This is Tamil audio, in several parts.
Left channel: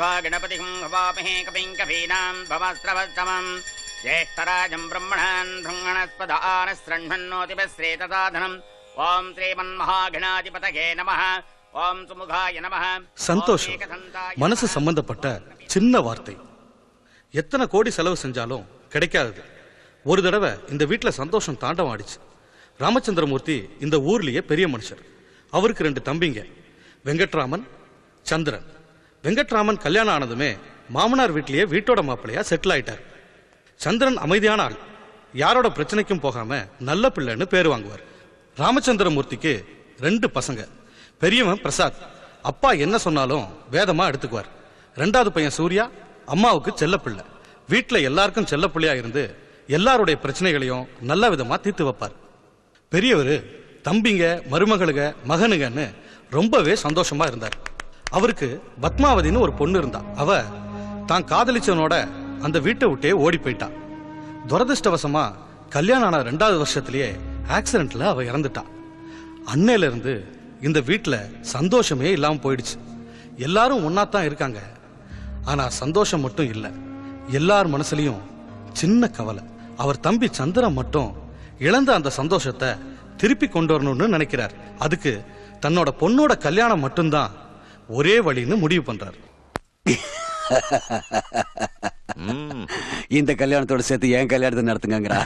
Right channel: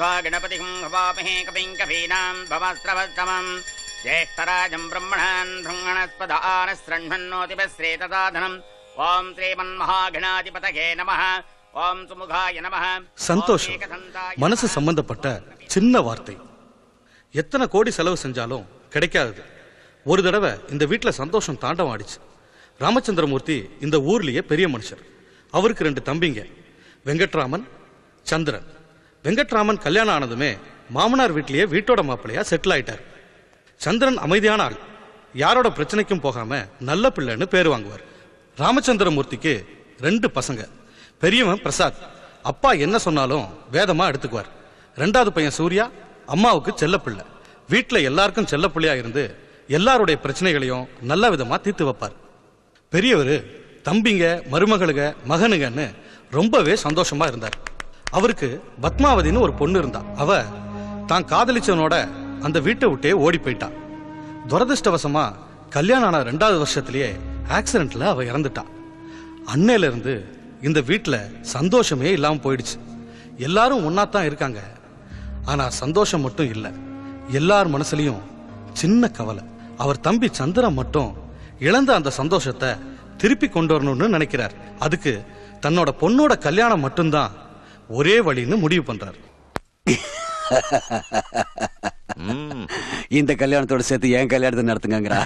त्वा गणपतिं हवामहे कविं कवीनां भवस्त्रवत्तमम् ज्येष्ठराजं ब्रह्मणान् धृङ्गणस्पदानस्रण्वन्नोतिपश्रेतसाधनम् ओम श्रीमन्महागणाधिपतये नमः ओम सुमुखाय नमः சந்தோஷம் மனசு சம்பந்தப்பட்ட சின்ன வார்த்தை எத்தனை கோடி செலவு செஞ்சாலும் கிடைக்காதது. ஒரு தடவை இந்த வீட்டுல சந்தோஷம் தாண்டம் ஆடிச்சு. ராமச்சந்திரமூர்த்தி இந்த ஊர்லயே பெரிய மனுஷர். அவருக்கு 2 தம்பிங்க, வெங்கட்ராமன், சந்திரன். வெங்கட்ராமன் கல்யாணம் ஆனதுமே மாமனார் வீட்லயே வீட்டோட மாப்பிள்ளையா செட்டில் ஆயிட்டார். சந்திரன் அமைதியான ஆள், யாரோட பிரச்சனைக்கும் போகாம நல்ல பிள்ளைன்னு பேரு வாங்குவார். ராமச்சந்திரமூர்த்திக்கு 2 பசங்க. பெரியவன் பிரசாத், அப்பா என்ன சொன்னாலும் வேதமா எடுத்துக்குவார். 2வது பையன் சூர்யா, அம்மாவுக்கு செல்ல பிள்ளை. வீட்டுல எல்லாருக்கும் செல்ல பிள்ளையா இருந்து எல்லாருடைய பிரச்சனைகளையும் நல்ல விதமா தீர்த்து வைப்பார். பெரியவரு தம்பிங்க, மருமகளுங்க, மகனுங்கன்னு ரொம்பவே சந்தோஷமா இருந்தார். அவருக்கு பத்மாவதினு ஒரு பொண்ணு இருந்தா. அவ தான் காதலிச்சவனோட அந்த வீட்டை விட்டே ஓடி போயிட்டான். துரதிருஷ்டவசமா கல்யாணம் ஆன 2வது வருஷத்திலேயே ஆக்சிடென்ட்ல அவ இறந்துட்டான். அன்னையில இருந்து இந்த வீட்டுல சந்தோஷமே இல்லாம போயிடுச்சு. எல்லாரும் ஒன்னாத்தான் இருக்காங்க, ஆனா சந்தோஷம் மட்டும் இல்ல. எல்லார் மனசுலயும் சின்ன கவலை. அவர் தம்பி சந்திரன் மட்டும் இழந்த அந்த சந்தோஷத்தை திருப்பி கொண்டு வரணும்னு நினைக்கிறார். அதுக்கு தன்னோட பொண்ணோட கல்யாணம் மட்டும்தான் ஒரே வழின்னு முடிவு பண்றாரு. இந்த கல்யாணத்தோட சேர்த்து என் கல்யாணத்தை நடத்துங்கறா.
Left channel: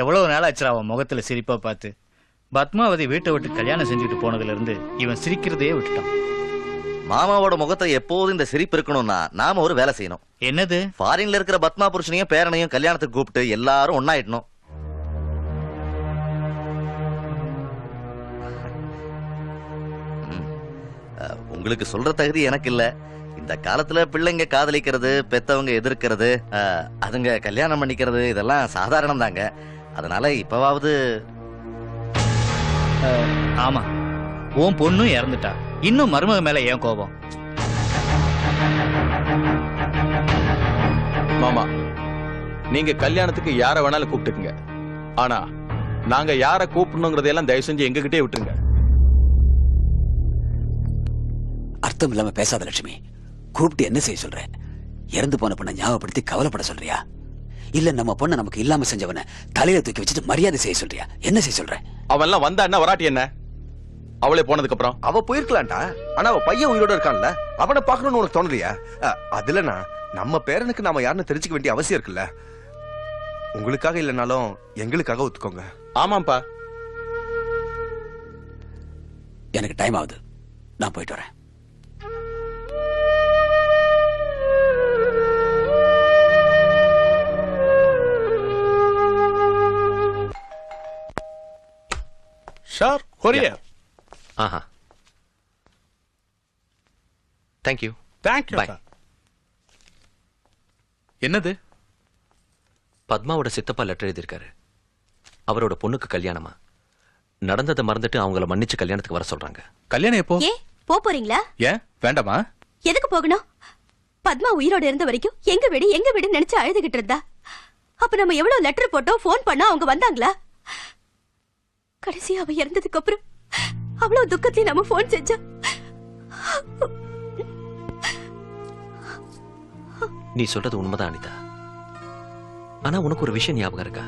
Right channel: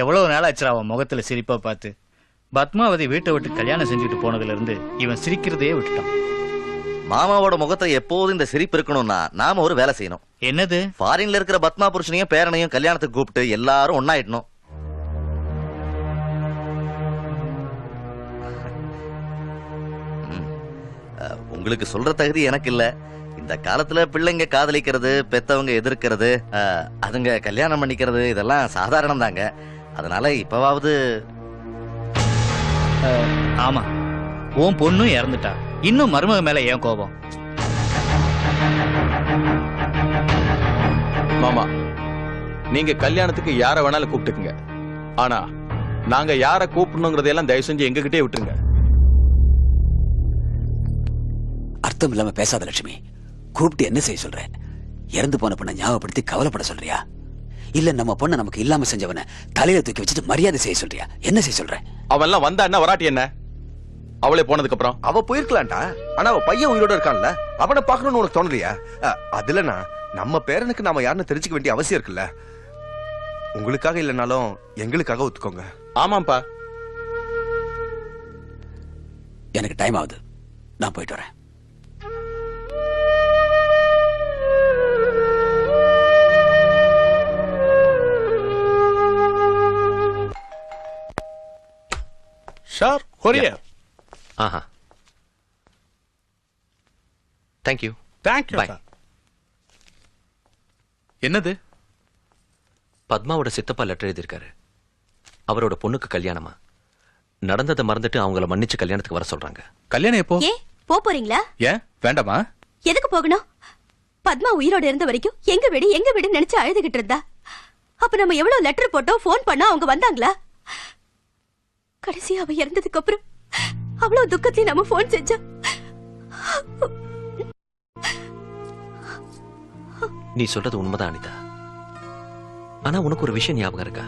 எவ்வளவு நாள் ஆச்சு அவன் முகத்துல சிரிப்பா பார்த்து. பத்மாவதி வீட்டை விட்டு கல்யாணம் செஞ்சுட்டு போனதுல இருந்து இவன் சிரிக்கிறதையே விட்டுட்டான். மாமாவோட முகத்தை எப்போதும் இந்த சிரிப்பு இருக்கணும்னா நாம ஒரு வேலை செய்யணும். என்னது? ஃபாரின்ல இருக்கிற பத்மா புருஷனையும் பேரனையும் கல்யாணத்துக்கு கூப்பிட்டு எல்லாரும் ஒன்னாயிடணும். உங்களுக்கு சொல்ற தகுதி எனக்கு இல்ல. இந்த காலத்துல பிள்ளைங்க காதலிக்கிறது, பெத்தவங்க எதிர்க்கிறது, அதுங்க கல்யாணம் பண்ணிக்கிறது இதெல்லாம் சாதாரணம் தாங்க. அதனால இப்பவாவது. ஆமா, உன் பொண்ணும் இறந்துட்டா, இன்னும் மருமக மேல ஏன் கோபம்? மாமா, நீங்க கல்யாணத்துக்கு யார வேணாலும் கூப்பிட்டுக்குங்க. ஆனா நாங்க யார கூப்பிடணுங்கிறதையெல்லாம் தயவு செஞ்சு எங்ககிட்டே விட்டுருங்க. அர்த்தம் இல்லாம பேசாத லட்சுமி. கூப்பிட்டு என்ன செய்ய சொல்ற? இறந்து போன பொண்ணை ஞாபகப்படுத்தி கவலைப்பட சொல்றியா? இல்ல நம்ம பொண்ணை நமக்கு இல்லாம செஞ்சவன தலையில தூக்கி வச்சுட்டு மரியாதை செய்ய சொல்றியா? என்ன செய்ய சொல்ற? அவன் எல்லாம் வந்தா வராட்டி என்ன? அவளே போனதுக்கு அப்புறம் அவ போயிருக்கலாம்டா. ஆனா அவ பையன் உயிரோட இருக்கான்ல, அவனை பாக்கணும்னு உனக்கு தோணலையா? அதுலனா நம்ம பேரனுக்கு நாம யாருன்னு தெரிஞ்சுக்க வேண்டிய அவசியம் இருக்குல்ல. உங்களுக்காக இல்லைனாலும் எங்களுக்காக ஒத்துக்கோங்க. ஆமாப்பா. எனக்கு டைம் ஆகுது, நான் போயிட்டு வரேன். ஷார் கொரியர். ஆஹா, thank you. Thank you. Bye. என்னது? பத்மாவோட சித்தப்பா லெட்டர் எழுதியிருக்காரு. அவரோட பொண்ணுக்கு கல்யாணமா. நடந்ததை மறந்துட்டு அவங்கள மன்னிச்சு கல்யாணத்துக்கு வர சொல்றாங்க. கல்யாணம் எப்போ? ஏன் போறீங்களா? ஏன் வேண்டாமா? எதுக்கு போகணும்? பத்மா உயிரோட இருந்த வரைக்கும் எங்க வீடு நினைச்சு அழுதுகிட்டு இருந்தா. அப்ப நம்ம எவ்வளவு லெட்டர் போட்டோம், போன் பண்ணா அவங்க வந்தாங்களா? கடைசி அவ இறந்ததுக்கு அப்புறம் அவ்வளவு துக்கத்தையும் நம்ம போன் செஞ்ச. நீ சொல்றது உண்மைதான் அனிதா. ஆனா உனக்கு ஒரு விஷயம் ஞாபகம் இருக்கா?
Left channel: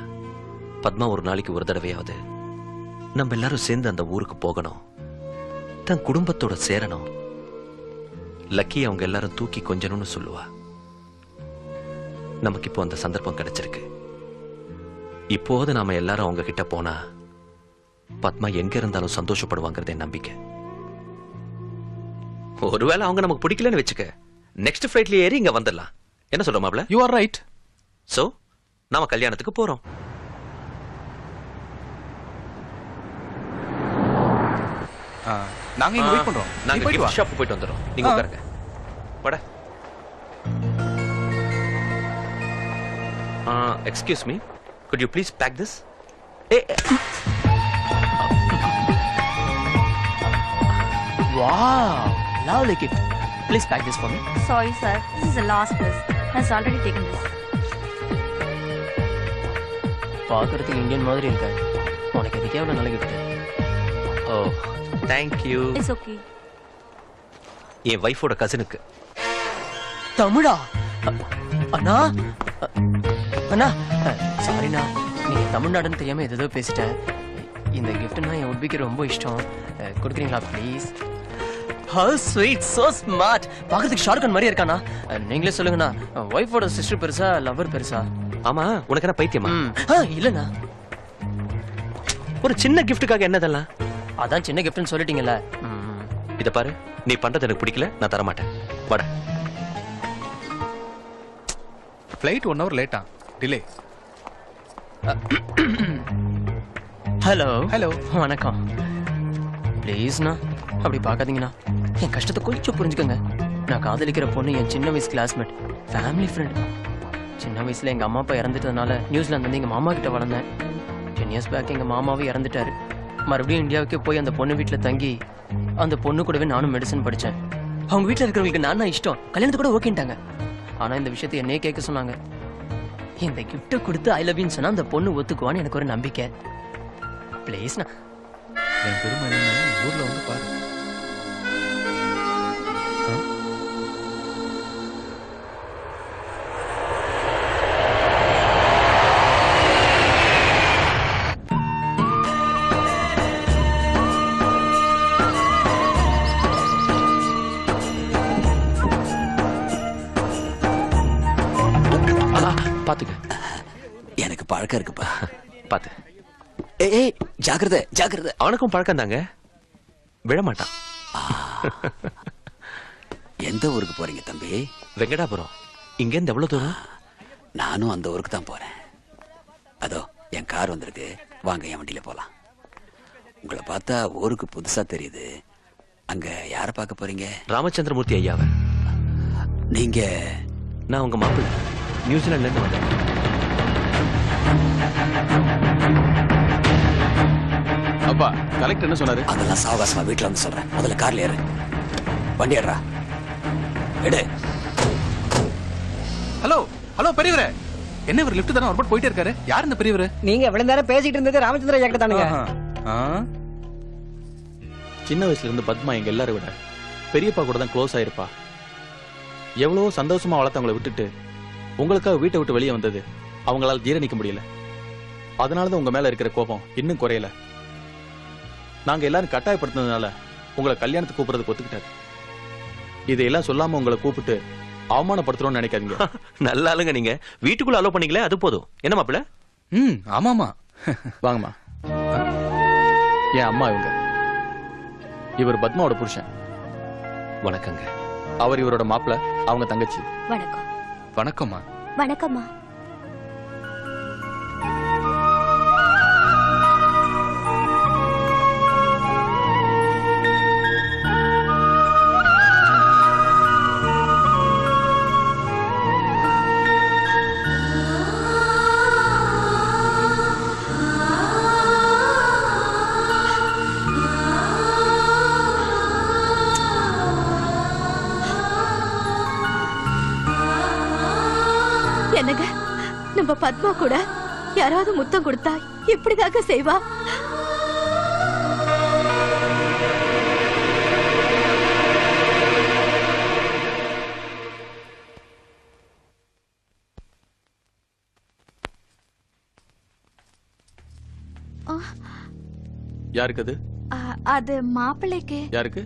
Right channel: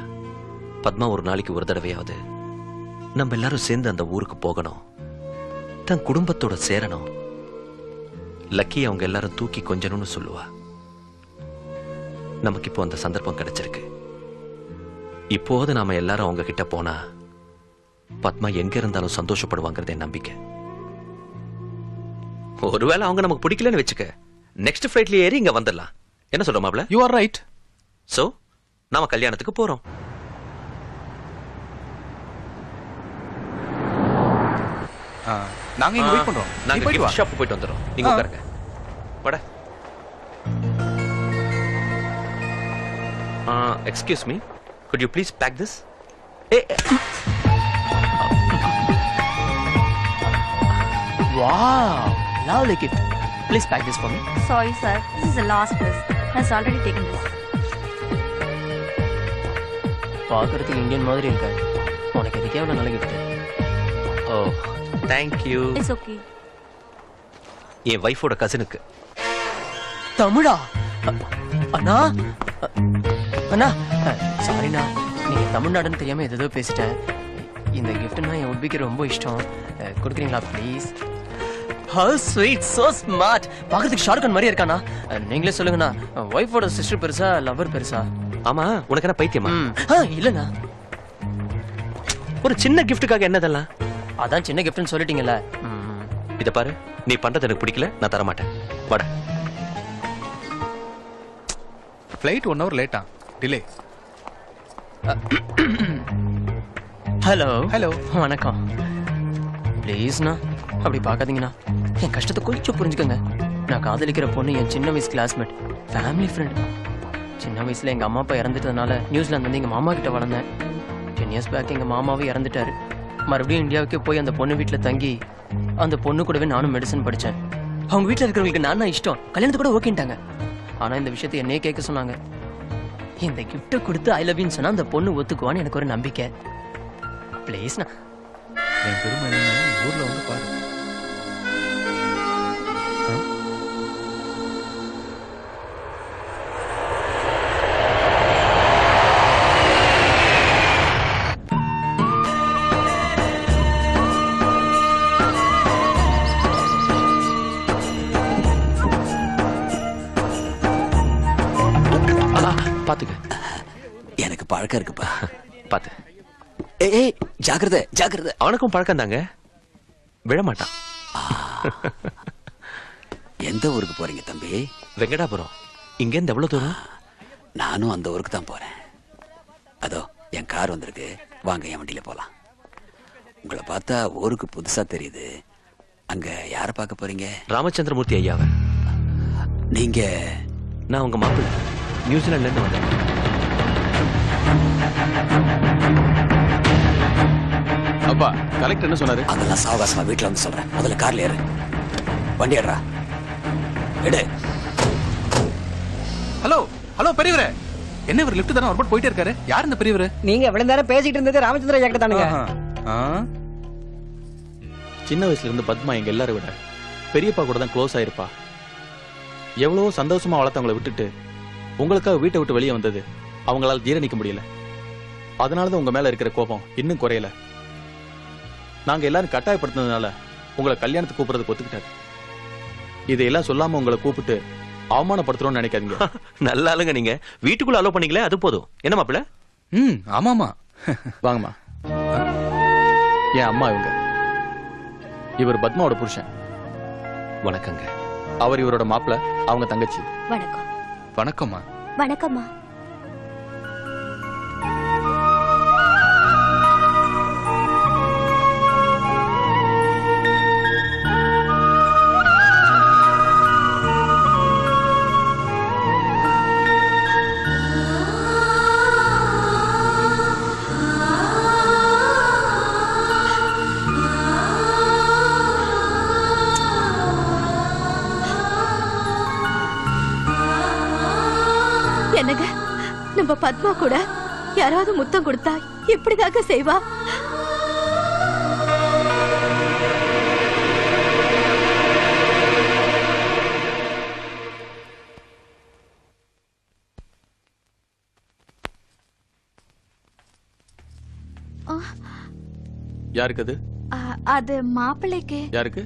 பத்மா ஒரு நாளைக்கு ஒரு தடவையாவது நம்ம எல்லாரும் சேர்ந்து அந்த ஊருக்கு போகணும், தன் குடும்பத்தோட சேரணும். லக்கி அவங்க எல்லாரும் தூக்கி கொஞ்சணும்னு சொல்லுவா. நமக்கு இப்போ அந்த சந்தர்ப்பம் கிடைச்சிருக்கு. இப்போது நாம எல்லாரும் அவங்க கிட்ட போனா பத்மா எங்க இருந்தாலும் சந்தோஷப்படுவாங்கிறதே நம்பிக்கை. ஒருவேளை அவங்க நமக்கு பிடிக்கலன்னு வச்சுக்க, நெக்ஸ்ட் ஃபிளைட்ல ஏறி இங்க வந்துடலாம். என்ன சொல்ற மாப்ள? You are right. சோ நாம கல்யாணத்துக்கு போறோம். நாங்க இங்க வெயிட் பண்றோம். நாங்க கிஃப்ட் ஷாப் போயிட்டு வந்துறோம். நீங்க உட்காருங்க. வாடா. Excuse me, could you please pack this? Wow, lovely gift. Please pack this for me. Sorry sir, this is the last list. Has already taken this. பாக்குறதுக்கு இந்தியன் மாதிரி இருக்காரு. உனக்கு எதுக்கே ஒரு நல்ல gift. Oh, thank you. It's okay. என் வைஃபோட கசினுக்கு. தமிழா? அண்ணா அண்ணா சாரிண்ணா, நீங்க தமிழ்நாடுன்னு தெரியாம ஏதோ பேசிட்டேன். இந்த கிஃப்ட்னா என் உட்பிக்கு ரொம்ப இஷ்டம். கொடுக்குறீங்களா please? Have sweet, so smart. பாக்குறதுக்கு ஷாருக்கான் மாதிரியே இருக்கானா? நீங்களே சொல்லுங்கண்ணா, ஒய்ஃபோட சிஸ்டர் பெருசா லவர் பெருசா? ஆமா, உனக்கு என்ன பைத்தியமா? இல்லண்ணா, ஒரு சின்ன கிஃப்ட்டுக்காக என்னதெல்லாம்? அதான் சின்ன கிஃப்ட்னு சொல்லிட்டீங்கல்ல. இத பாரு, நீ பண்றது எனக்கு பிடிக்கல, நான் தர மாட்டேன். வாடா. ஃப்ளைட் 1 hour லேட்டா, டிலே. ஹலோ ஹலோ, வணக்கம். ப்ளீஸ்ண்ணா அப்படி பார்க்காதீங்கண்ணா, என் கஷ்டத்தை கொஞ்சம் புரிஞ்சுக்கோங்க. நான் காதலிக்கிற பொண்ணு என் சின்ன வயசு கிளாஸ்மேட், ஃபேமிலி ஃப்ரெண்ட். சின்ன வயசுல எங்க அம்மா அப்பா இறந்துட்டதுனால நியூசிலாந்து வந்து எங்க மாமா கிட்ட வளர்ந்தேன். 10 years பேக் எங்க மாமாவும் இறந்துட்டாரு. மறுபடியும் இந்தியாவுக்கே போய் அந்த பொண்ணு வீட்டுல தங்கி அந்த பொண்ணு கூடவே நானும் மெடிசன் படிச்சேன். அவங்க வீட்டுல இருக்கிறவங்களுக்கு நான் தான் இஷ்டம், கல்யாணத்து கூட ஓகேட்டாங்க. ஆனா இந்த விஷயத்தை என்னையே கேட்க சொன்னாங்க. இந்த கிஃப்ட கொடுத்து ஐ லவ் யூன்னு சொன்னா அந்த பொண்ணு ஒத்துக்குவான்னு எனக்கு ஒரு நம்பிக்கை. ப்ளீஸ்ண்ணா. என் பெருமை என்னன்னு ஊர்ல வந்து பாரு. பாத்துக்க. எனக்கு பழக்கம் இருக்குப்பா. பாத்து. ஏய் ஜாக்கிரதை ஜாக்கிரதை. அவனுக்கும் பழக்கம் தாங்க, விழமாட்டான். எந்த ஊருக்கு போறீங்க தம்பி? வெங்கடாபுரம். இங்க இருந்து எவ்வளவு தூரம்? நானும் அந்த ஊருக்கு தான் போறேன். அதோ என் கார் வந்திருக்கு, வாங்க என் வண்டியில போலாம். உங்களை பார்த்தா ஊருக்கு புதுசா தெரியுது. அங்க யார பார்க்க போறீங்க? ராமச்சந்திரமூர்த்தி ஐயாவை. நீங்க? நான் உங்க மாப்பிள்ளை, நியூசிலாந்துல இருந்து வந்தேன். அப்பா, கலெக்டர் என்ன சொன்னாரு? அதெல்லாம் சாவகாசமா வீட்டுல வந்து சொல்றேன். முதல்ல கார்ல ஏறு. வண்டி ஏறா. எடு. ஹலோ ஹலோ, பெரியவரே. என்ன இவர் லிஃப்ட் தானே ஒரு போயிட்டே இருக்காரு? யார் இந்த பெரியவரே? நீங்க எவ்வளவு நேரம் பேசிட்டு இருந்தது ராமச்சந்திர ஐயா கிட்ட தானுங்க. சின்ன வயசுல இருந்து பத்மா எங்க எல்லாரும் விட பெரியப்பா கூட தான் க்ளோஸ் ஆயிருப்பா. எவ்வளவு சந்தோஷமா வளர்த்தவங்களை விட்டுட்டு உங்களுக்காக வீட்டை விட்டு வெளியே வந்தது அவங்களால ஜீரணிக்க முடியல. அதனாலதான் உங்க மேல இருக்கிற கோபம் இன்னும் குறையல. நாங்க எல்லாரும் கட்டாயப்படுத்தினதுனால உங்களை கல்யாணத்துக்கு கூப்பிடுறதுக்கு ஒத்துக்கிட்டாரு. இதையெல்லாம் சொல்லாம உங்களை கூப்பிட்டு அவமானப்படுத்துறோம்னு நினைக்காதீங்க. நல்ல ஆளுங்க நீங்க. வீட்டுக்குள்ள அலோ பண்ணீங்களே, அது போதும். என்ன மாப்பிள்ள? ஆமாமா. வாங்கம்மா. என் அம்மா இவங்க. இவர் பத்மாவோட புருஷன். வணக்கங்க. அவர் இவரோட மாப்பிள்ள, அவங்க தங்கச்சி. வணக்கம். வணக்கம்மா. வணக்கம்மா. என்னங்க, நம்ம பத்மா கூட யாராவது முத்தம் கொடுத்தா இப்படிதாக செய்வா? யாருக்கு அது? அது மாப்பிள்ளைக்கு. யாருக்கு?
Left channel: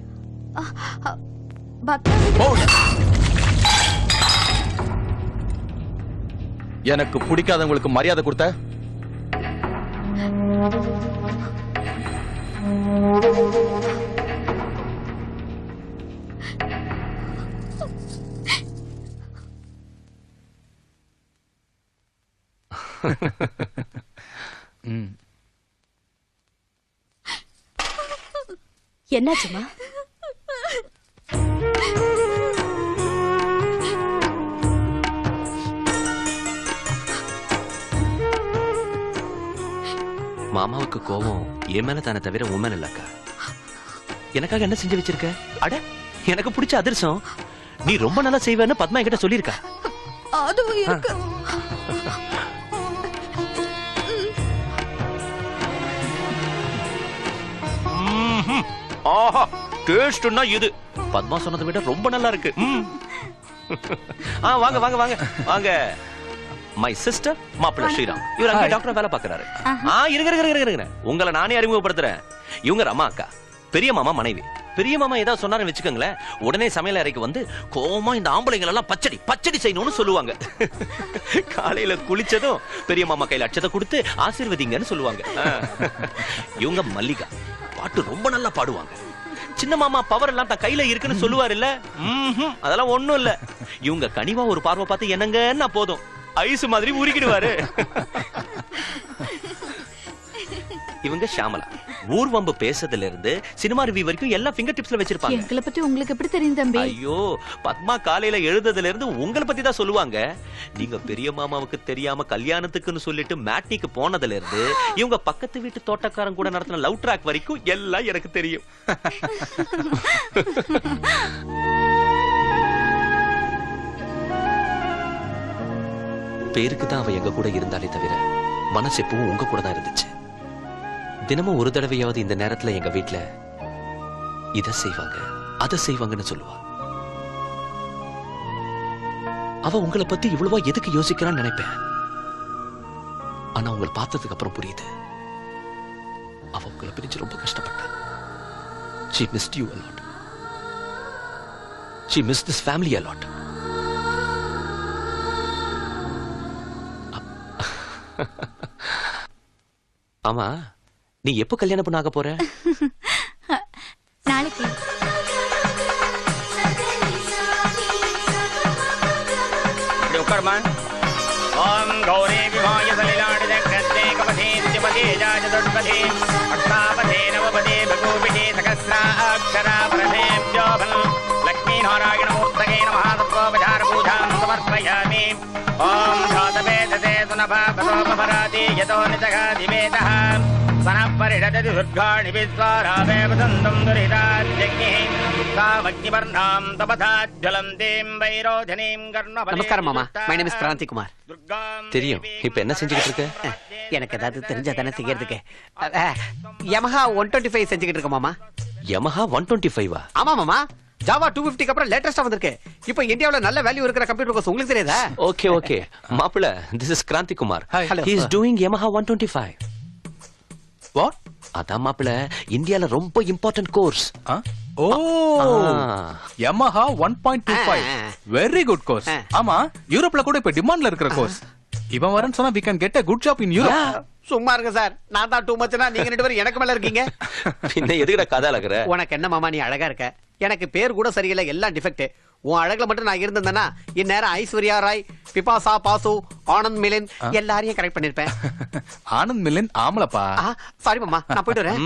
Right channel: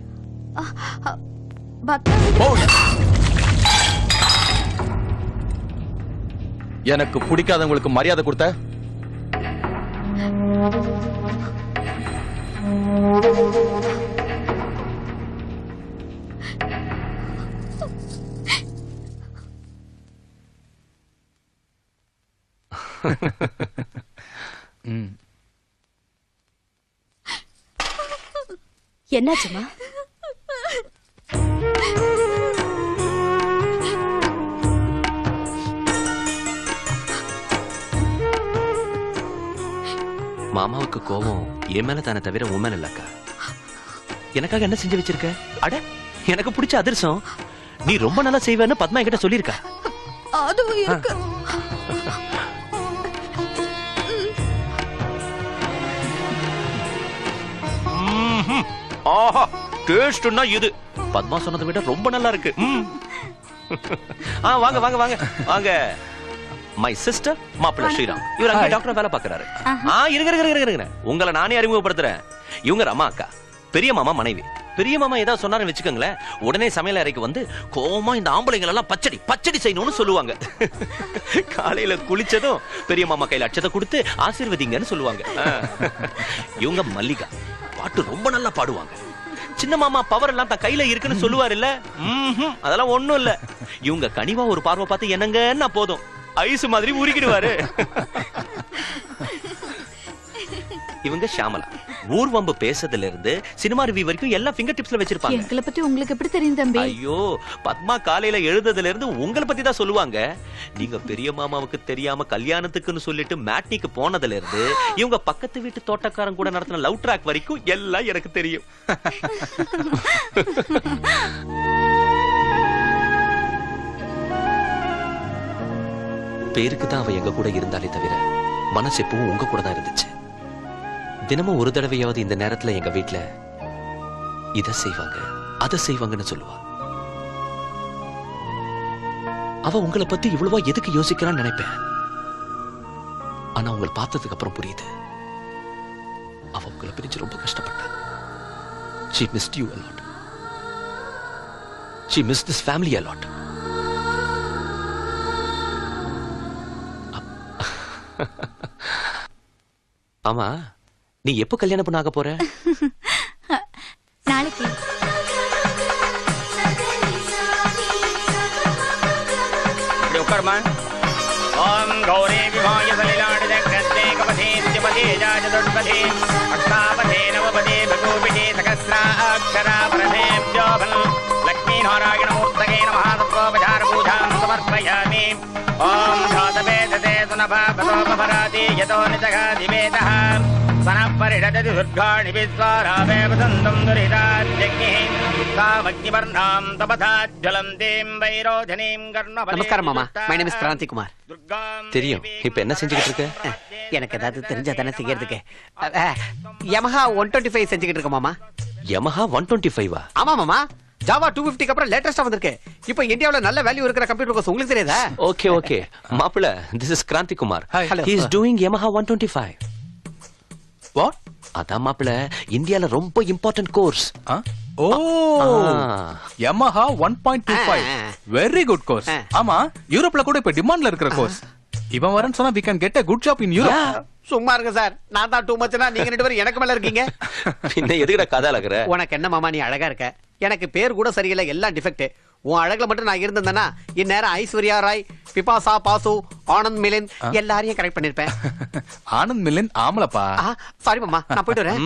எனக்கு பிடிக்காதவங்களுக்கு மரியாதை கொடுத்த என்னாச்சுமா? மாமாவுக்கு கோபம் என் மேல தானே தவிர உன் மேல இல்லக்கா. எனக்காக என்ன செஞ்சு வச்சிருக்க? அட, எனக்கு பிடிச்ச அதிர்சம். நீ ரொம்ப நல்லா செய்வேன்னு பத்மா என்கிட்ட சொல்லியிருக்கா. அதுவும் இருக்கு. ஆஹா, டேஸ்ட்னா இது பத்மா சொன்னதை விட ரொம்ப நல்லா இருக்கு. வாங்க வாங்க வாங்க வாங்க. மை சிஸ்டர் மாப்பிள்ள ஸ்ரீராம். இவர் அங்கே டாக்டர் வேலை பாக்குறாரு. இருங்க உங்களை நானே அறிமுகப்படுத்துறேன். இவங்க ரமா அக்கா, பெரிய மாமா மனைவி. பெரிய மாமா ஏதாவது சொன்னாருன்னு வச்சுக்கோங்களேன், உடனே சமையல் அறைக்கு வந்து கோவமா இந்த ஆம்பளைங்கள் எல்லாம் பச்சடி பச்சடி செய்யணும்னு சொல்லுவாங்க. காலையில குளிச்சதும் பெரிய மாமா கையில அச்சத்தை கொடுத்து ஆசீர்வதிங்கன்னு சொல்லுவாங்க. இவங்க மல்லிகா, பாட்டு ரொம்ப நல்லா பாடுவாங்க. சின்ன மாமா பவர் எல்லாம் தான் கையில இருக்குன்னு சொல்லுவாரு இல்ல, அதெல்லாம் ஒண்ணும் இல்ல. இவங்க கனிவா ஒரு பார்வை பார்த்து என்னங்கன்னா போதும், ஐஸ் மாதிரி உருக்கிடுவாரு. இவங்க ஷாமலா, ஊர்வம்பு பேசுறதுல இருந்து சினிமா ரிவ்யூ வரைக்கும் எல்லாம் ஃபிங்கர் டிப்ஸ்ல வச்சிருப்பாங்க. எங்களை பத்தி உங்களுக்கு எப்படி தெரியும் தம்பி? ஐயோ, பத்மா காலையில எழுதுறதுல இருந்து உங்களை பத்தி தான் சொல்லுவாங்க. நீங்க பெரிய மாமாவுக்கு தெரியாம கல்யாணத்துக்குன்னு சொல்லிட்டு மேட்னிக்கு போனதுல இருந்து இவங்க பக்கத்து வீட்டு தோட்டக்காரன் கூட நடத்தின லவ் ட்ராக் வரைக்கும் எல்லாம் எனக்கு தெரியும். பேருக்கு தான் அவ எங்க கூட இருந்தாலே தவிர மனசு எப்பவும் உங்க கூட தான் இருந்துச்சு. தினமும் ஒரு தடவையாவது இந்த நேரத்துல எங்க வீட்டுல இத செய்வாங்க அத செய்வாங்கன்னு சொல்லுவா. அவ உங்களை பத்தி இவ்வளவா எதுக்கு யோசிக்கிறான்னு நினைப்பேன். ஆனா உங்களை பார்த்ததுக்கு அப்புறம் புரியுது, அவ உங்களை பிரிச்சு ரொம்ப கஷ்டப்பட்டா. She missed you a lot. She missed this family a lot. ஆமா, நீ எப்ப கல்யாணம் பண்ண ஆக போற? நாளைக்கு. ஓம் கௌரி விமாய சலிலாடி தக்ஷே கபதே திபதே ஜாஜதுர்பதே அஷ்டாபதே நவபதே பகூபிதே சகஸ்ரா அக்ஷரா பரதே ஜோகம் லக்ஷ்மீ நாராயண மூர்த்தகே நமஹ தத்ரோபசார பூஜாம் சமர்ப்பயாமி. ஓம் காதவே ததே சுனபா பதோபராதி யதோ நிதக திவேதஹ சனப்பரிணததி உத்காணி விஸ்வாராதேவ சந்தம் துரிதாத்யக்ஞே சாவக்ஞிவர்ணாம் தபதாஜ்வலந்தீம் வைரோஜனீம் கர்ணபதே. நமஸ்காரம் மாமா, my name is Kranti Kumar. தெரியும். இப்ப என்ன செஞ்சுக்கிட்டு இருக்க? எனக்கு ஏதாவது தெரிஞ்சா தானே செய்யறதுக்கு. யமஹா 125 செஞ்சுக்கிட்டு இருக்க மாமா. யமஹா 125 ஆமா மாமா, ஜாவா 250 அப்புறம் லேட்டஸ்டா வந்திருக்கு. இப்போ இந்தியாவுல நல்ல வேல்யூ இருக்கிற கம்ப்யூட்டர் கோர்ஸ் உங்களுக்கு தெரியாதா? ஓகே ஓகே மாப்பிள்ள, this is Kranti Kumar. Hello. He is doing Yamaha 125. What? அதான் மாப்பிள்ள, இந்தியால ரொம்ப இம்பார்ட்டன்ட் கோர்ஸ். ஓ, Yamaha 1.25 வெரி குட் கோர்ஸ். ஆமா, யூரோப்ல கூட இப்ப டிமாண்ட்ல இருக்கிற கோர்ஸ். இவன் வரேன்னு சொன்னா we can get a good job in Europe. சும்மா இருங்க சார், நான் தான் டூ மச்னா நீங்க ரெண்டு பேரும் எனக்கு மேல இருக்கீங்க. பின்ன எதுக்குடா கதை அழகுற? உனக்கு என்ன மாமா, நீ அழகா இருக்க. எனக்கு பேர் கூட சரியில்லை, எல்லாம் டிஃபெக்ட். உன் அழகுல மட்டும் நான் இருந்தேன்னா இந்நேரம் ஐஸ்வர்யா ராய், பிபாசா பாசு, ஆனந்த் மிலின் எல்லாரையும் கரெக்ட் பண்ணிருப்பேன். ஆனந்த் மிலின் ஆமலப்பா. சாரி மாமா, நான் போயிட்டு வரேன்.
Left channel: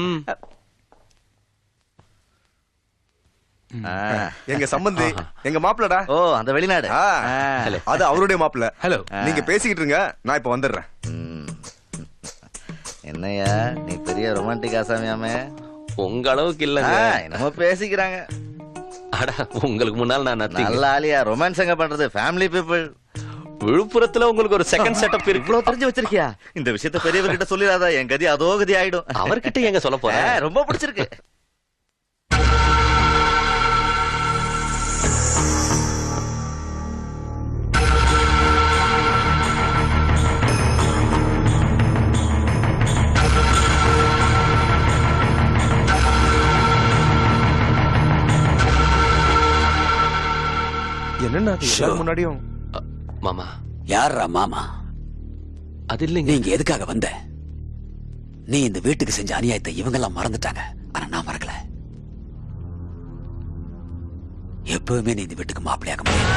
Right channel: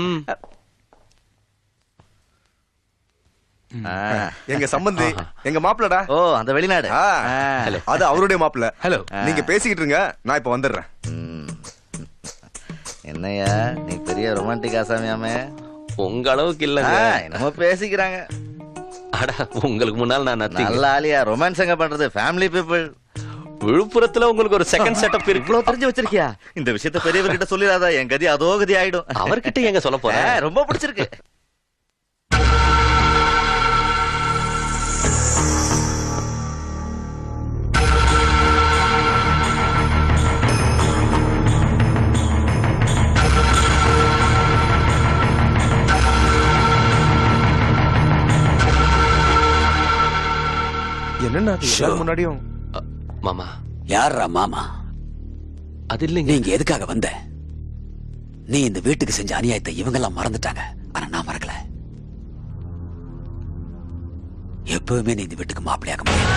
எங்க சம்பந்தி, எங்க மாப்பிள்ளடா. ஓ, அந்த வெளிநாடு. அது அவருடைய மாப்பிள்ள. ஹலோ, நீங்க பேசிக்கிட்டு இருங்க, நான் இப்ப வந்துடுறேன். என்னையா நீ பெரிய ரொமான்டிக் ஆசாமியாமே? உங்க அளவுக்கு இல்லங்க. என்னமோ பேசிக்கிறாங்க. அட, உங்களுக்கு முன்னால் நான் நல்ல ஆலியா. ரொமான்ஸ் எங்க பண்றது? Family people. விழுப்புரத்துல உங்களுக்கு ஒரு செகண்ட் செட்டப் இருக்கு. இவ்வளவு தெரிஞ்சு வச்சிருக்கியா? இந்த விஷயத்த பெரியவர்கிட்ட சொல்லிடாதா, என் கதி அதோ கதி ஆயிடும். அவர்கிட்ட எங்க சொல்ல போறேன்? ரொம்ப பிடிச்சிருக்கு. என்னன்னா முன்னாடியும் மாமா. யாரா மாமா? அது இல்லைங்க. நீங்க எதுக்காக வந்த? நீ இந்த வீட்டுக்கு செஞ்ச அநியாயத்தை இவங்க எல்லாம் மறந்துட்டாங்க, ஆனா நான் மறக்கல. எப்பவுமே நீ இந்த வீட்டுக்கு மாப்பிள்ளையாக முடியாது.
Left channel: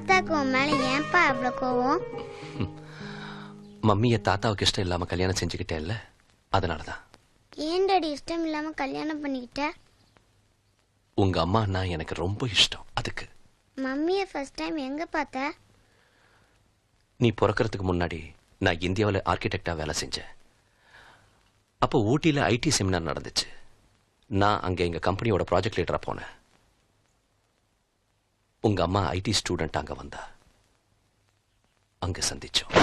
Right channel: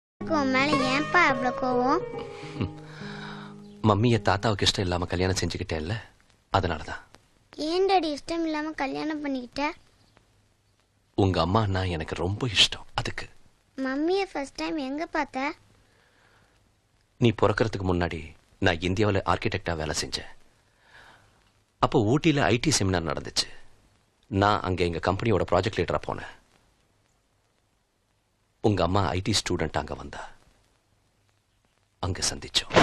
தாத்தாக்கு உன் மேல ஏன்பா அவ்வளவு கோவம்? மம்மிய தாத்தாவுக்கு இஷ்டம் இல்லாம கல்யாணம் செஞ்சுக்கிட்டேன்ல, அதனாலதான். ஏன் டாடி இஷ்டம் இல்லாம கல்யாணம் பண்ணிக்கிட்ட? உங்க அம்மான்னா எனக்கு ரொம்ப இஷ்டம், அதுக்கு. மம்மிய ஃபர்ஸ்ட் டைம் எங்க பார்த்த? நீ பிறக்கிறதுக்கு முன்னாடி நான் இந்தியாவில் ஆர்கிடெக்டா வேலை செஞ்சேன். அப்போ ஊட்டியில ஐடி செமினார் நடந்துச்சு. நான் அங்க எங்க கம்பெனியோட ப்ராஜெக்ட் லீடரா போனேன். உங்க அம்மா ஐடி ஸ்டூடெண்ட் அங்க வந்தா. அங்க சந்திச்சோம்.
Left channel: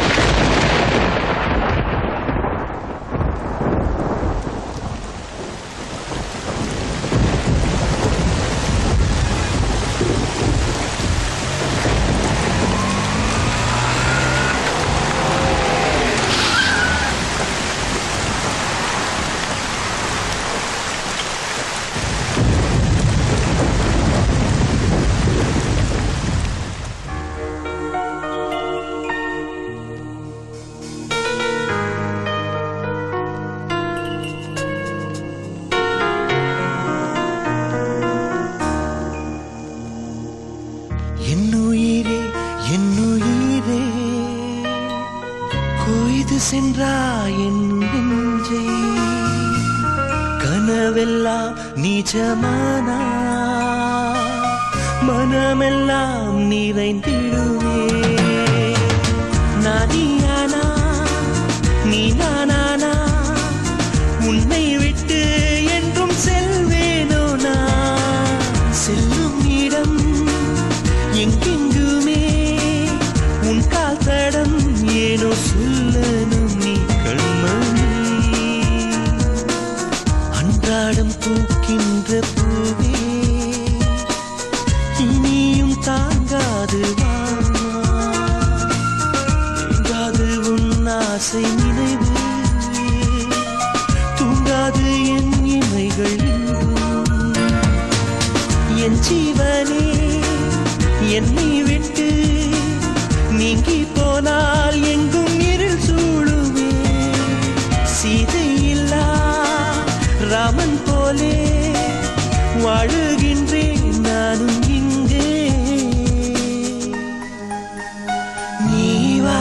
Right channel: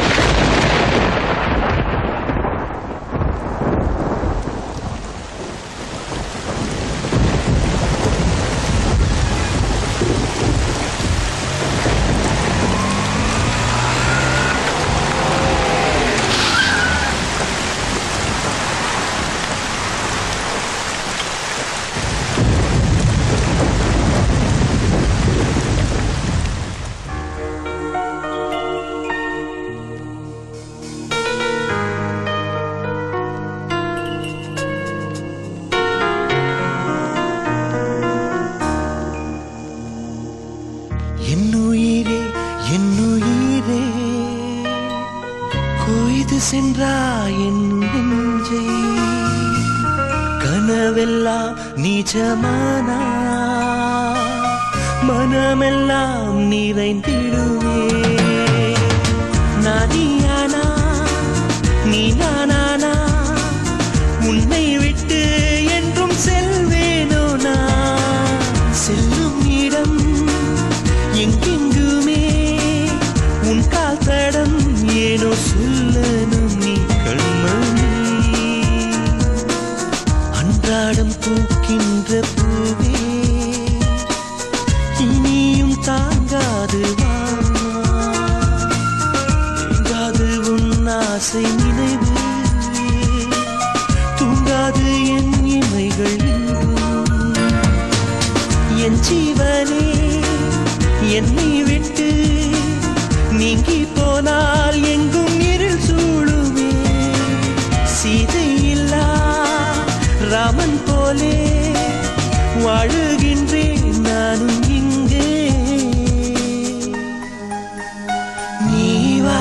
சென்றாயின் நெஞ்சை கனவெல்லாம் நிஜமானா மனமெல்லாம் நிறைந்திடுமே. நதியானா நீ நானானா உன்னை விட்டு என்றும் செல்வேனோ நான். செல்லும் இடம் எங்கெங்குமே உன் கால் தடம் ஏனோ சொல்லணும் நீ கண்மணி. அன்றாடம் பூக்கின்ற பூவே இனியும் தாங்காது வாங்காது உன் ஆசை நினைவு தூங்காது என் இமைகள். என் ஜீவனே என்னை விட்டு நீங்கி போனால் எங்கும் இருள் சூழுமே. சீதையில்லா ராமன் போலே வாழுகின்றேன் நானும் இங்கே. நீ வா.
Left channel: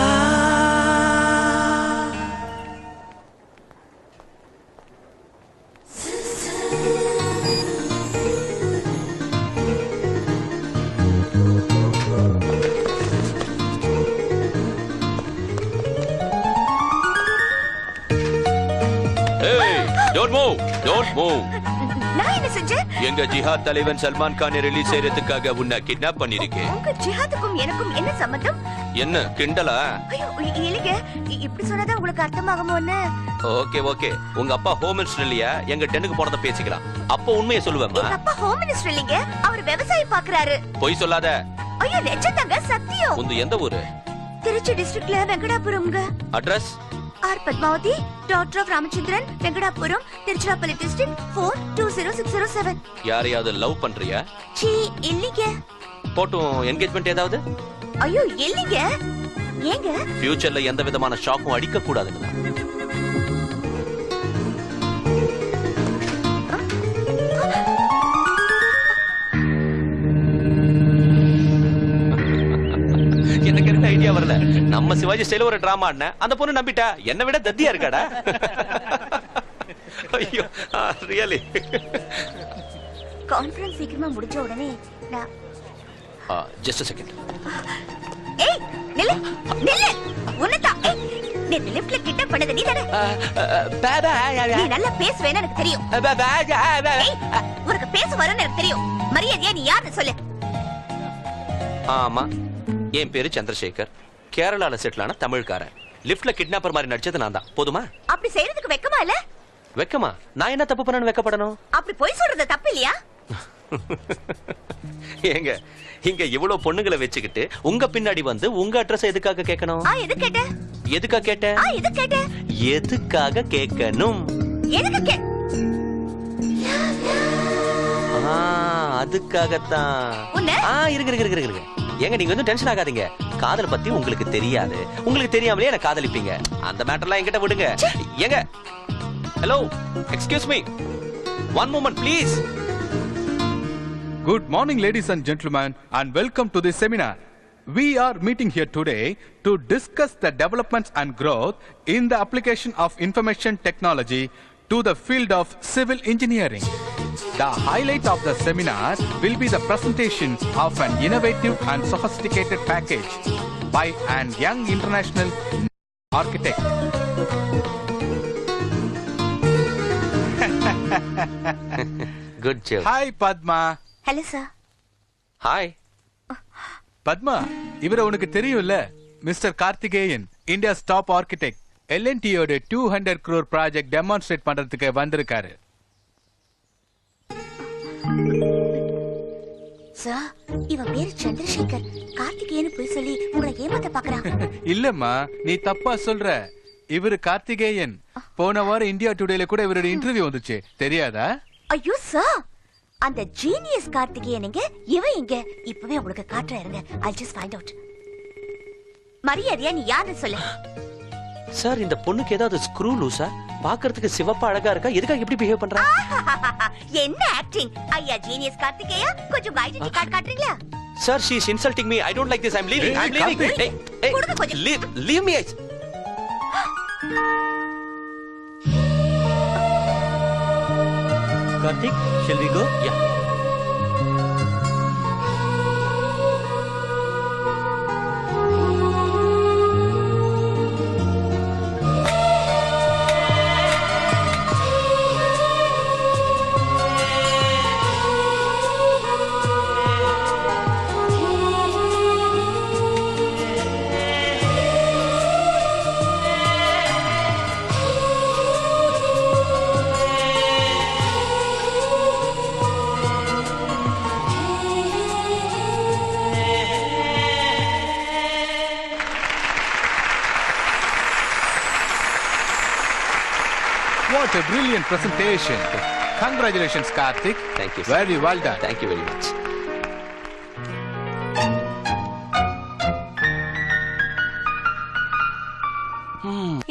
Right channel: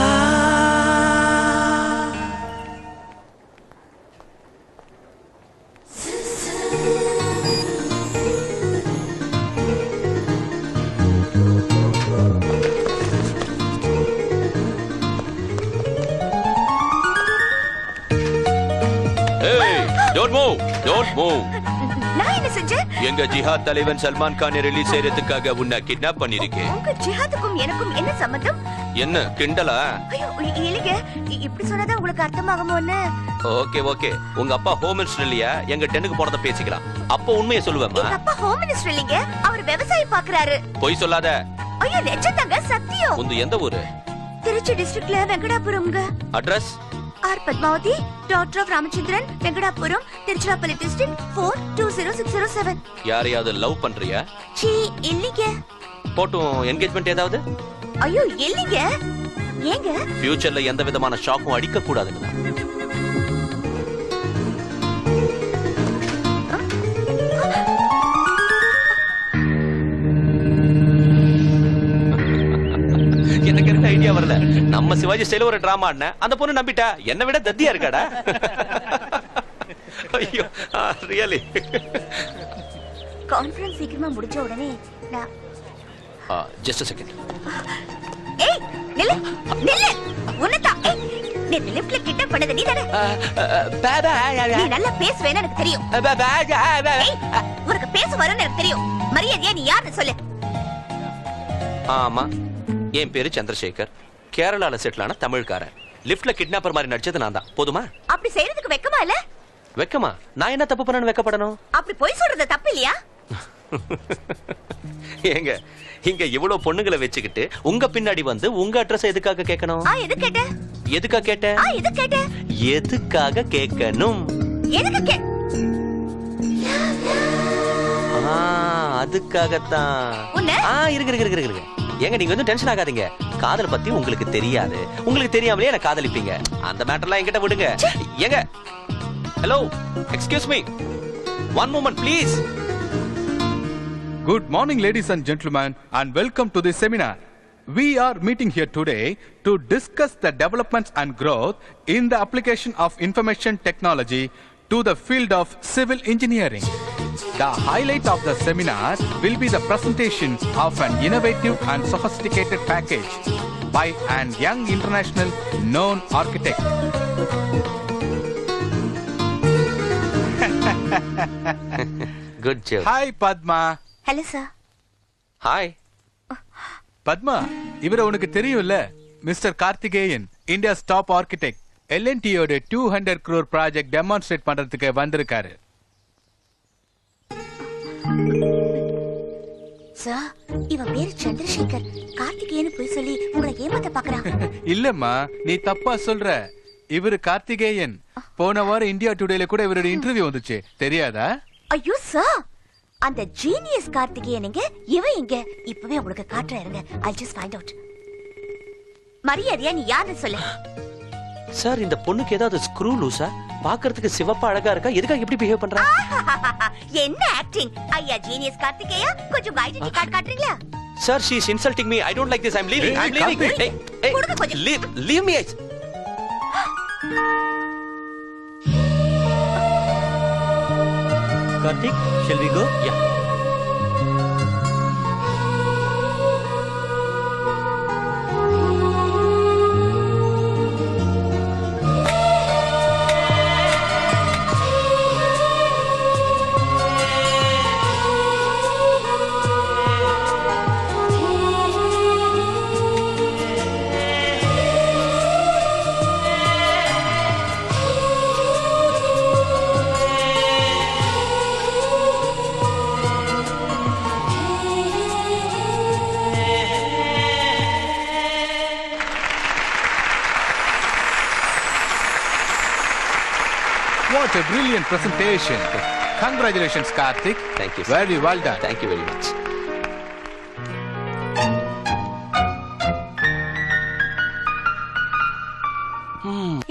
எங்க ஜிஹாத் தலைவன் சல்மான் கானை ரிலீஸ் செய்யறதுக்காக உன்னை கிட்னாப் பண்ணிருக்கேன். உங்க ஜிஹாதுக்கும் எனக்கும் என்ன சம்பந்தம்? என்ன கிண்டலா? ஐயோ இல்லைங்க, இப்படி சொன்னதா உங்களுக்கு அர்த்தமாகுமோன்னு. ஓகே ஓகே, உங்க அப்பா ஹோம் மினிஸ்டர் இல்லையா? எங்க டென்னுக்கு போனத பேசிக்கலாம். அப்ப உண்மையை சொல்லுவேம்மா. எங்க அப்பா ஹோம் மினிஸ்டர் இல்லைங்க, அவர் விவசாயம் பாக்குறாரு. பொய் சொல்லாத. ஐயோ நிஜம்தாங்க, சத்தியம். உங்க எந்த ஊரு? திருச்சி டிஸ்ட்ரிக்ட்ல வெங்கடாபுரம்ங்க. Address? R Padmavathi, doctor of Ramachandran, Venkatapuram, Tiruchirappalli district 420607. யாரையாவது லவ் பண்றியா? சீ இல்லைங்க. போட்டோ என்கேஜ்மெண்ட் ஏதாவது? ஐயோ இல்லைங்க. ஏங்க? ஃபியூச்சர்ல எந்த விதமான ஷாக்கும் அடிக்க கூடாதுங்க. எனக்கு இருக்க ஐடியா வரல. நம்ம சிவாஜி ஸ்டைல ஒரு டிராமா ஆடின அந்த பொண்ணு நம்பிட்டா. என்ன விட தத்தியா இருக்காடா. ஐயோ ரியலி. கான்ஃபரன்ஸ் சீக்கிரமா முடிஞ்ச உடனே நான் ஜஸ்ட் a second. ஏய் நில்லு நில்லு. உனதா நீ லிஃப்ட்ல கிட்ட பண்ணது நீதானே? நீ நல்லா பேசுவேன்னு எனக்கு தெரியும். உனக்கு பேச வரன்னு எனக்கு தெரியும். மரியாதையா நீ யாருன்னு சொல்லு. ஆமா, என் பேரு சந்திரசேகர். கேரளால செட்டில் ஆன தமிழ்காரன். லிப்ட்ல கிட்னாப்பர் மாதிரி நடிச்சது நான் தான். போதுமா? அப்படி செய்யறதுக்கு வெக்கமா இல்ல? வெக்கமா? நான் என்ன தப்பு பண்ணனு வெக்கப்படணும்? அப்படி போய் சொல்றது தப்பு இல்லையா? ஏங்க இங்க இவ்வளவு பொண்ணுங்களை வச்சுக்கிட்டு உங்க பின்னாடி வந்து உங்க அட்ரஸ் எதுக்காக கேட்கணும்? எது கேட்ட? எதுக்காக கேட்ட? எது கேட்ட? எதுக்காக கேட்கணும்? எதுக்கு அதுக்காகத்தான். இருங்க ஏங்க நீங்க வந்து டென்ஷன் ஆகாதீங்க. காதல் பத்தி உங்களுக்கு தெரியாது. உங்களுக்கு தெரியாமலே என்ன காதலிப்பீங்க. அந்த மேட்டர்லாம் என்கிட்ட விடுங்க. ஏங்க hello excuse me one moment please. Good morning ladies and gentlemen and welcome to this seminar. We are meeting here today to discuss the developments and growth in the application of information technology to the field of civil engineering. The highlight of the seminar will be the presentation of an innovative and sophisticated package by an young international known architect. Good job. Hi Padma. Hello sir. Hi Padma, இவரை உனக்கு தெரியும்ல, mister Karthikeyan, India's top architect. எல்என்டியோட 200 crore ப்ராஜெக்ட் டெமான்ஸ்ட்ரேட் பண்றதுக்கு வந்திருக்காரு. சார், இவன் பேர் சந்திரசேகர். கார்த்திகேயன் போய் சொல்லி உங்களை ஏமாத்த பாக்குறான். இல்லம்மா, நீ தப்பா சொல்ற. இவரு கார்த்திகேயன். போன வாரம் இந்தியா டுடேல கூட இவரோட இன்டர்வியூ வந்துச்சு, தெரியாதா? ஐயோ சார், அந்த ஜீனியஸ் கார்த்திகேயன் எங்க, இவன் எங்க? இப்பவே உங்களுக்கு காட்டுறேன் இருங்க. I'll just find out. மரியாதையா நீ யாருன்னு சொல்லு. சார், இந்த பொண்ணுக்கு ஏதாவது ஸ்க்ரூ லூசா? பாக்குறதுக்கு சிவப்பா அழகா இருக்கா, எதுக்காக இப்படி பிஹேவ் பண்றா? என்ன ஆக்டிங்? ஐயா ஜீனியஸ் கார்த்திகேயா, கொஞ்சம் ஐடென்டி கார்டு காட்டுறீங்களா? Sir, she is insulting me. I don't like this. I'm leaving. I'm leaving. Hey, leave me. Karthik, shall we go? Yeah. What a brilliant presentation. Congratulations, Karthik. Thank you, sir. Very well done. Thank you very much.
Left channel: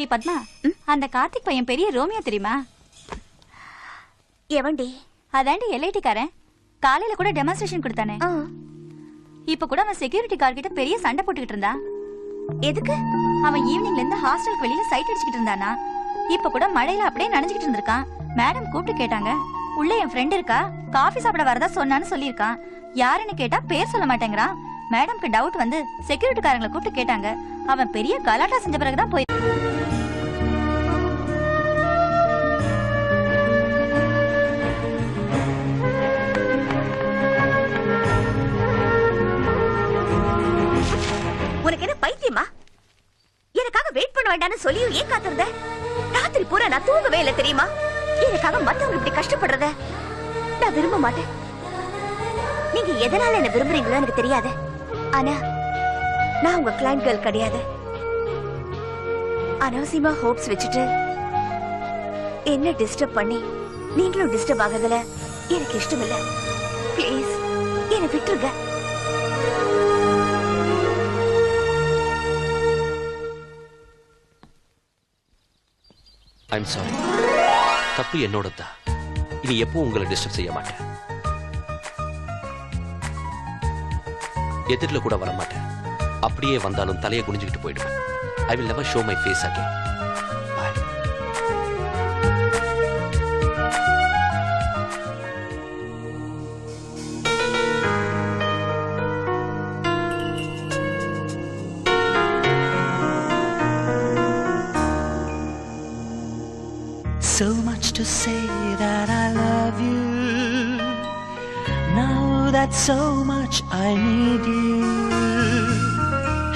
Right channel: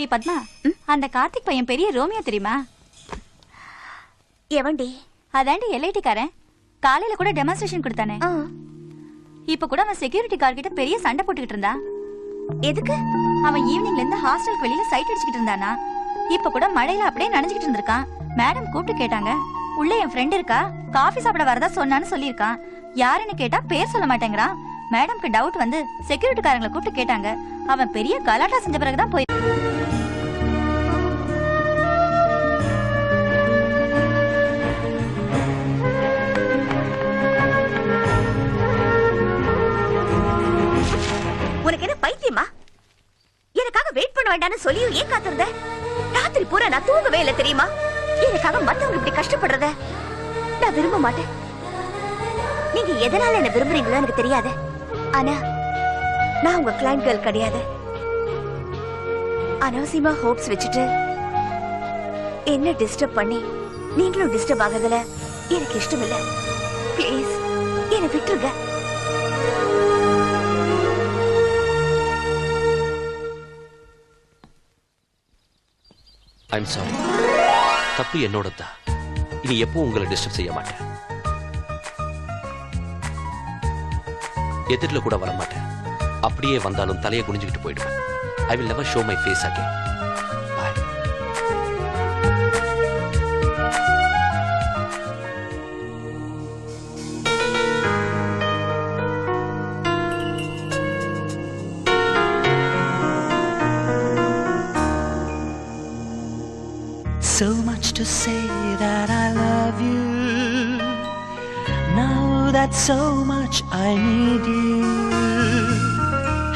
ஏய் பத்மா, அந்த கார்த்திக் பையன் பெரிய ரோமியோ தெரியுமா? எவன்டி? அதாண்டி எல்ஐடி காரன். காலையில கூட டெமான்ஸ்ட்ரேஷன் கொடுத்தானே. இப்ப கூட அவன் செக்யூரிட்டி கார் கிட்ட பெரிய சண்டை போட்டுக்கிட்டு இருந்தான். எதுக்கு? அவன் ஈவினிங்ல இருந்து ஹாஸ்டலுக்கு வெளியில சைட் அடிச்சுக்கிட்டு இருந்தானா. இப்ப கூட மழையில அப்படியே நனைஞ்சுக்கிட்டு இருந்திருக்கான். மேடம் கூப்பிட்டு கேட்டாங்க. உள்ள என் ஃப்ரெண்ட் இருக்கா, காஃபி சாப்பிட வரதா சொன்னான்னு சொல்லியிருக்கான். யாருன்னு கேட்டா பேர் சொல்ல மாட்டேங்கிறான். மேடம்க்கு டவுட் வந்து செக்யூரிட்டி காரங்களை கூப்பிட்டு கேட்டாங்க. அவன் பெரிய கலாட்டா செஞ்ச பிறகுதான் போய் உனக்கு என்ன பைத்தியமா? எனக்காக வெயிட் பண்ண வேண்டாம்னு சொல்லியும் ஏன் காத்திருந்த? ராத்திரி பூரா நான் தூங்கவே இல்லை தெரியுமா? எனக்காக மத்தவங்க இப்படி கஷ்டப்படுறத நான் விரும்ப மாட்டேன். நீங்க எதனால என்ன விரும்புறீங்களோ எனக்கு தெரியாது. ஆனா நான் உங்க கிளைண்ட் கேர்ள் கிடையாது. அனாவசியமா ஹோப்ஸ் வச்சுட்டு என்ன டிஸ்டர்ப் பண்ணி நீங்களும் டிஸ்டர்ப் ஆகுறதுல எனக்கு இஷ்டம் இல்ல. ப்ளீஸ் என்னை விட்டுருங்க. I'm sorry. தப்பு என்னோடதான். இனி எப்போ உங்களை டிஸ்டர்ப் செய்ய மாட்டேன். எதிரில கூட வர மாட்டேன். அப்படியே வந்தாலும் தலையை குனிஞ்சுக்கிட்டு போயிடுவேன். I will never show my face again. Bye. So much to say that I love you. Now that so much I need you.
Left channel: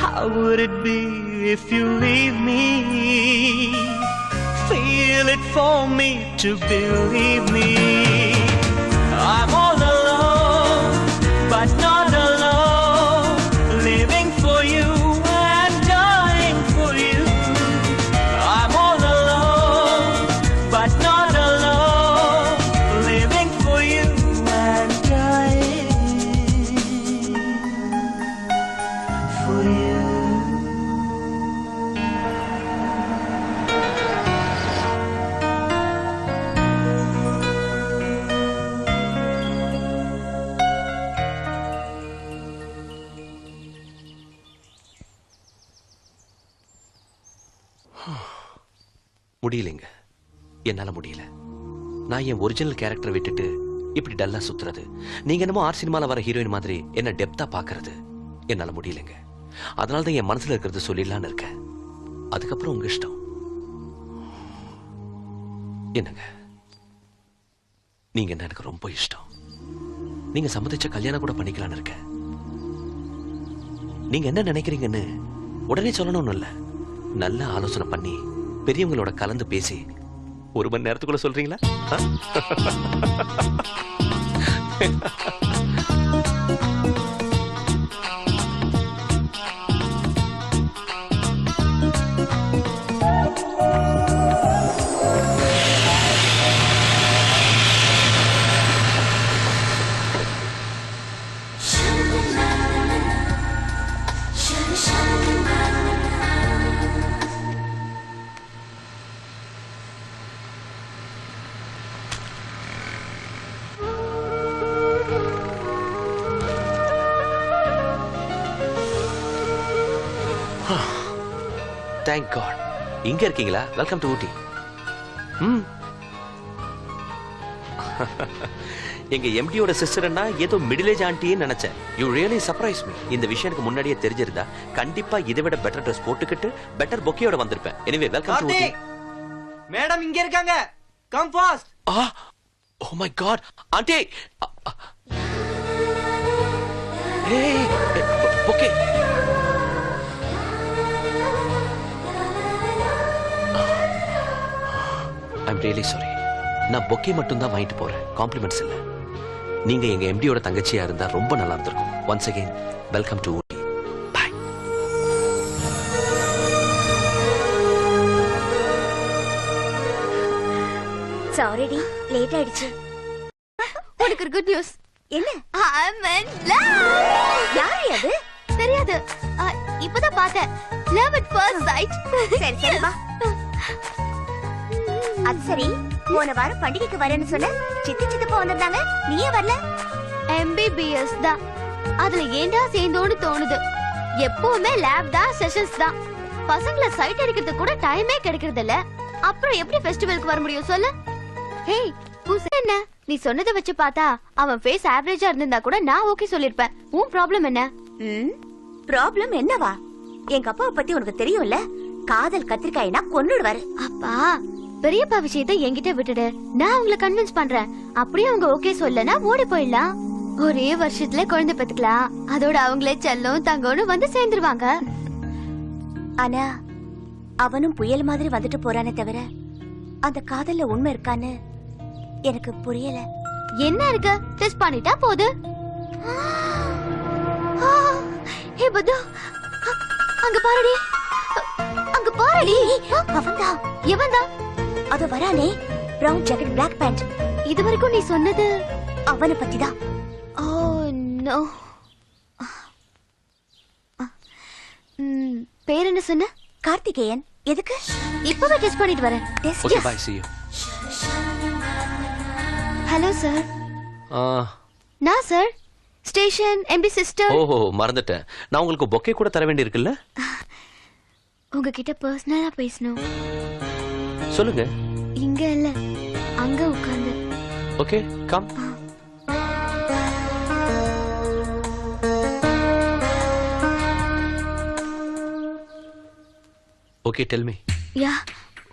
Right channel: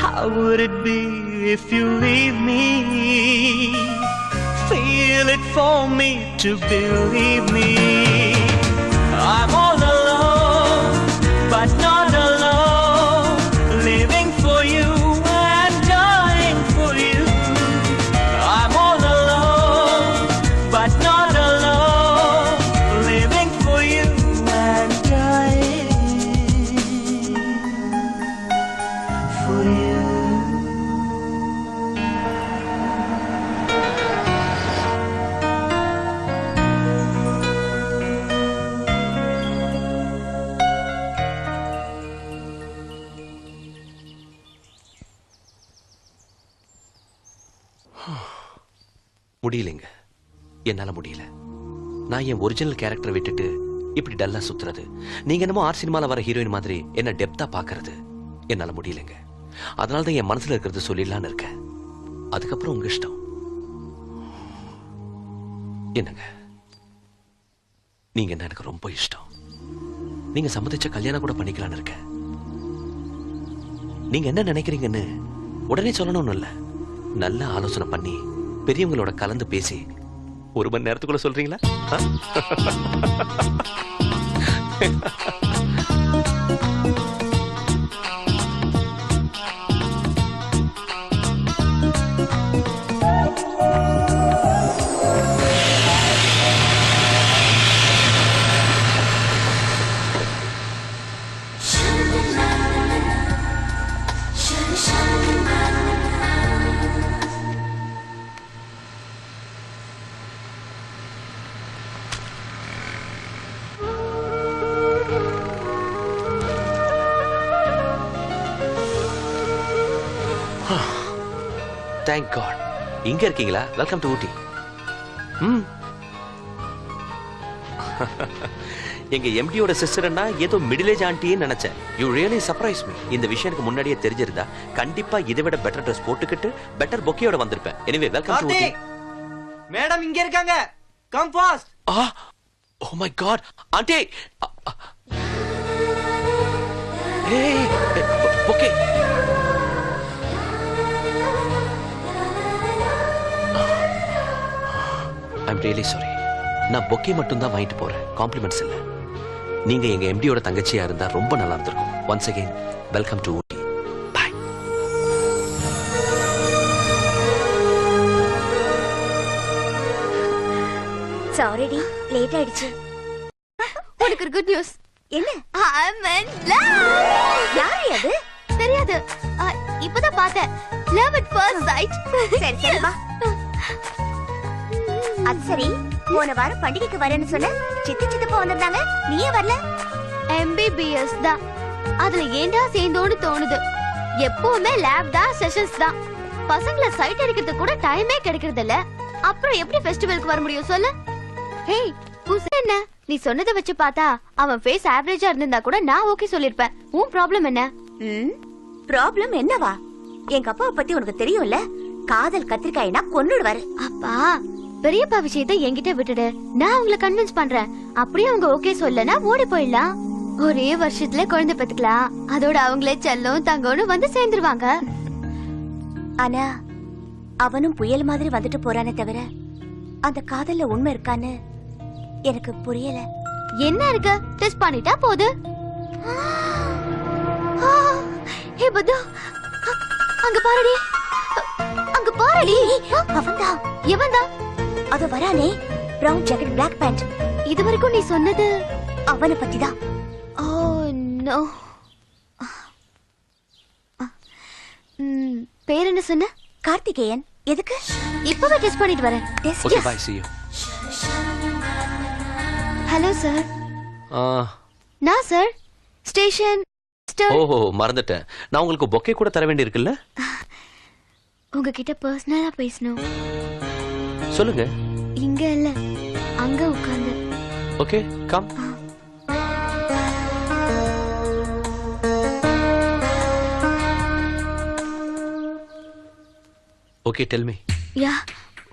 How would it be if you leave me? Feel it for me to believe me. I'm all alone, but not alone. Living for you and dying for you. I'm all alone, but not alone. Living for you and dying for you. முடியலைங்க, என்னால முடியல. நான் என் ஒரிஜினல் கேரக்டரை விட்டுட்டு இப்படி டல்லா சுத்துறது, நீங்க என்னமோ ஆர் சினிமால வர ஹீரோயின் மாதிரி என்ன டெப்தா பாக்குறது என்னால முடியலைங்க. அதனாலதான் என் மனசுல இருக்கிறது சொல்லிடலான்னு இருக்கேன். அதுக்கப்புறம் உங்க இஷ்டம். என்னங்க, நீங்க என்ன எனக்கு ரொம்ப இஷ்டம். நீங்க சம்மதிச்ச கல்யாணம் கூட பண்ணிக்கலான்னு இருக்கேன். நீங்க என்ன நினைக்கிறீங்கன்னு உடனே சொல்லணும்னு இல்ல, நல்ல ஆலோசனை பண்ணி பெரியவங்களோட கலந்து பேசி 1 மணி நேரத்துக்குள்ள சொல்றீங்களா? Thank God. இங்க இருக்கீங்களா? வெல்கம் டு ஊட்டி. எங்க எம்டியோட சிஸ்டர்னா ஏதோ மிடில் ஏஜ் ஆண்டின்னு நினைச்சேன். You really surprise me. இந்த விஷயம் எனக்கு முன்னாடியே தெரிஞ்சிருந்தா கண்டிப்பா இதை விட பெட்டர் ட்ரெஸ் போட்டுக்கிட்டு பெட்டர் பொக்கேயோட வந்திருப்பேன். Anyway welcome to Ooty. Madam இங்க இருக்காங்க. Come fast. Oh my God. Aunty. Hey, bouquet. I'm really sorry. நான் பொக்கே மட்டும் தான் வாங்கிட்டு போறேன், காம்ப்ளிமெண்ட்ஸ் இல்ல. நீங்க எங்க எம்டியோட தங்கச்சியா இருந்தா ரொம்ப நல்லா இருந்திருக்கும். Once again, welcome to Ooty. Bye. Sorry டி, லேட் ஆயிடுச்சு. உனக்கு ஒரு குட் நியூஸ். என்ன? I'm in love. யாரு அது? தெரியாது. இப்பதான் பார்த்தேன். Love at first sight. சரி சரி வா. அது சரி, போன வாரம் பண்டிகைக்கு வரேன்னு சொன்ன சித்தப்பா வந்திருந்தாங்க, நீயே வரல. MBBS தான், அதுல ஏண்டா சேர்ந்தோன்னு தோணுது. எப்பவுமே லேப் தான், செஷன்ஸ் தான். பசங்கள சைட் அடிக்கிறதுக்கு கூட டைமே கிடைக்கிறது இல்ல. அப்புறம் எப்படி ஃபெஸ்டிவலுக்கு வர முடியும் சொல்லு? ஹேய் என்ன, நீ சொன்னதை வச்சு பார்த்தா அவன் ஃபேஸ் ஆவரேஜா இருந்திருந்தா கூட நான் ஓகே சொல்லிருப்பேன். உன் ப்ராப்ளம் என்ன? ப்ராப்ளம் என்னவா? எங்க அப்பாவை பத்தி உனக்கு தெரியும்ல, காதல் கத்திரிக்காய்னா கொன்னுடுவாரு. அப்பா, பெரியப்பா விஷயத்தை என்கிட்ட விட்டுடு, நான் உங்களை கன்வின்ஸ் பண்றேன். அப்படியே அவங்க ஓகே சொல்லனா ஓடி போயிடலாம். ஒரே வருஷத்துல குழந்தை பெத்துக்கலாம். அதோட அவங்களே செல்லம் தங்கன்னு வந்து சேர்ந்துருவாங்க. ஆனா அவனும் புயல் மாதிரி வந்துட்டு போறானே தவிர அந்த காதல்ல உண்மை இருக்கான்னு எனக்கு புரியல. என்ன இருக்கு? டெஸ்ட் பண்ணிட்டா போது. ஹே பது, அங்க பாருடி, அங்க பாருடி. அவன்தான். எவன்தான்? அது வரானே, பிரவுன் ஜாக்கெட் பிளாக் பேண்ட். இது வரைக்கும் நீ சொன்னது அவனை பத்திதான். Oh no. பேர் என்ன சொன்ன? கார்த்திகேயன். எதுக்கு? இப்பவே டெஸ்ட் பண்ணிட்டு வரேன். Okay, bye, see you. Hello sir. நான் சார், ஸ்டேஷன் எம்பி சிஸ்டர். ஓஹோ, மறந்துட்டேன். நான் உங்களுக்கு பொக்கே கூட தர வேண்டி இருக்குல்ல? உங்ககிட்ட பர்சனலா பேசணும். சொல்லுங்க. இங்க இல்ல, அங்க உட்கார்ந்து. Okay, come. Okay, tell me. Yeah,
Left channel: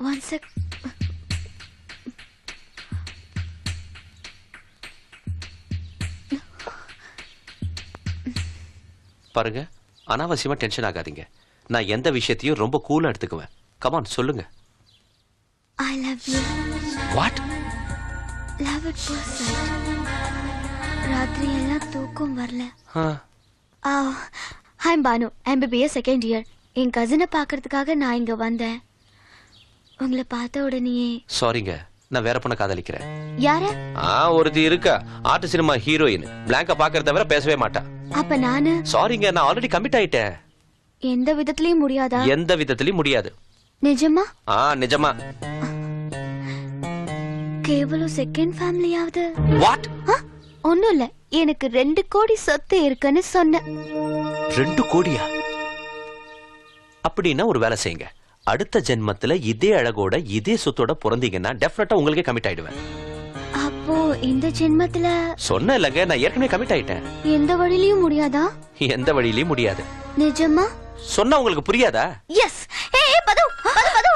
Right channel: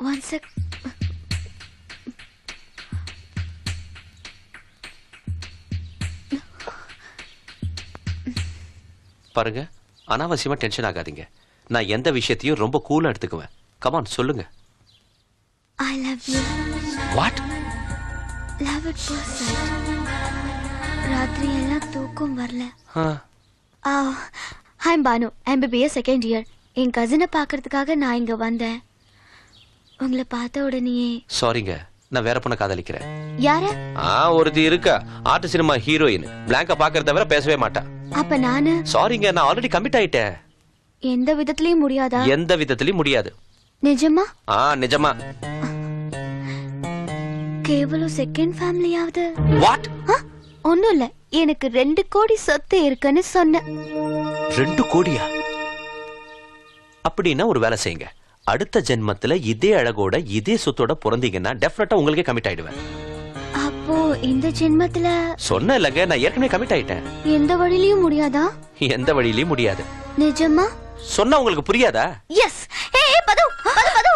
one sec. பாருங்க, அனாவசியமா டென்ஷன் ஆகாதீங்க. நான் எந்த விஷயத்தையும் ரொம்ப கூலா எடுத்துக்குவேன். கம் ஆன், சொல்லுங்க. I love you. What? Love at first sight. ராத்திரி எல்லாம் தூக்கம் வரல. I'm Banu, MBBS second year. என் கசினை பாக்குறதுக்காக நான் இங்க வந்தேன். உங்களை பார்த்த உடனே. சாரிங்க, நான் வேற பொண்ணை காதலிக்கிறேன். யாரு? ஒருத்தி இருக்கா, ஆர்ட் சினிமா ஹீரோயின். பிளாங்கா பாக்குறத தவிர பேசவே மாட்டா. அப்ப நானு? சாரிங்க, நான் ஆல்ரெடி கமிட் ஆயிட்டேன். எந்த விதத்திலயும் முடியாதா? எந்த விதத்திலயும் முடியாது. நிஜமா? நிஜமா. கேவலம் செகண்ட் ஃபேமிலியாவது? வாட்? ஒண்ணும் இல்ல, எனக்கு 2 கோடி சொத்து இருக்குன்னு சொன்ன. 2 கோடியா? அப்படின்னா ஒரு வேலை செய்யுங்க, அடுத்த ஜென்மத்துல இதே அழகோட இதே சொத்தோட பிறந்தீங்கன்னா டெஃபினட்டா உங்களுக்கே கமிட் ஆயிடுவேன். அப்போ இந்த ஜென்மத்துல சொன்ன இல்லங்க, நான் ஏற்கனவே கமிட் ஆயிட்டேன். எந்த வழியிலயும் முடியாதா? எந்த வழியிலயும் முடியாது. நிஜமா? சொன்னா உங்களுக்கு புரியாதா? எஸ். ஏய் பது பது பது,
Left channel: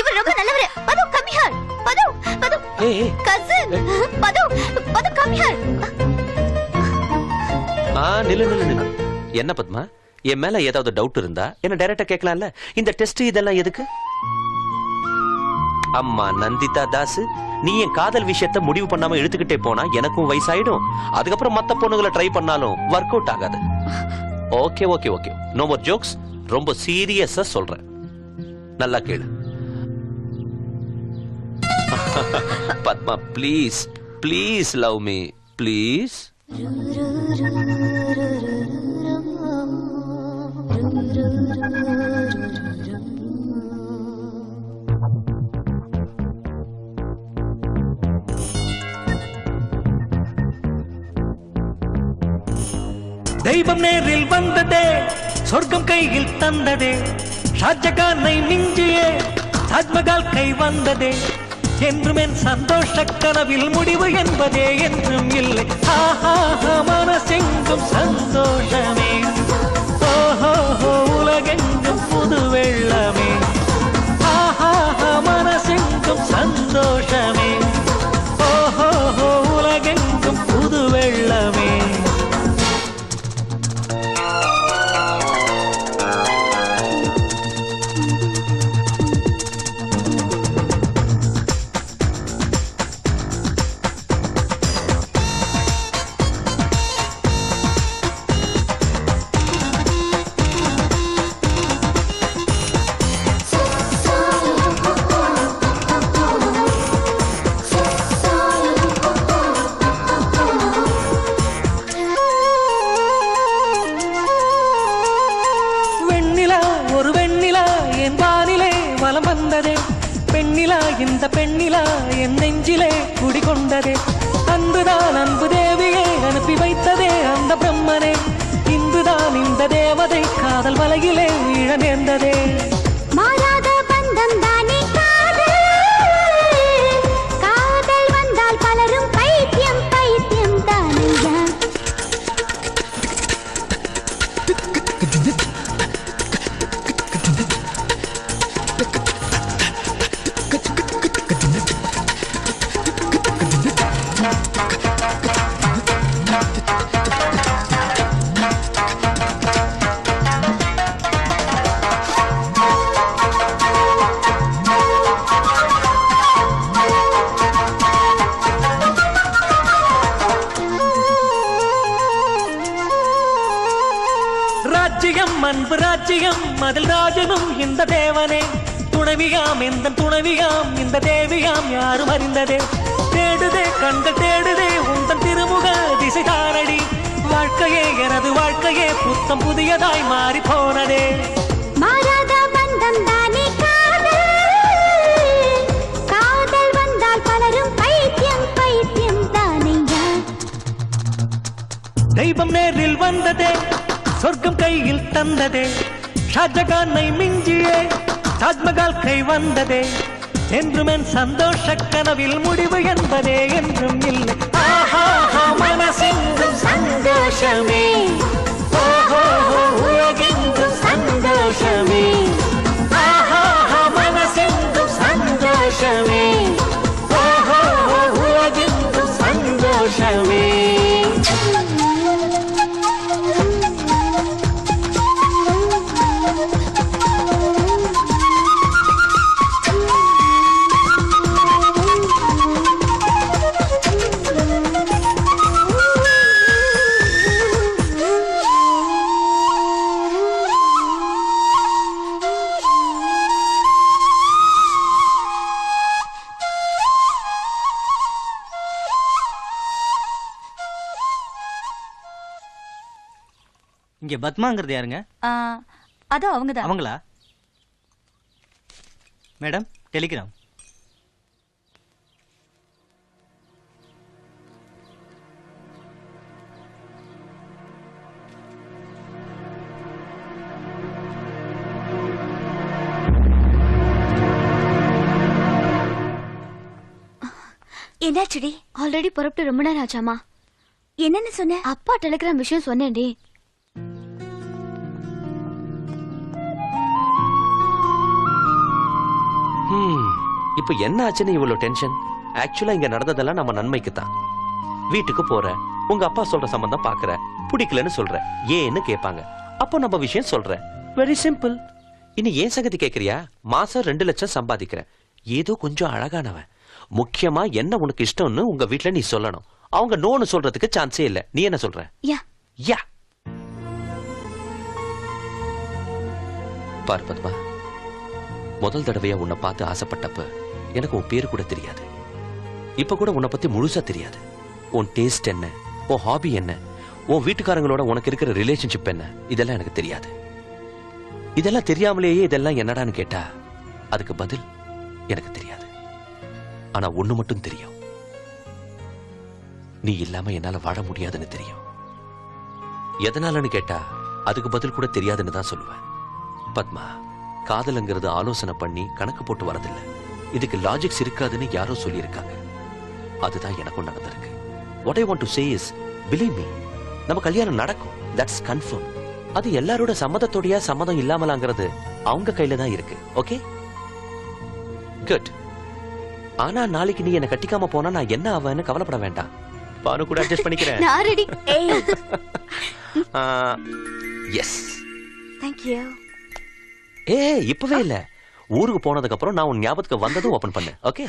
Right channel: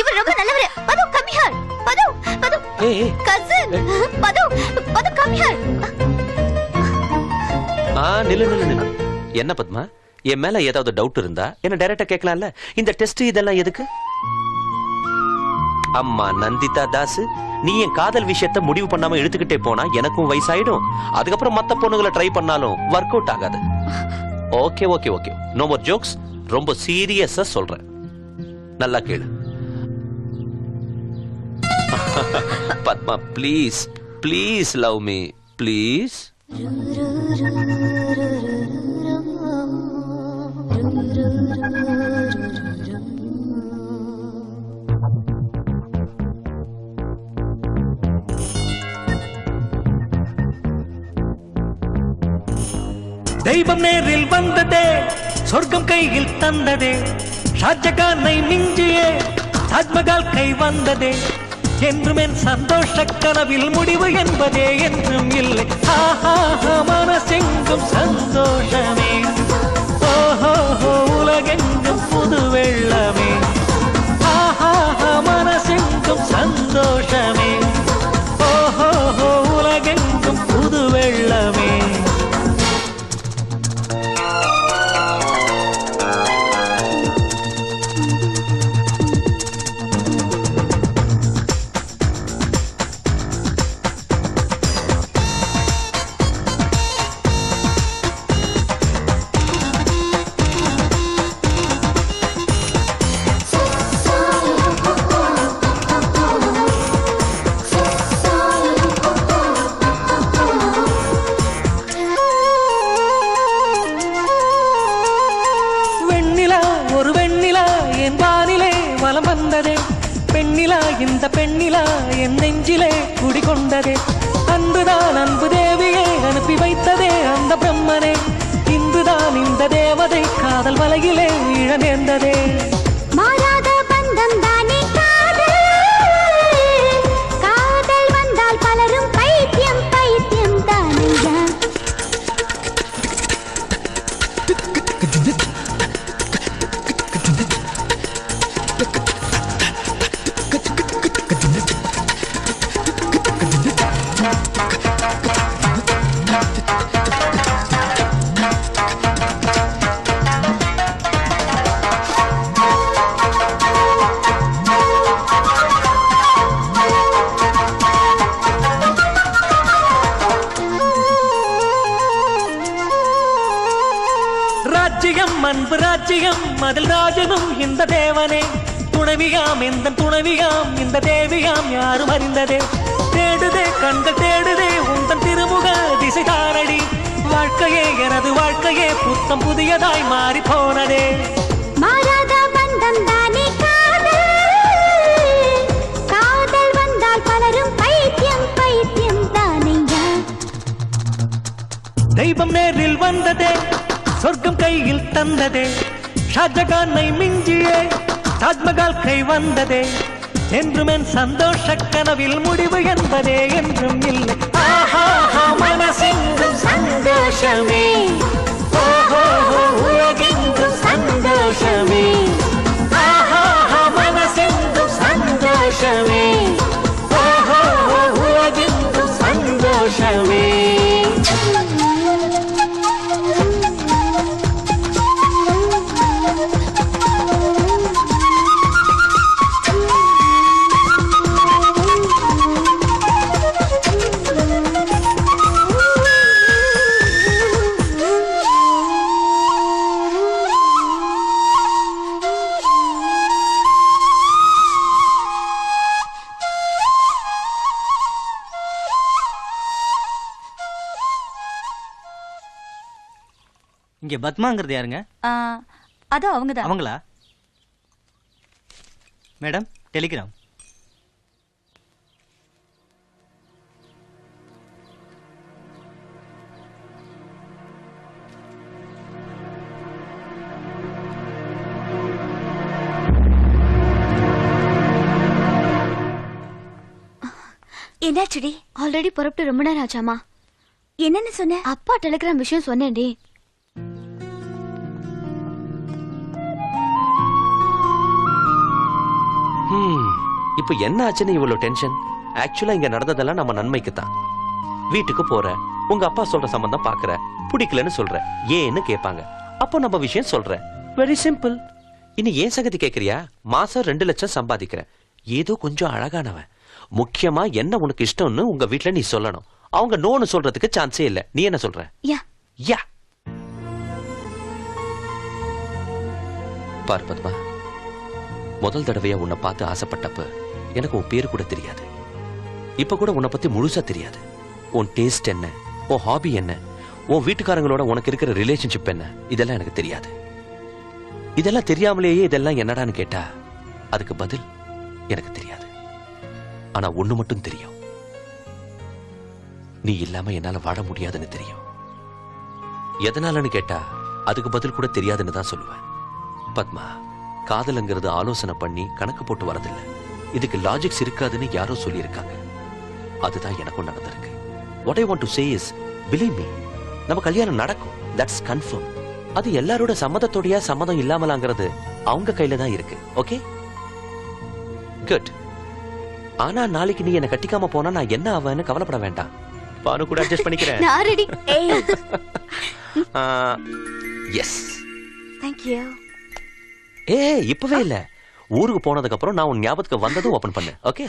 இவர் ரொம்ப நல்லவரே. பது கம் ஹியர். பது பது. ஏய் கசின். பது பது கம் ஹியர். நில்லு நில்லு நில்லு. என்ன பத்மா, என் மேல ஏதாவது டவுட் இருந்தா என்ன டைரக்டா கேட்கலாம்ல. இந்த டெஸ்ட் இதெல்லாம் எதுக்கு? அம்மா நந்திதா தாஸ், நீ என் காதல் விஷயத்த முடிவு பண்ணாம இழுத்துக்கிட்டே போனா எனக்கும் வயசாயிடும். அதுக்கப்புறம் மத்த பொண்ணுங்களை ட்ரை பண்ணாலும் ஒர்க் அவுட் ஆகாது. Okay okay okay, no more jokes. ரொம்ப சீரியஸா சொல்றேன், நல்லா கேளு. Padma please please love me please. தெய்வம் நேரில் வந்ததே, சொர்க்கம் கையில் தந்ததே, ஷாஜகானை மிஞ்சியே தாஜ்மஹால் கை வந்ததே. என்றும் என் சந்தோஷ கனவில் முடிவு என்பதே என்றும் இல்லை. மனசெங்கும் சந்தோஷமே, உலகெங்கும் புது வெள்ளமே. மனசெங்கும் சந்தோஷமே, உலகெங்கும் புது வெள்ளமே. இந்த பெண்ணிலா என் நெஞ்சிலே குடிகொண்டதே. அன்புதான் அன்பு தேவியை அனுப்பி வைத்ததே அந்த பிரம்மனே. இன்புதான் இந்த தேவதை காதல் மலையிலே நீழ நேர்ந்ததே. மாறாத பந்தம் தானே காதல், காதல் வந்தால் பலரும் பைத்தியம் பைத்தியம் தானே. அன்பு ராஜ்யம் அதில் ராஜனும் இந்த தேவனே. துணைவியாம் எந்த துணைவியாம் இந்த தேவியாம் யாரும் அறிந்ததே. தேடுதே கண்கள் தேடுதே உந்தன் திருமுக திசை தாரடி. வாழ்க்கையே எனது வாழ்க்கையே புத்தம் புதியதாய் மாறி போனதே. மாறாத பந்தம் தானே காதல், காதல் வந்தால் பலரும் பைத்தியம் பைத்தியம் தானே. தெய்வம் நேரில் வந்ததே, சொர்க்கம் கையில் தந்ததே. ஷாஜகானை மிஞ்சியே தாஜ்மஹால் கை வந்ததே. என்றும் என் சந்தோஷ கனவில் முடிவு என்பதே என்றும் இல்லை. மனசெங்கும் சந்தோஷமே, உலகெங்கும் சந்தோஷமே. மனசெங்கும் சந்தோஷமே, உலகெங்கும் சந்தோஷமே. இங்க பத்மாங்கிறது யாருங்க? அது அவங்கதான். அவங்களா? Madam Telegram. என்னாச்சுடி? ஆல்ரெடி புறப்பட்டு ரொம்ப நேரம் ஆச்சாமா. என்னன்னு சொன்ன? அப்பா டெலிகிராம் விஷயம் சொன்னேன்டி. இப்ப என்ன ஆச்சுன்னு இவ்வளவு டென்ஷன்? ஆக்சுவலா இங்க நடந்ததெல்லாம் நம்ம நன்மைக்கு தான். வீட்டுக்கு போற, உங்க அப்பா சொல்ற சம்பந்தம் பாக்குற, பிடிக்கலன்னு சொல்ற, ஏன்னு கேட்பாங்க. அப்போ நம்ம விஷயம் சொல்ற. Very simple. இனி ஏன் சங்கதி கேக்குறியா? மாசம் 2 லட்சம் சம்பாதிக்கிறேன். ஏதோ கொஞ்சம் அழகானவன். முக்கியமா என்ன உனக்கு இஷ்டம்னு உங்க வீட்டுல நீ சொல்லணும். அவங்க நோன்னு சொல்றதுக்கு சான்ஸே இல்ல. நீ என்ன சொல்ற? யா பாரு பத்மா, முதல் தடவையா உன்னை பார்த்து ஆசைப்பட்டப்ப எனக்கு உன் பேரு கூட தெரியாது. இப்ப கூட உன்னை பத்தி முழுசா தெரியாது. உன் டேஸ்ட் என்ன, உன் ஹாபி என்ன, உன் வீட்டுக்காரங்களோட உனக்கு இருக்கிற ரிலேஷன்ஷிப் என்ன, இதெல்லாம் எனக்கு தெரியாது. இதெல்லாம் தெரியாமலேயே இதெல்லாம் என்னடான்னு கேட்டா அதுக்கு பதில் எனக்கு தெரியாது. ஆனா ஒண்ணு மட்டும் தெரியும், நீ இல்லாம என்னால வாழ முடியாதுன்னு தெரியும். எதனாலன்னு கேட்டா அதுக்கு பதில் கூட தெரியாதுன்னு தான் சொல்லுவேன். பத்மா, காதலுங்கிறது ஆலோசனை பண்ணி கணக்கு போட்டு வரதில்லை. இதுக்கு லாஜிக்ஸ் இருக்காதுன்னு யாரோ சொல்லியிருக்காங்க. அதுதான் எனக்கும் நடந்திருக்கு. What I want to say is, believe me, நம்ம கல்யாணம் நடக்கும். That's confirm. அது எல்லாரோட சம்மதத்தோடயா சம்மதம் இல்லாமலாங்கிறது அவங்க கையில தான் இருக்கு. Okay, good. ஆனா நாளைக்கு நீ என்ன கட்டிக்காம போனா நான் என்ன ஆவேன்னு கவலைப்பட வேண்டாம். பாரு கூட அட்ஜஸ்ட் பண்ணிக்கிறேன். நான் ரெடி. S, Thank you. இப்பவே இல்ல, ஊருக்கு போனதுக்கு அப்புறம் நான் உன் ஞாபகத்துக்கு வந்ததும் ஓபன் பண்ணு. ஓகே?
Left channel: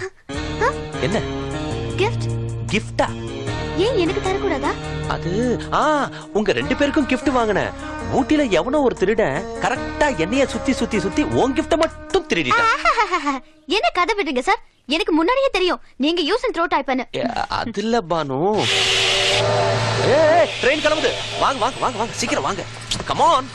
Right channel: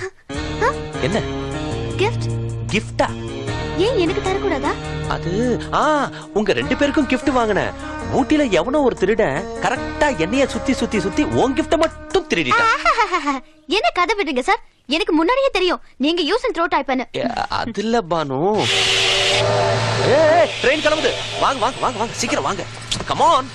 என்ன gift? கிஃப்டா? ஏன் எனக்கு தர கூடாதா? அது உங்க 2 பேருக்கும் gift வாங்குனேன். ஊட்டில எவனோ ஒரு திருடன் கரெக்ட்டா என்னைய சுத்தி சுத்தி சுத்தி உன் gift மட்டும் திருடிட்டான். என்ன கதை விடுங்க சார், எனக்கு முன்னாடியே தெரியும் நீங்க யூஸ் அண்ட் த்ரோ டைப் பண்ணு. அதுல பானு. ட்ரெயின் கிளம்புது. வாங்க வாங்க வாங்க வாங்க, சீக்கிரம் வாங்க. Come on.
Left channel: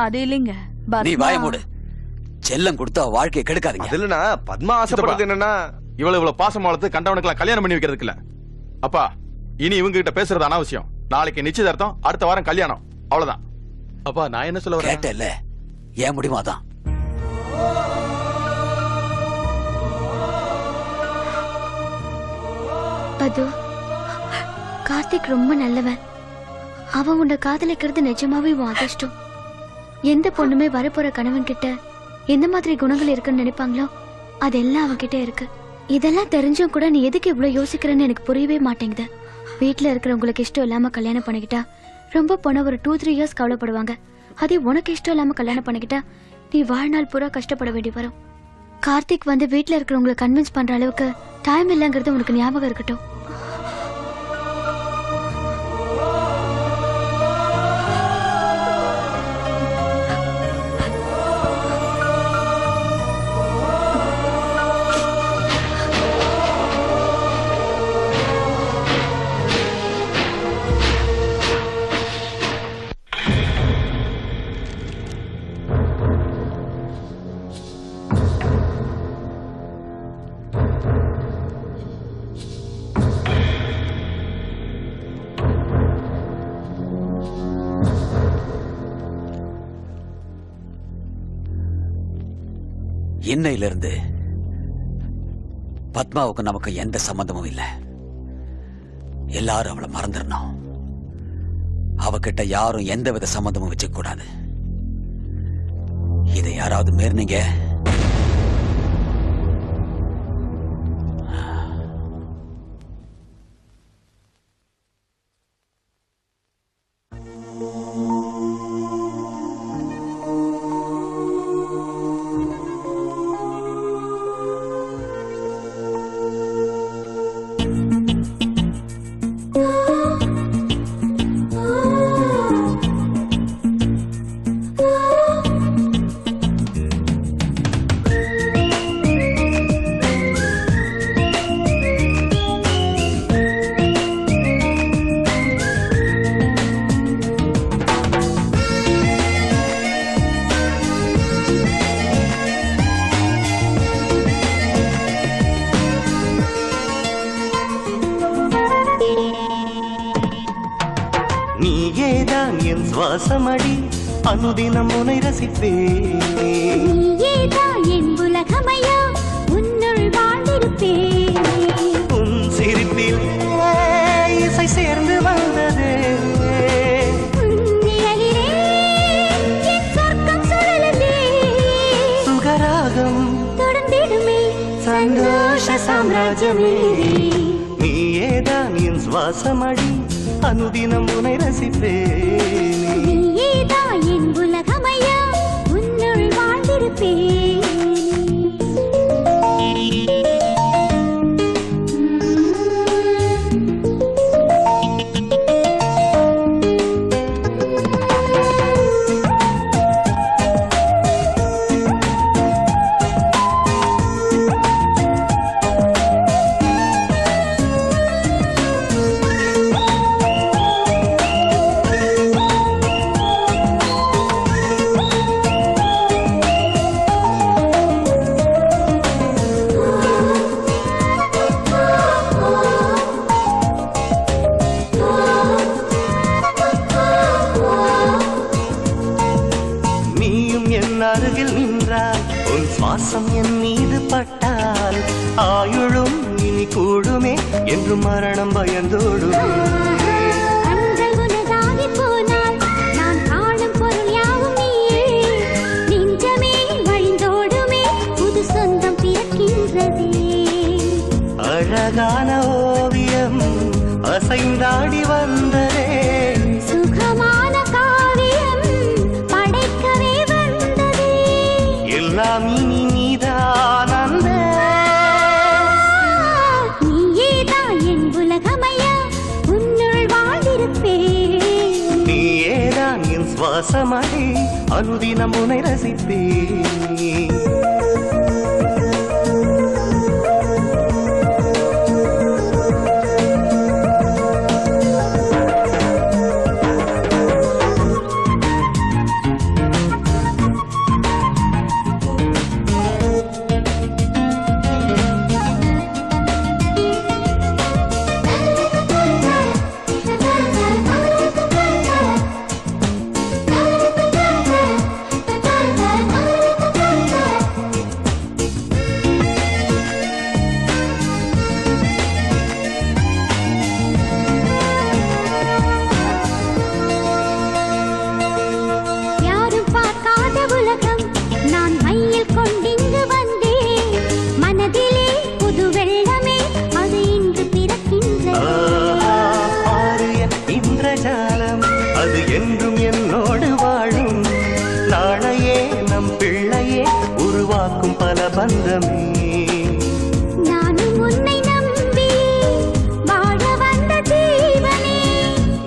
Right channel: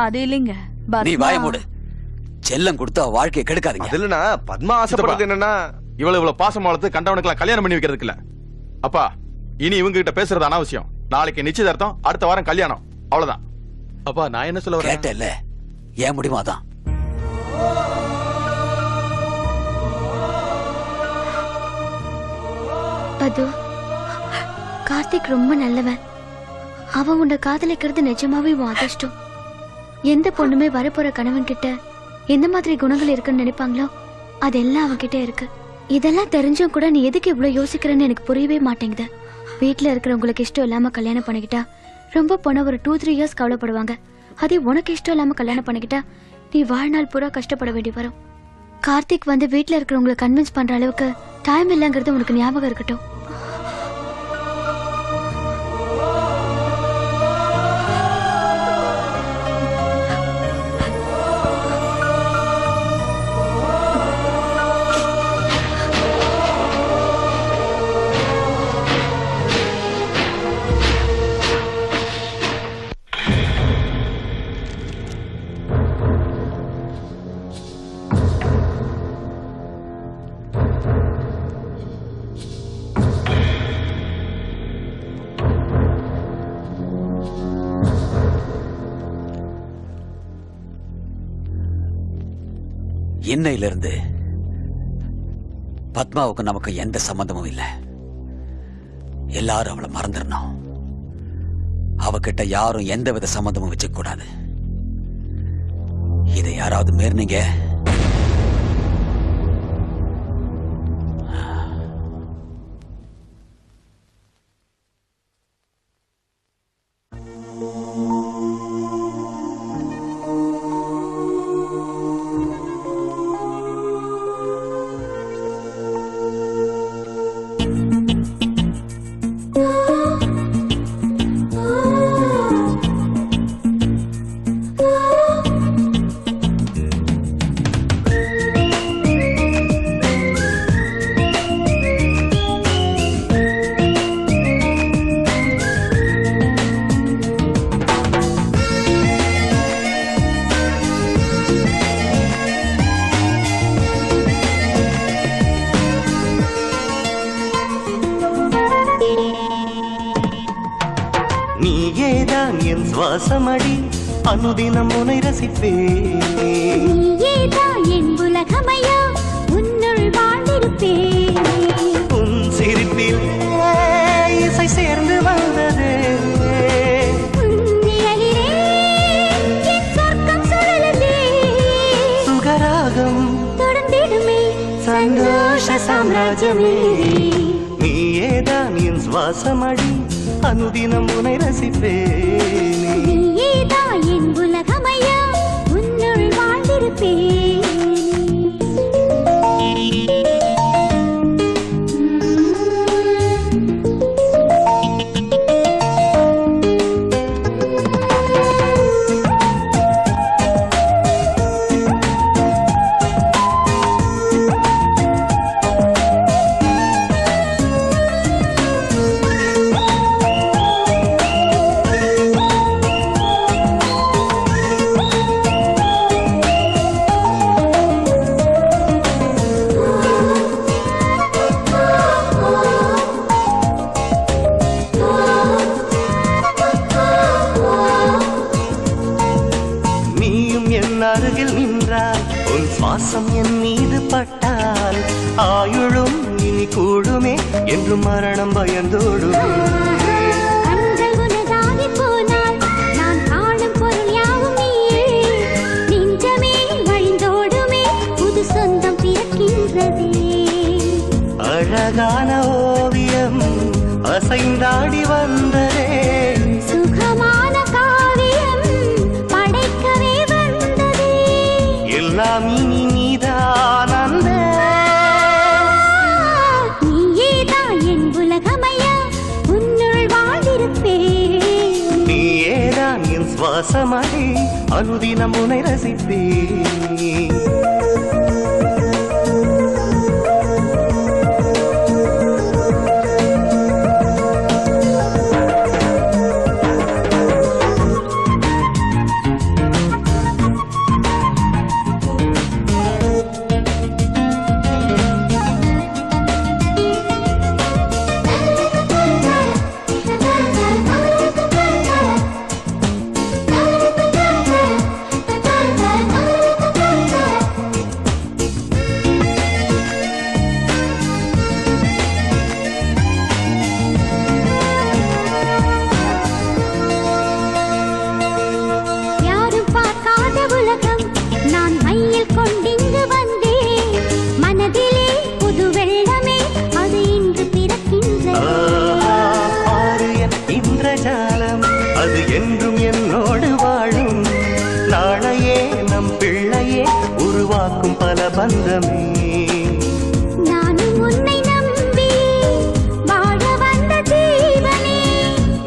அது இல்லைங்க, நீ வாய மூடு. செல்லம் கொடுத்தா வாழ்க்கையை கெடுக்காதீங்க. அதுலனா பத்மா ஆசைப்படுறது என்னன்னா இவ்வளவு பாசம் வளர்த்து கண்டவனுக்கு கல்யாணம் பண்ணி வைக்கிறதுக்கு இல்ல. அப்பா, இனி இவங்க கிட்ட பேசுறது அனாவசியம். நாளைக்கு நிச்சயதார்த்தம், அடுத்த வாரம் கல்யாணம், அவ்வளவுதான். அப்பா, நான் என்ன சொல்ல வரேன்? கேட்டேல்ல, ஏன் முடியுமாதான். பது, கார்த்திக் ரொம்ப நல்லவன். அவன் உன்னை காதலிக்கிறது நிஜமாவே உன் அதிர்ஷ்டம். எந்த பொண்ணுமே வரப்போற கணவன் கிட்ட எந்த மாதிரி குணங்கள் இருக்குன்னு நினைப்பாங்களோ அதெல்லாம் அவன்கிட்ட இருக்கு. இதெல்லாம் தெரிஞ்சும் கூட நீ எதுக்கு இவ்வளவு யோசிக்கிறன்னு எனக்கு புரியவே மாட்டேங்குது. வீட்டுல இருக்கிறவங்களுக்கு இஷ்டம் இல்லாம கல்யாணம் பண்ணிக்கிட்டா ரொம்ப பொண்ணு ஒரு 2-3 இயர்ஸ் கவலைப்படுவாங்க. அதே உனக்கு இஷ்டம் இல்லாம கல்யாணம் பண்ணிக்கிட்டா நீ வாழ்நாள் பூரா கஷ்டப்பட வேண்டி வரும். கார்த்திக் வந்து வீட்டுல இருக்கிறவங்களை கன்வின்ஸ் பண்ற அளவுக்கு டைம் இல்லைங்கிறது உனக்கு ஞாபகம் இருக்கட்டும். இன்னையிலிருந்து பத்மாவுக்கு நமக்கு எந்த சம்பந்தமும் இல்ல. எல்லாரும் அவளை மறந்துடணும். அவகிட்ட யாரும் எந்த வித சம்பந்தமும் வச்சுக்க கூடாது. இதை யாராவது மீறினீங்க அனுதினம் உனை ரசிப்பேன். நீதான் என் உலகமையோ உன்னுள் வாழ்ந்திருப்பேன். உன் சிரிப்பில் இசை சேர்ந்து வந்ததே. நிழலிலே என் சொர்க்கம் சுழலுதே. சுகராகம் தொடர்ந்திடுமே சந்தோஷ சாம்ராஜ்யமே. நீயேதான் என் சுவாசமடி அனுதினம் உனை ரசிப்பேன். நீதான் என் உலகமையோ உன்னுள் வாழ்ந்திருப்பேன். நீயும் என் அருகில் நின்றாய், உன் சுவாசம் என் மீது பட்டால் ஆயுளும் இனி கூடுமே என்று மரணம் பயந்தோடும். கண்கள் உனதாகி போனால் நான் காணும் பொருள் யாவும் நீயே. நெஞ்சமே வழிந்தோடுமே புது சொந்தம் பிறக்கின்றதே. அழகான ஓவியம் அசைந்தாடி வந்ததே. சுகமான காவியம் படைக்கவே வந்ததே. எல்லாம் இனி நீதான் அன்பே. நீயேதான் என் உலகமையா உன்னுள் வாழ்ந்திருப்பேன். நீயேதான் என் சுவாசமடி அனுதினம் உனை ரசிப்பேன். யாரும் பார்க்காத உலகம் நான் மையில் கொண்டிங்கு வந்தேன். மனதிலே புது வெள்ளமே அது இன்று பிறக்கின்றது. ஆரியன் இந்திரஜாலம் அது என்றும் என்னோடு வாழும். நாளையே நம் பிள்ளையே உருவாக்கும் பல பந்தமே. நானும் உன்னை நம்பி வாழ வந்த தேவனே.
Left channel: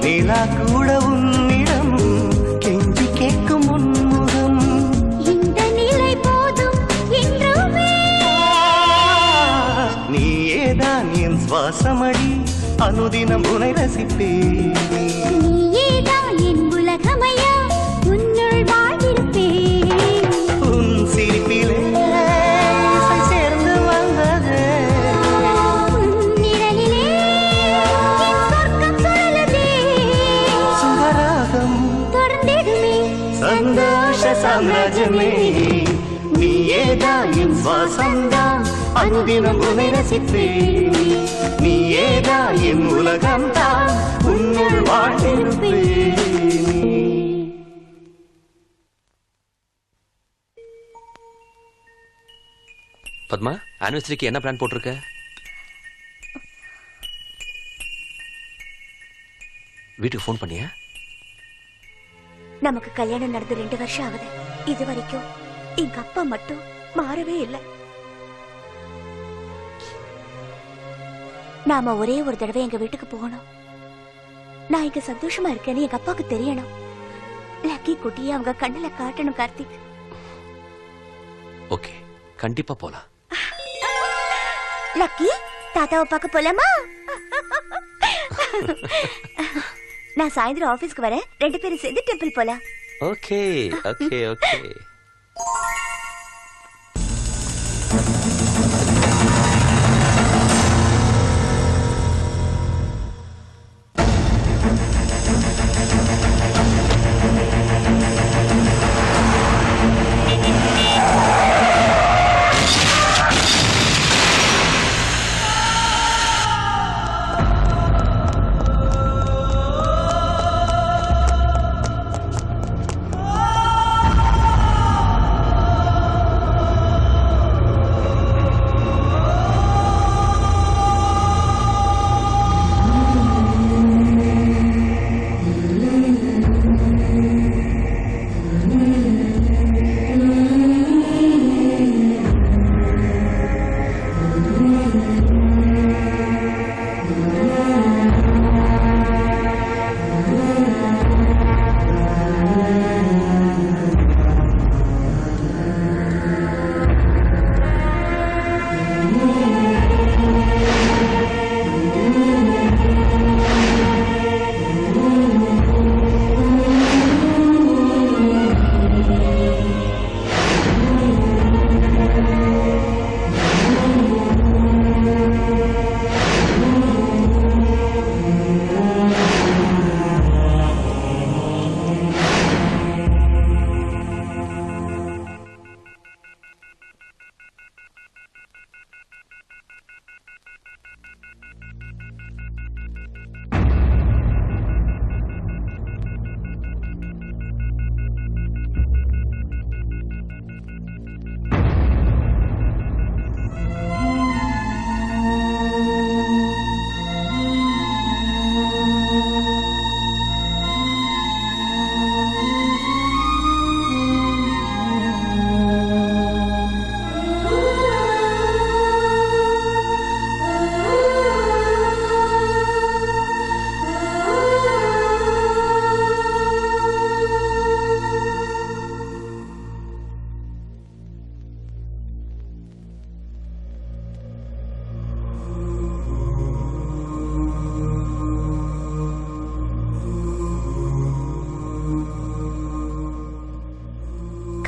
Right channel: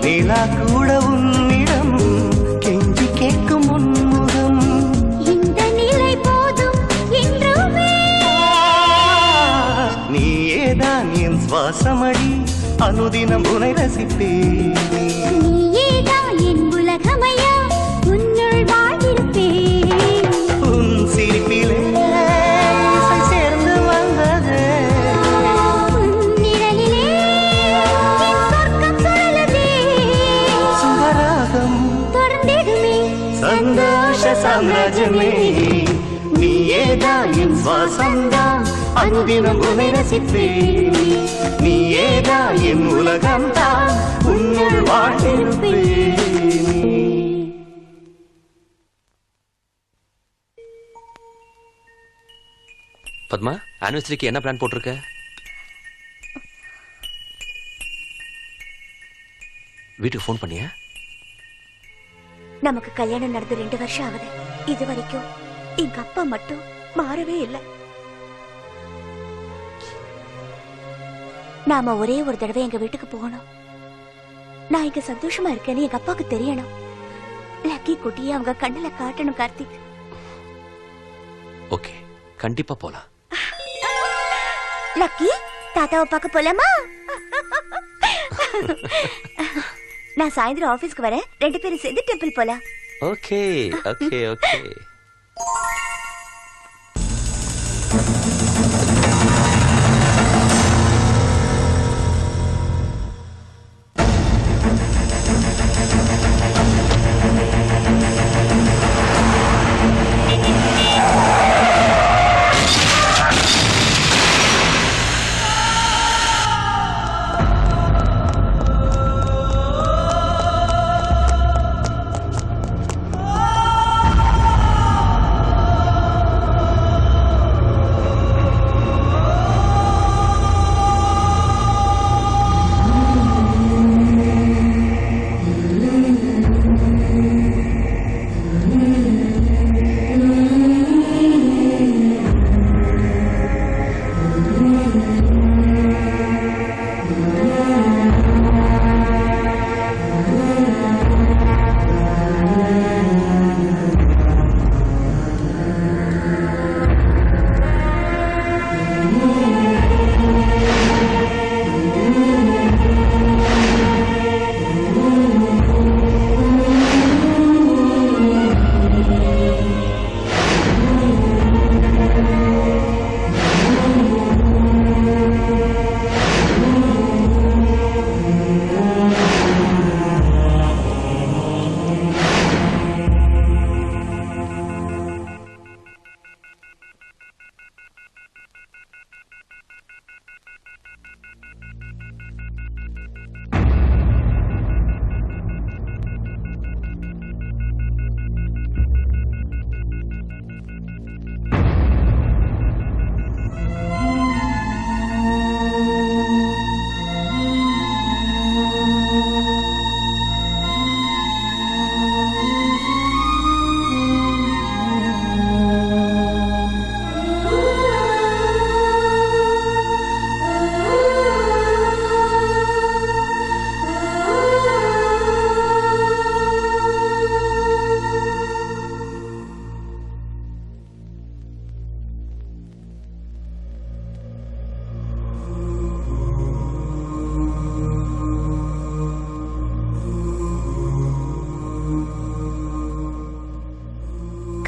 நிலா கூட உன்னிடம் கெஞ்சி கேட்கும் உன்முகம். இந்த நிலை போதும் என்றுமே. நீயேதான் என் சுவாசமடி அனுதினம் உனை ரசிப்பேன். நீயேதான் என் உலகமையா உன்னுள் வாழ்ந்திருப்பேன். உன் சிரிப்பிலே இசை சேர்ந்து வந்ததே. உன் நிழலிலே என் சொர்க்கம் சுழலுதே. சுகராகம் தொடர்ந்திடுமே சந்தோஷ சாம்ராஜ்யமே. நீயேதான் என் சுவாசம்தான் அனுதினம் உனை ரசிப்பேன். நீயேதான் என் உலகம்தான் உன்னுள் வாழ்ந்திருப்பேன். பத்மா, ஆனிவர்சரிக்கு என்ன பிளான் போட்டிருக்க? வீட்டுக்கு ஃபோன் பண்ணியா? நமக்கு கல்யாணம் நடந்து 2 வருஷம் ஆகுது. இது வரைக்கும் எங்க அப்பா மட்டும் மாறவே இல்லை. நாம ஒரே ஒரு தடவை எங்க வீட்டுக்கு போகணும். நான் இங்க சந்தோஷமா இருக்கேன்னு எங்க அப்பாவுக்கு தெரியணும். லக்கி குட்டியை அவங்க கண்ணுல காட்டணும். கார்த்திக், ஓகே, கண்டிப்பா போலாம். லக்கி தாத்தாவை பார்க்க போலாமா? நான் சாயந்தரம் ஆபீஸ்க்கு வரேன். 2 பேரும் சேர்ந்து டெம்பிள் போலாம். Okay okay okay.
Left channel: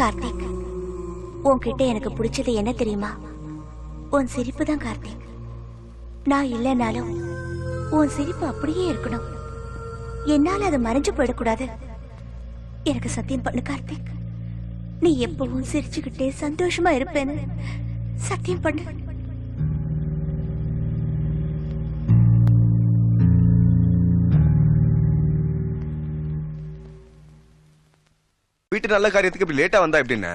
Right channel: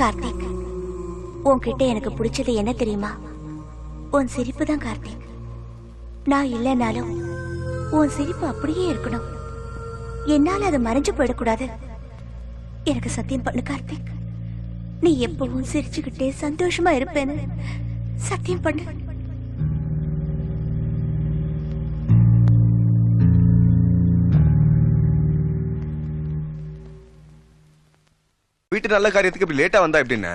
கார்த்திக், உன்கிட்ட எனக்கு பிடிச்சது என்ன தெரியுமா? உன் சிரிப்பு தான் கார்த்திக். நான் இல்லைனாலும் உன் சிரிப்பு அப்படியே இருக்கணும். என்னால அது மறைஞ்சு போயிடக்கூடாது. எனக்கு சத்தியம் பண்ணு கார்த்திக். நீ எப்பவும் சிரிச்சுக்கிட்டே சந்தோஷமா இருப்பேன்னு சத்தியம் பண்ணு. வீட்டு நல்ல காரியத்துக்கு இப்படி லேட்டா வந்தா எப்படின்னு?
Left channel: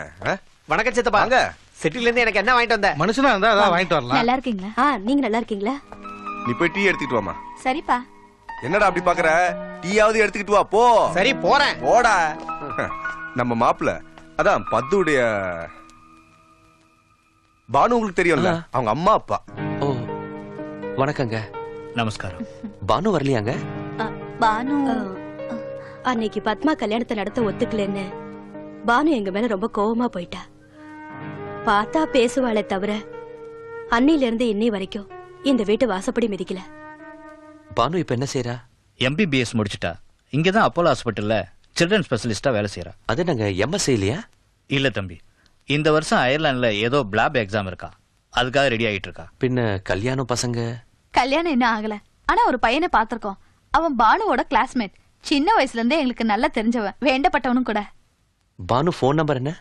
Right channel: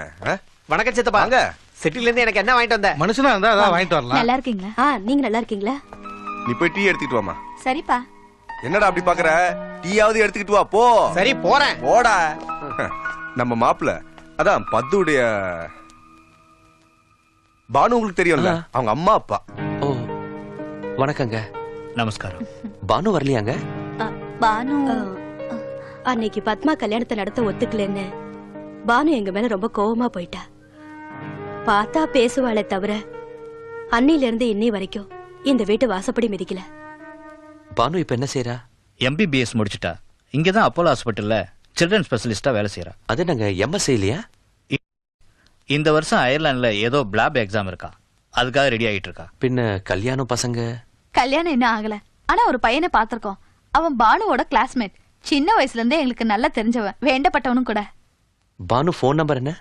வணக்கம் சித்தப்பா. வாங்க. செட்டில இருந்து எனக்கு என்ன வாங்கிட்டு வந்த? மனுஷனா இருந்தா அதான் வாங்கிட்டு வரலாம். நல்லா இருக்கீங்களா? நீங்க நல்லா இருக்கீங்களா? நீ போய் டீ எடுத்துக்கிட்டு வாமா. சரிப்பா. என்னடா அப்படி பாக்குற? டீயாவது எடுத்துக்கிட்டு வா போ. சரி போறேன். போடா. நம்ம மாப்பிள்ள அதான் பத்துடைய பானு, உங்களுக்கு தெரியும்ல, அவங்க அம்மா அப்பா. ஓ வணக்கங்க. நமஸ்காரம். பானு வரலையாங்க? பானு அன்னைக்கு பத்மா கல்யாணத்தை நடத்த ஒத்துக்கலன்னு பானு எங்க மேல ரொம்ப கோவமா போயிட்டா. பார்த்தா பேசுவாளே தவிர அன்னையில இருந்து இன்னை வரைக்கும் இந்த வீட்டு வாசப்படி மிதிக்கல. பானு இப்ப என்ன செய்யறா? MBBS முடிச்சிட்டா. இங்கதான் அப்போலோ ஹாஸ்பிட்டல்ல சில்ட்ரன் ஸ்பெஷலிஸ்டா வேலை செய்யறா. அது நாங்க MS இல்லையா? இல்ல தம்பி, இந்த வருஷம் அயர்லாந்துல ஏதோ பிளாப் எக்ஸாம் இருக்கா, அதுக்காக ரெடி ஆகிட்டு இருக்கா. பின்ன கல்யாணம் பசங்க? கல்யாணம் என்ன ஆகல, ஆனா ஒரு பையனை பாத்திருக்கோம். அவன் பானுவோட கிளாஸ்மேட். சின்ன வயசுல இருந்தே எங்களுக்கு நல்லா தெரிஞ்சவன், வேண்டப்பட்டவனும் கூட. பானு போன் நம்பர் என்ன?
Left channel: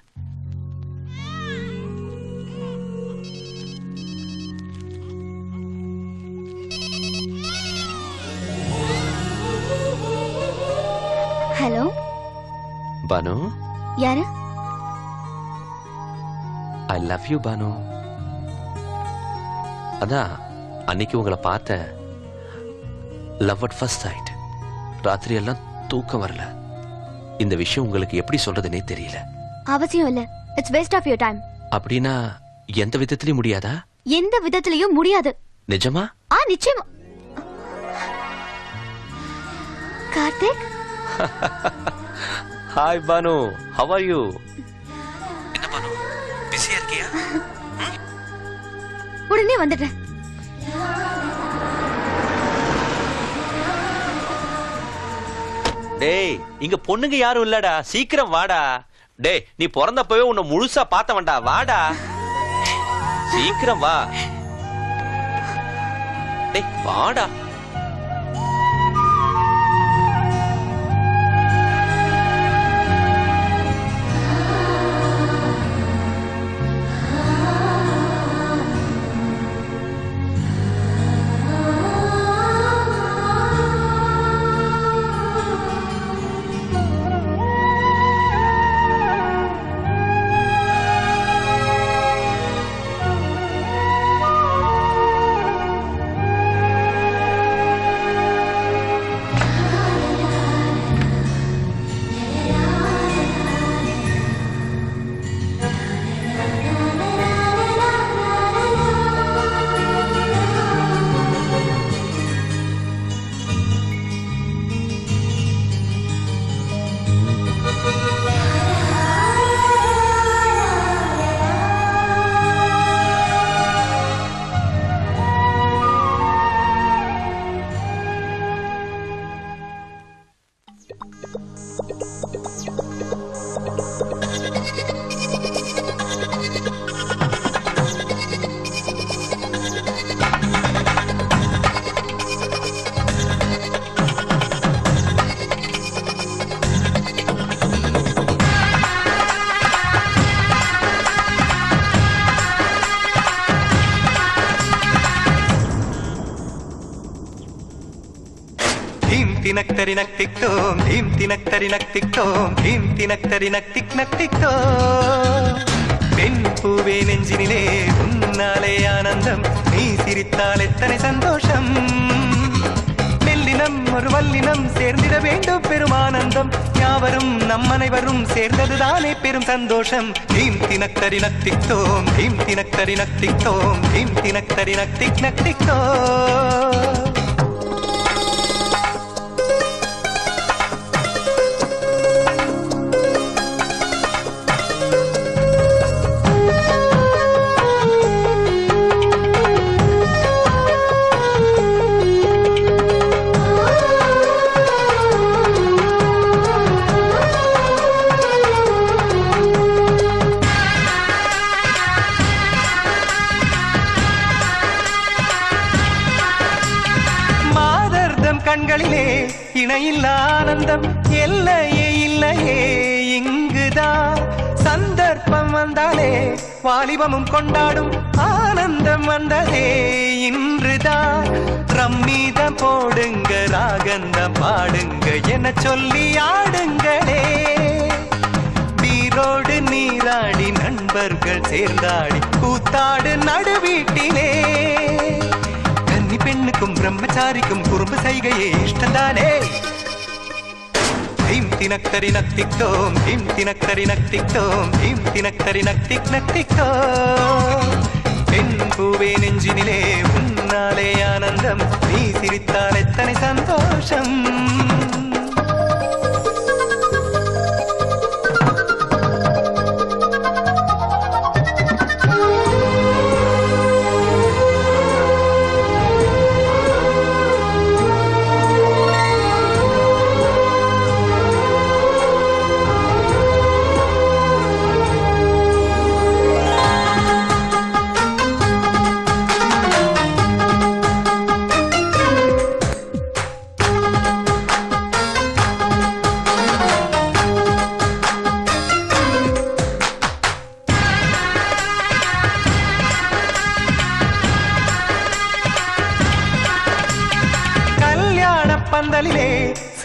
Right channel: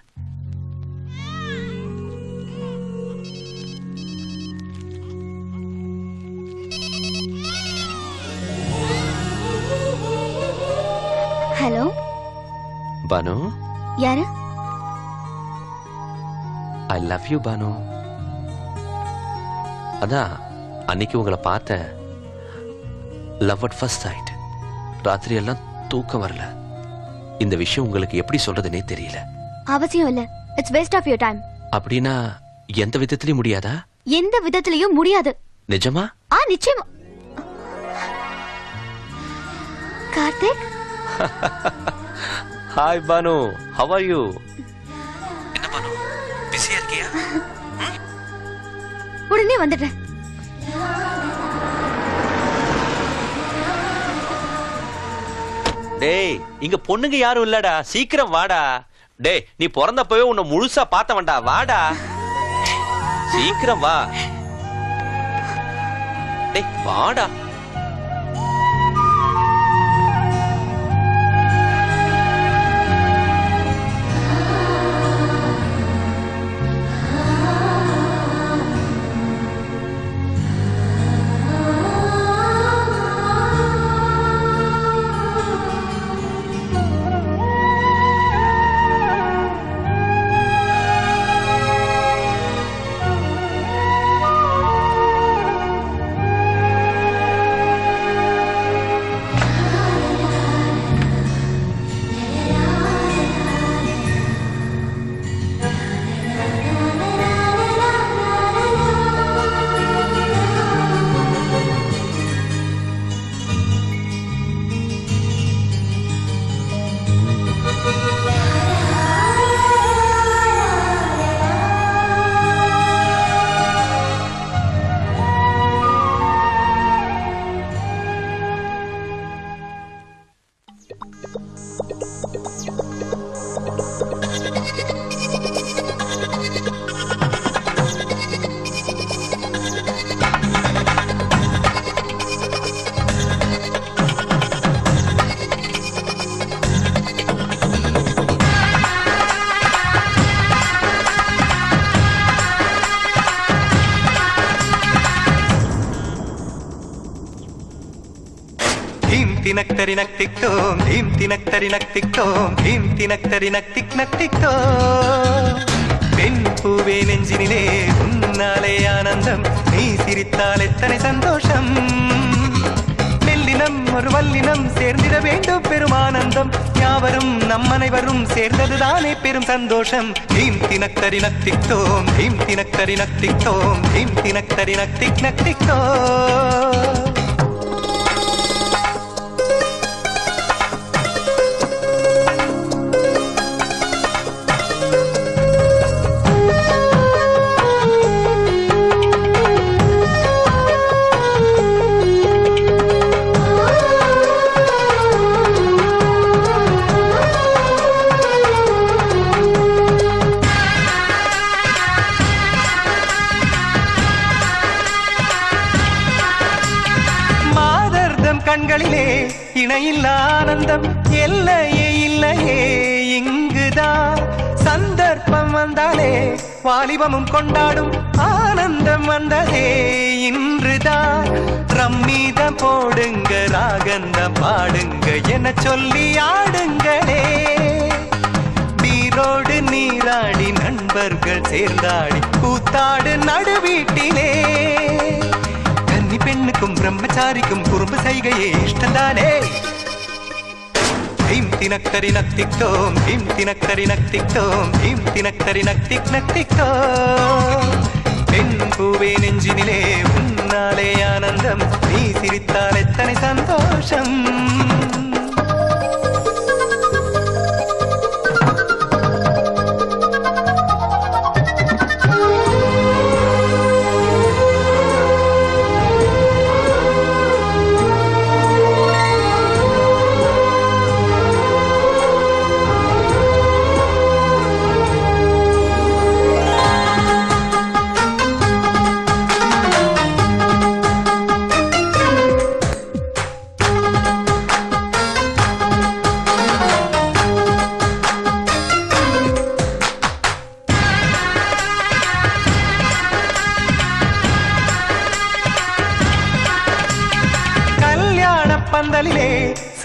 ஹலோ பானு. யாரு? I love you Banu. அதான் அன்னைக்கு உங்களை பார்த்த லவ் அட் ஃபர்ஸ்ட் சைட். ராத்திரி எல்லாம் தூக்கம் வரல. இந்த விஷயம் உங்களுக்கு எப்படி சொல்றதுன்னே தெரியல. அவசியம் இல்ல. It's waste of your time. அப்படின்னா எந்த விதத்திலயும் முடியாதா? எந்த விதத்திலயும் முடியாது. நிஜமா? நிச்சயமா. Karthik. Hi Banu, how are you? என்ன பானு, பிஸியா இருக்கியா? உடனே வந்துடுறேன். டேய், இங்க பொண்ணுங்க யாரும் இல்லடா, சீக்கிரம் வாடா. டேய், நீ பிறந்தப்பவே உன்னை முழுசா பார்த்தவன்டா, வாடா சீக்கிரம் வா. டேய் வாடா. பூவே நெஞ்சினிலே உன்னாலே ஆனந்தம், நீ சிரித்தால் எத்தனை சந்தோஷம். மெல்லினம் ஒரு வல்லினம் சேர்ந்திட வேண்டும் பெருமானந்தம். யாவரும் நம் அனைவரும் சேர்ந்ததுதானே பெரும் சந்தோஷம். தீம் தினக்கரி நத்தித்தோம், தீம் தினக்கரி நத்தித்தோம், தீம் தினக்கரி நத்திக் நத்தித்தோ. கண்களிலே இணையில்ல ஆனந்தம் எல்லையே இல்லையே இங்குதான் சந்தர்ப்பம் வந்தாலே வாலிபமும் கொண்டாடும் ஆனந்தம் வந்ததே இன்றுதான் ரம்மீத போடுங்க ராகந்த பாடுங்க என சொல்லி ஆடுங்களே நீரோடு நீராடி நண்பர்கள் சேர்ந்தாடி கூத்தாடு நடுவீட்டிலே கன்னி பெண்ணுக்கும் பிரம்மச்சாரிக்கும் குறும்பு செய்கையே இஷ்டந்தானே தீம் தினக்கரி நத்தித்தோம் தீம் தினக்கரி நத்தித்தோம் தீம் தினக்கரி நத்திக் நத்தித்தோம் பெண் பூவே நெஞ்சினிலே உன்னாலே ஆனந்தம் நீ சிரித்தால் எத்தனை சந்தோஷம்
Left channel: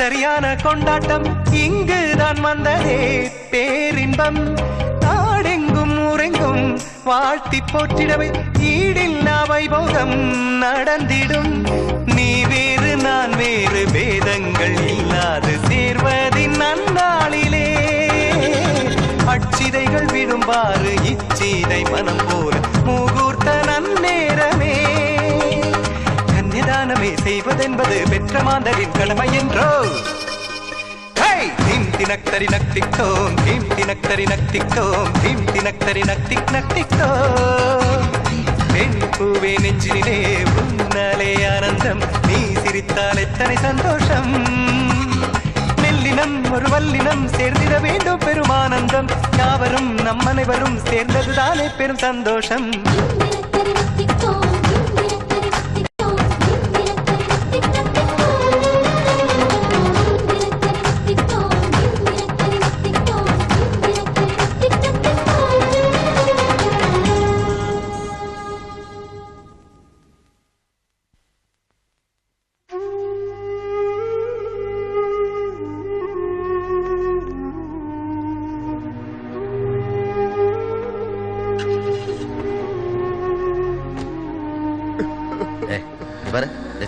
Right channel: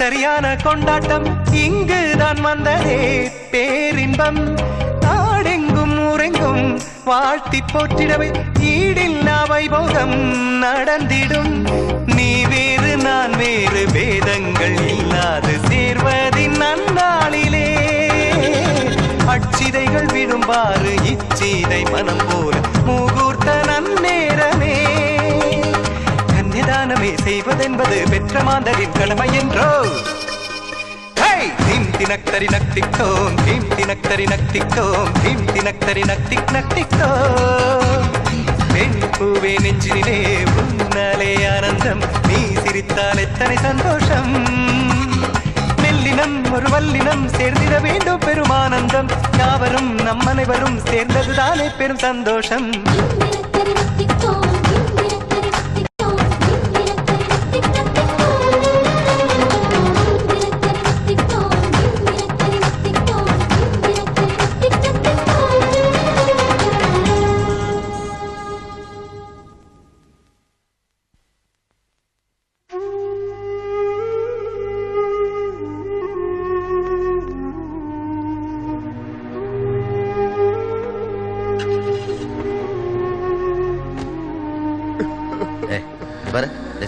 சரியான கொண்டாட்டம் இங்குதான் வந்ததே பேரின்பம் நாடெங்கும் ஊரெங்கும் வாழ்த்தி போற்றிடவே ஈடில்லா வைபோகம் நடந்திடும் நீ வேறு நான் வேறு வேதங்கள் இல்லாது சேர்வதின் நன்னாளிலே அச்சிதைகள் விடும்பாறு இச்சீதை மனம் போல முகூர்த்த நன்னேரமே கன்னிதானமே செய்வதென்பது பெற்ற மாந்தரின் கடமை என்றோ தீம் தினக்கரி நத்தித்தோம் தீம் தினக்கரி நத்தித்தோம் தீம் தினக்கரி நத்திக் நத்தித்தோம் பெண் பூவே நெஞ்சிலே உன்னாலே ஆனந்தம் நீ சிரித்தால் எத்தனை சந்தோஷம் நெல்லினம் ஒரு வல்லினம் சேர்ந்திட வேண்டும் பெருமானந்தம் யாவரும் நம் அனைவரும் சேர்ந்ததுதானே பெரும் சந்தோஷம்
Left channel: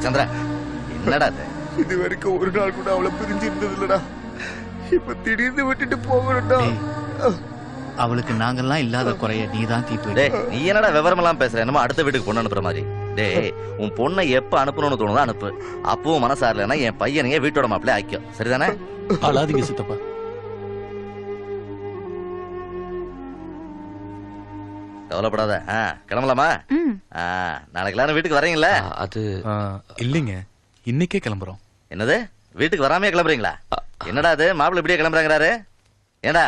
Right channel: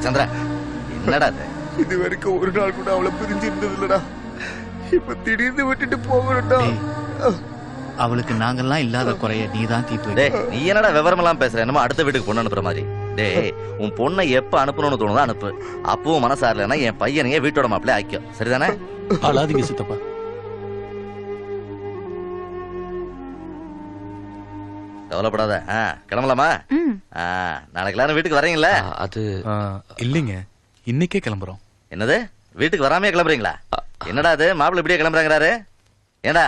சந்திரா என்னடா இது வரைக்கும் ஒரு நாள் கூட அவளை பிரிஞ்சு இருந்ததுலடா இப்ப திடீர்னு விட்டுட்டு போகணும்டா அவளுக்கு நாங்கெல்லாம் இல்லாத குறைய நீதான் தீர்த்து நீ என்னடா விவரமெல்லாம் பேசுற என்னமோ அடுத்த வீட்டுக்கு பொண்ணு அனுப்புற மாதிரி டேய் உன் பொண்ணை எப்ப அனுப்பணும்னு தோணுதோ அனுப்பு அப்பவும் மனசாரலன்னா என் பையனையே வீட்டோட மாப்பிள்ளை ஆக்கியும் சரிதானே அழாதீங்க சித்தப்பா கவலைப்படாத கிளம்பலாமா நாளைக்கு எல்லாரும் வீட்டுக்கு வரீங்களா அது இல்லைங்க இன்னைக்கே கிளம்புறோம் என்னது வீட்டுக்கு வராமே கிளம்புறீங்களா என்னடா அது மாப்பிள்ளை இப்படியே கிளம்புறாங்கிறாரு ஏடா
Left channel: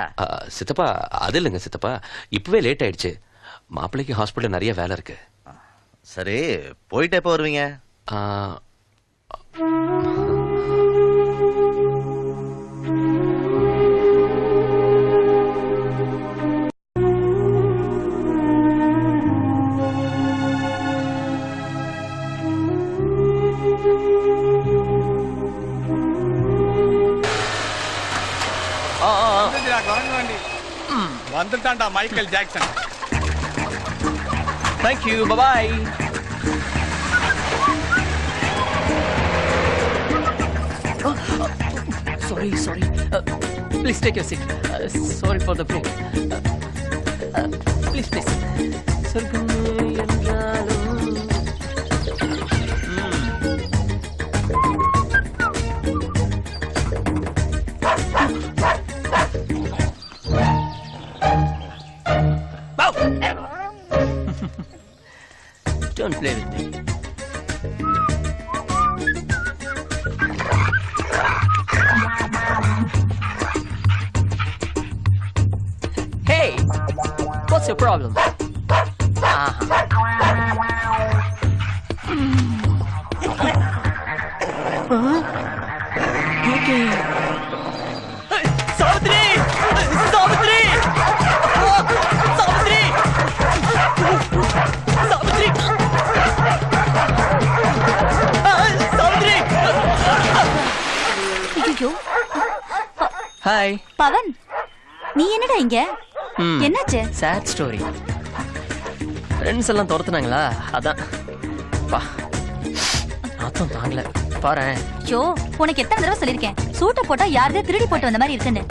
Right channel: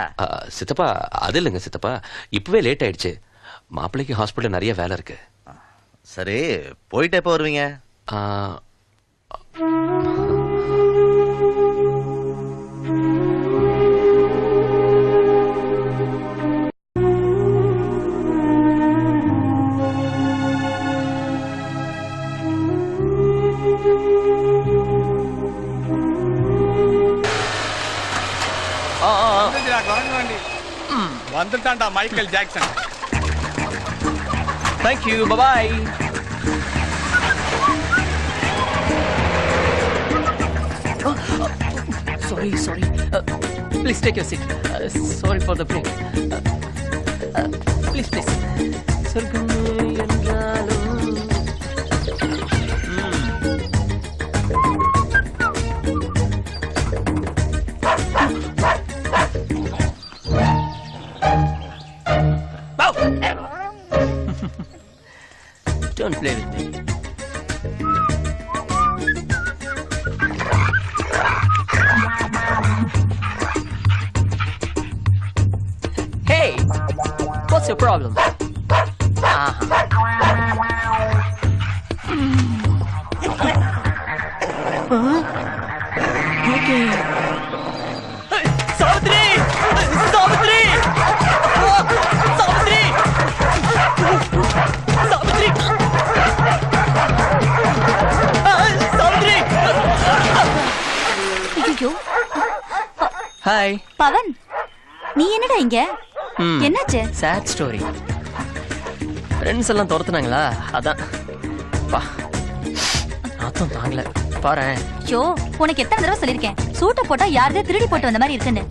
சித்தப்பா அது இல்லைங்க சித்தப்பா இப்பவே லேட் ஆயிடுச்சு மாப்பிள்ளைக்கு ஹாஸ்பிட்டல் நிறைய வேலை இருக்கு சரி போயிட்டு எப்ப வருவீங்க வந்துட்டான்டா Michael Jackson thank you bye sorry please take your seat sorry for the pain please சொர்க்கமே என்றாலும் Don't play with me. Hey, what's your problem? Huh? Okay. Savitri Savitri Savitri Savitri Savitri. ஐயோ ஹாய் பவன், நீ என்னடா இங்க? என்னாச்சு? Chat story. ஃப்ரெண்ட்ஸ் எல்லாம் துரத்துனாங்களா, அதான். பா நாத்தம் தாங்கல பாரு. ஐயோ, உனக்கு எத்தனை தடவை சொல்லிருக்கேன், சூட்டை போட்டா யாருதே திருடி போட்டு வந்த மாதிரி இருக்குன்னு.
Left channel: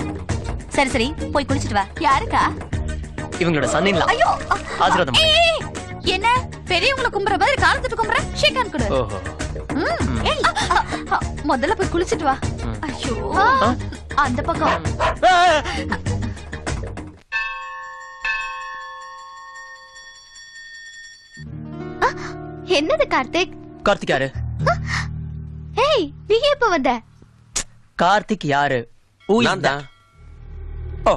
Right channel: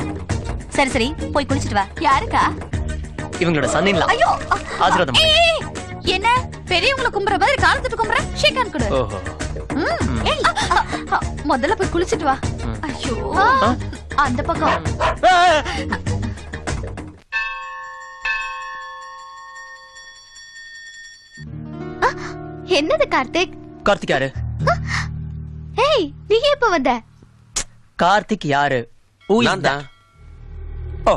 சரி சரி, போய் குளிச்சிட்டு வா. யாருக்கா? இவங்களோட சன்னிங்களா? ஐயோ, ஆசீர்வாதம் பண்ணு. ஏய், என்ன பெரியவங்களை கும்புற மாதிரி காலத்துட்டு கும்புற? ஷேக் ஹேண்ட் கொடு. ஓஹோ. ஏய், முதல்ல போய் குளிச்சிட்டு வா. ஐயோ, அந்த பக்கம். என்னது கார்த்திக்? கார்த்திக் யாரு? ஏய், நீ எப்ப வந்த? கார்த்திக் யாரு? நான் ஓ.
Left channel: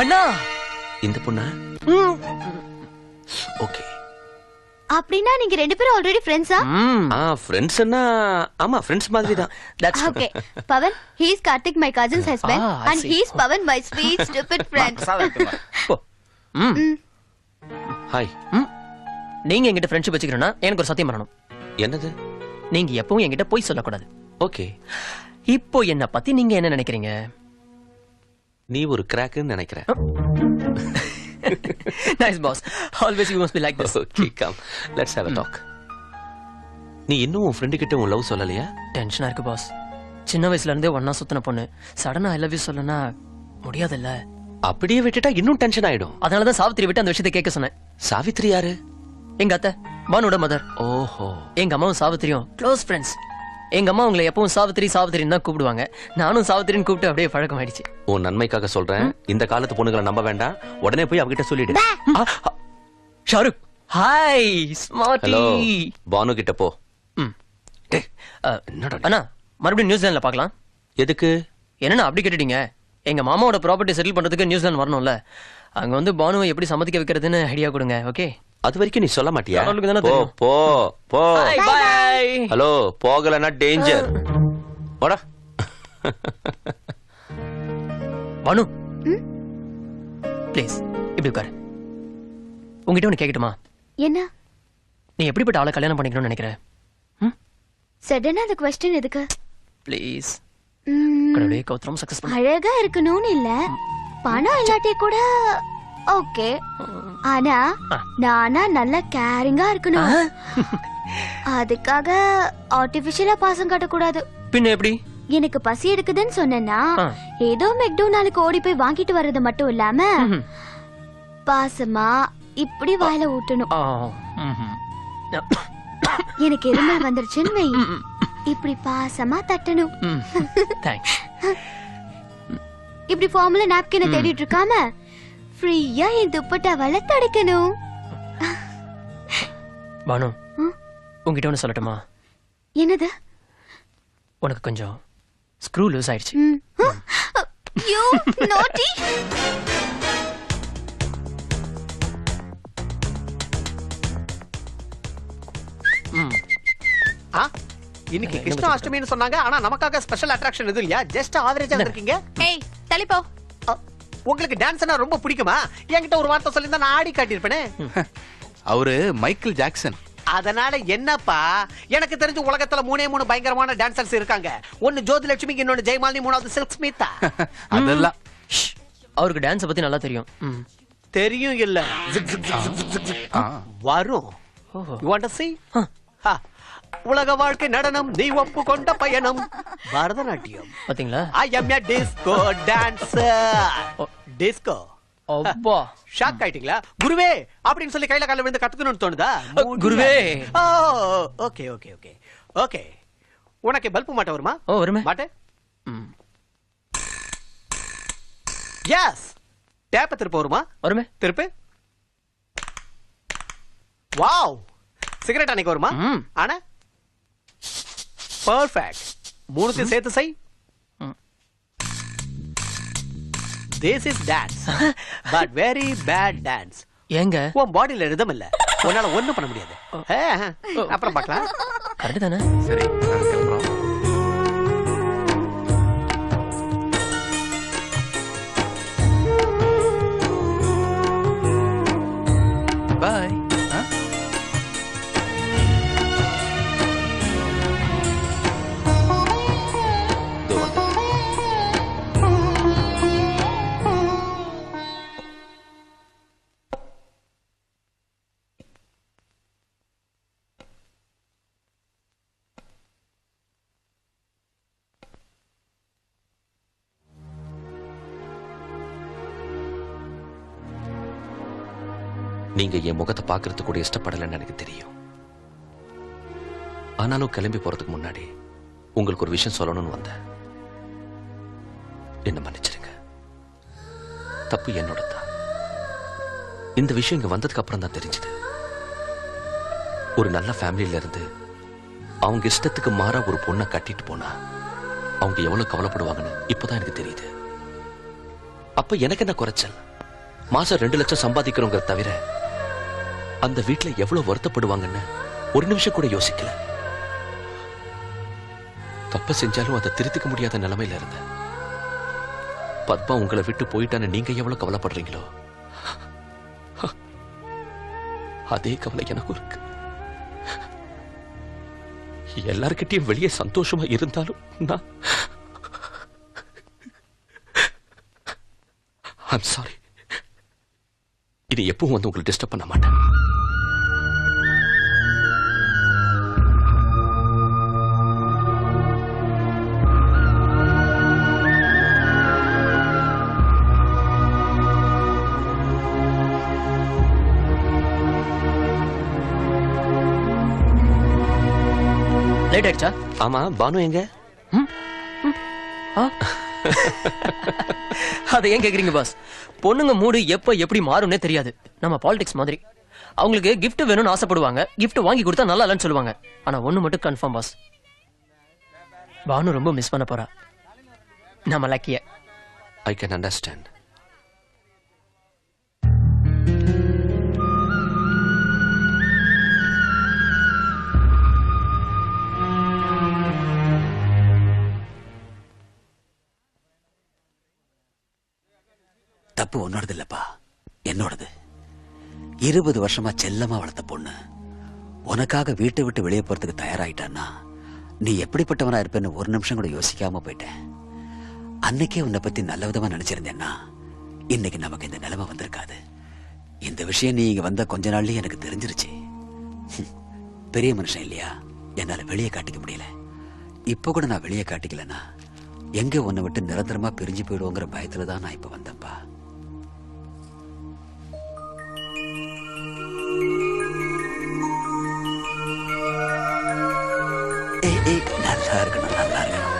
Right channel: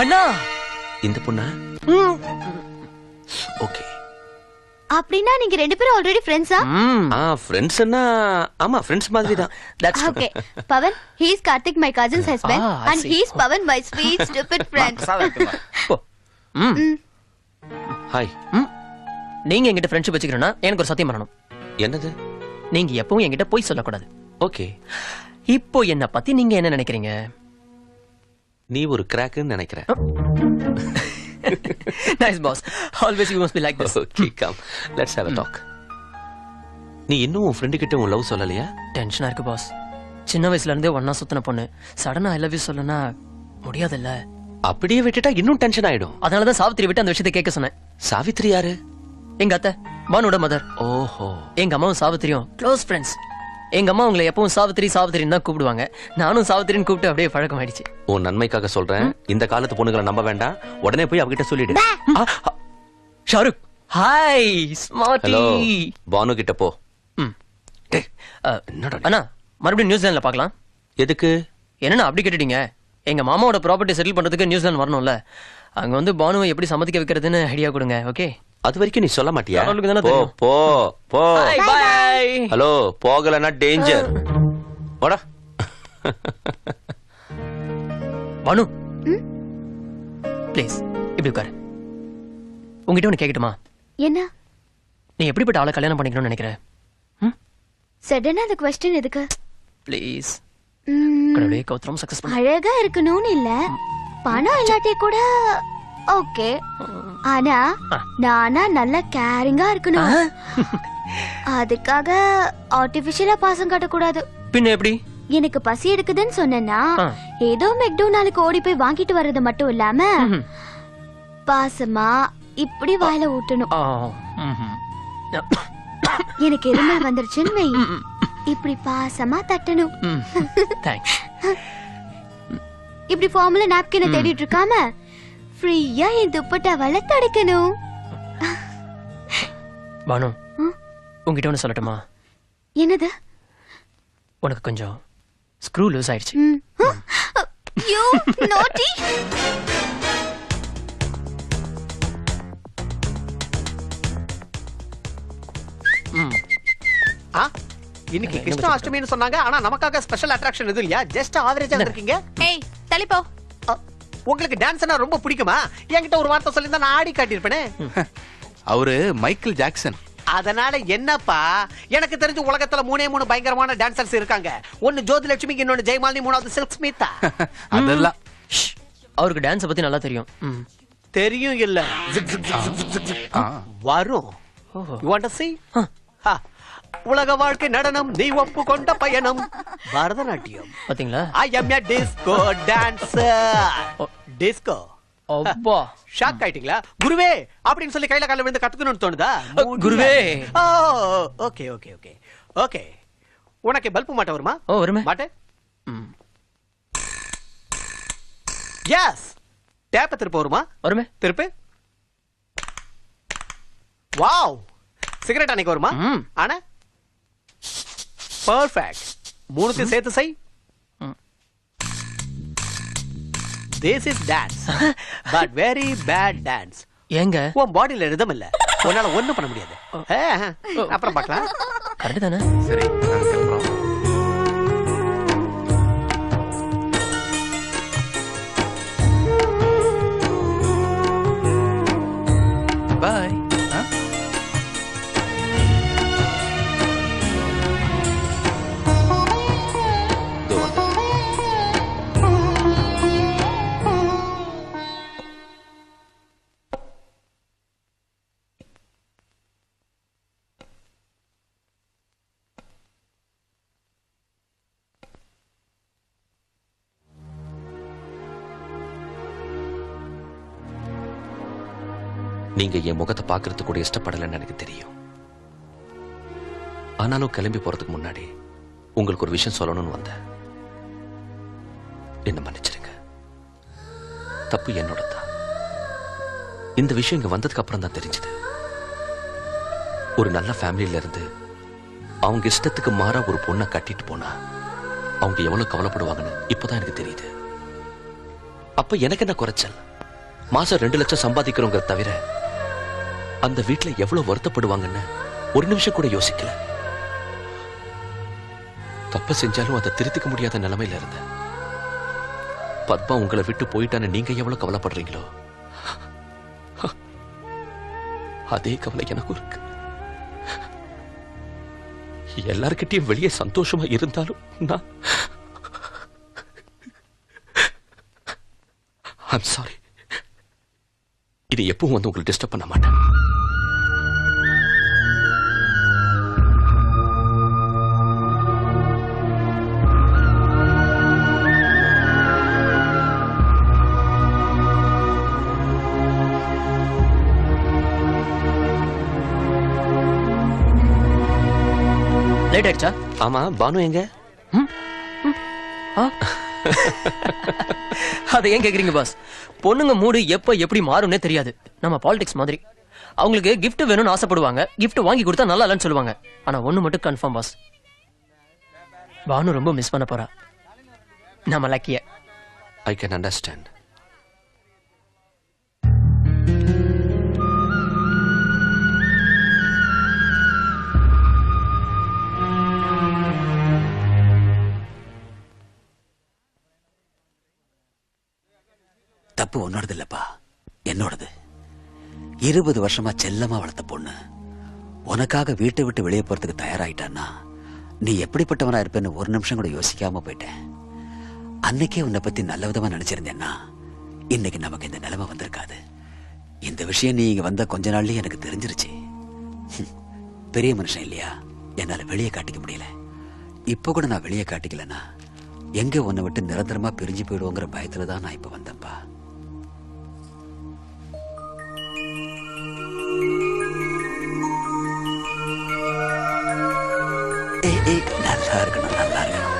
அண்ணா, இந்த பொண்ணா? ஓகே. அப்படின்னா நீங்க ரெண்டு பேரும் ஆல்ரெடி ஃப்ரெண்ட்ஸா? ஃப்ரெண்ட்ஸ்னா ஆமா, ஃப்ரெண்ட்ஸ் மாதிரி தான். That's okay. Pavan, he is Karthik, my cousin's husband, I and see. he is Pavan, my sweet stupid friend. Hi. நீங்க என்கிட்ட ஃப்ரெண்ட்ஷிப் வச்சுக்கிறேன்னா எனக்கு ஒரு சத்தியம் பண்ணணும். என்னது? நீங்க எப்பவும் என்கிட்ட போய் சொல்லக்கூடாது. ஓகே. இப்போ என்ன பத்தி நீங்க என்ன நினைக்கிறீங்க? நீ ஒரு கிராக்னு நினைக்கிறேன். Nice boss. Always you must be like this. Okay, come. Let's have a talk. நீ இன்னும் உன் ஃப்ரெண்ட் கிட்ட உன் லவ் சொல்லலையா? டென்ஷனா இருக்கு பாஸ். சின்ன வயசுல இருந்தே ஒண்ணா சுத்தின பொண்ணு சடனா ஐ லவ் யூ சொல்லனா முடியாதுல்ல. அப்படியே விட்டுட்டா இன்னும் டென்ஷன் ஆயிடும். அதனாலதான் சாவித்திரி விட்டு அந்த விஷயத்தை கேட்க சொன்னேன். சாவித்ரி யாரு? எங்க அத்தை, பானுவோட மதர். ஓஹோ. எங்க அம்மாவும் சாவித்திரியும் க்ளோஸ் ஃப்ரெண்ட்ஸ். எங்க அம்மா உங்களை எப்பவும் சாவித்திரி சாவித்திரின்னு தான் கூப்பிடுவாங்க. நானும் சாவித்திரின்னு கூப்பிட்டு அப்படியே பழக்கம் ஆயிடுச்சு. உன் நன்மைக்காக சொல்றேன், இந்த காலத்து பொண்ணுகளை நம்ப வேண்டாம். உடனே போய் அவகிட்ட சொல்லிடு. Shahrukh hi smarty. Hello, Banu கிட்ட போ. அண்ணா, மறுபடியும் நியூசிலாந்துல பார்க்கலாம். எதுக்கு? என்னன்னா அப்படி கேட்டுட்டீங்க? எங்க மாமாவோட ப்ராப்பர்ட்டி செட்டில் பண்றதுக்கு நியூசிலாந்து வரணும்ல. அங்க வந்து பானுவை எப்படி சம்மதிக்க வைக்கிறதுன்னு ஐடியா கொடுங்க. ஓகே. அது வரைக்கும் நீ சொல்ல மாட்டியா? போ போ போ. பை. ஹலோ, போகலன்னா டேஞ்சர். போடா. பானு ப்ளீஸ் இப்படி உட்காரு. உங்ககிட்ட ஒண்ணு கேட்கட்டுமா? என்ன? நீ எப்படிப்பட்ட ஆளை கல்யாணம் பண்ணிக்கணும்னு நினைக்கிற? சடனா அந்த क्वेश्चन எதுக்கு? ப்ளீஸ். ம், கடவுளே, கௌதம் சக்சஸ் பண்ணு. அழகா இருக்கணும்னு இல்ல, பணம் இல்லாட்டி கூட ஓகே. ஆனா நானா நல்ல கேரிங்கா இருக்கணும். அதுக்காக ஆர்டிபிஷியலா பாசம் காட்டக்கூடாது. பின்ன எப்படி? எனக்கு பசி எடுக்குதுன்னு சொன்னா ஏதோ மெக்டோனாலுக்கு ஓடி போய் வாங்கிட்டு வர்றது மட்டும் இல்லாம பாசமா இப்படி வாயில ஊட்டணும். எனக்கு எருமல் வந்துருச்சுன்னு வை, இப்படி பாசமா தட்டணும். இப்படி ஃபார்முலா நாப்கினை தேடிட்டு இருக்காம ஃப்ரீயா என் துப்பட்டாவால தடுக்கணும். பானு, உங்ககிட்ட ஒண்ணு சொல்லட்டுமா? என்னது? உனக்கு கொஞ்சம் ஸ்க்ரூ லூஸ் ஆயிடுச்சு. யூ நாட்டி. இன்னைக்கு கிருஷ்ணாஷ்டமின்னு சொன்னாங்க, ஆனா நமக்காக ஸ்பெஷல் அட்ராக்ஷன் எதுவும் இல்லையா? ஜஸ்ட் ஆவரேஜா வந்திருக்கீங்க. ஏய், தள்ளிப்போ. உங்களுக்கு டான்ஸ்னா ரொம்ப பிடிக்குமா? என்கிட்ட ஒரு வார்த்தை சொல்லிருந்தா நான் ஆடி காட்டியிருப்பேனே. அவரு மைக்கேல் ஜாக்சன். அதனால என்னப்பா, எனக்கு தெரிஞ்ச உலகத்துல 3 பயங்கரமான டான்சர்ஸ் இருக்காங்க. ஒன்னு ஜோதிலட்சுமி, இன்னொன்னு ஜெயமாலினி, மூணாவது சில்க் ஸ்மிதா. அதெல்லாம் அவருக்கு டான்ஸ் பத்தி நல்லா தெரியும். தெரியும் இல்ல, வரும். You want to see? உலக வாழ்க்கை நடனம், நீ ஒப்பு கொண்ட பயணம், பரதநாட்டியம். பாத்தீங்களா? I am a disco dancer. Disco. அப்பா, ஷாக் ஆயிட்டீங்களா? குருவே அப்படின்னு சொல்லி கையில கையில விழுந்து கத்துக்கணும்னு தோணுதா? குருவே. Okay okay okay okay. உனக்கு பல்பு மாட்ட வருமா? ஓ, வருமே. மாட்ட. எஸ். டேப் திருப்ப வருமா? வருமே. திருப்பு. வாவ். சிகரெட் அணைக்க வருமா? ஆனா பர்ஃபெக்ட். மூணுத்தையும் சேர்த்து செய். This is dance, but very bad dance. ஏங்க உன் பாடியில ரிதம் இல்ல, உன்னால ஒண்ணும் பண்ண முடியாது. அப்புறம் பார்க்கலாம். கரெக்ட் தானே? சரி நாங்க கிளம்புறோம். பாய். நீங்க என் முகத்தை பாக்குறது கூட இஷ்டப்படலன்னு எனக்கு தெரியும். ஆனாலும் கிளம்பி போறதுக்கு முன்னாடி உங்களுக்கு ஒரு விஷயம் சொல்லணும்னு வந்தேன். என்ன மன்னிச்சிருங்க, தப்பு என்னோட தான். இந்த விஷயம் இங்க வந்ததுக்கு அப்புறம் தான் தெரிஞ்சது. ஒரு நல்ல ஃபேமிலியில இருந்து அவங்க இஷ்டத்துக்கு மாற ஒரு பொண்ணை கட்டிட்டு போனா அவங்க எவ்வளவு கவலைப்படுவாங்கன்னு இப்பதான் எனக்கு தெரியுது. அப்ப எனக்கு என்ன குறைச்சல்? மாசம் 2 லட்சம் சம்பாதிக்கிறவங்க தவிர அந்த வீட்டுல எவ்வளவு வருத்தப்படுவாங்கன்னு ஒரு நிமிஷம் கூட யோசிக்கல. தப்பு செஞ்சாலும் அதை திருத்திக்க முடியாத நிலைமையில இருந்த பத்மா உங்களை விட்டு போயிட்டான்னு நீங்க எவ்வளவு கவலைப்படுறீங்களோ அதே கவலை எனக்கும் இருக்கு. எல்லார்கிட்டயும் வெளியே சந்தோஷமா இருந்தாலும் நான் ஐம் சாரி. இது எப்பவும் வந்து உங்களை டிஸ்டர்ப் பண்ண மாட்டேன். லேட் ஆயிடுச்சா? ஆமா, பானு எங்க? அதை ஏன் கேக்குறீங்க பாஸ்? பொண்ணுங்க மூடு எப்ப எப்படி மாறும்னே தெரியாது. நம்ம பாலிடிக்ஸ் மாதிரி அவங்களுக்கு gift வேணும்னு ஆசைப்படுவாங்க, gift வாங்கி கொடுத்தா நல்லா இல்லைன்னு சொல்லுவாங்க. ஆனா ஒண்ணு மட்டும் கன்ஃபார்ம் பாஸ், பானு ரொம்ப மிஸ் பண்ண போறா. நம்ம லக்கிய. I can understand. தப்பு உன்னோடது இல்லப்பா, என்னோடது. 20 வருஷமா செல்லமா வளர்த்த பொண்ணு உனக்காக வீட்டை விட்டு வெளியே போறதுக்கு தயாராயிட்டான்னா நீ எப்படிப்பட்டவனா இருப்பேன்னு ஒரு நிமிஷம் கூட யோசிக்காம போயிட்டேன். அன்னைக்கே உன்னை பத்தி நல்ல விதமா நினைச்சிருந்தேன்னா இன்னைக்கு நமக்கு இந்த நிலைமை வந்திருக்காது. இந்த விஷயம் நீ இங்க வந்த கொஞ்ச நாள்லயே எனக்கு தெரிஞ்சிருச்சு. பெரிய மனுஷன் இல்லையா, என்னால வெளியே காட்டிக்க முடியல. இப்ப கூட நான் வெளியே காட்டிக்கலன்னா எங்க உன்னை விட்டு நிரந்தரமா பிரிஞ்சு போயிடுவோங்கிற பயத்துலதான் நான் இப்ப வந்தேன்ப்பா. நல்லா இருக்கணும், நல்லா இருக்கணும்.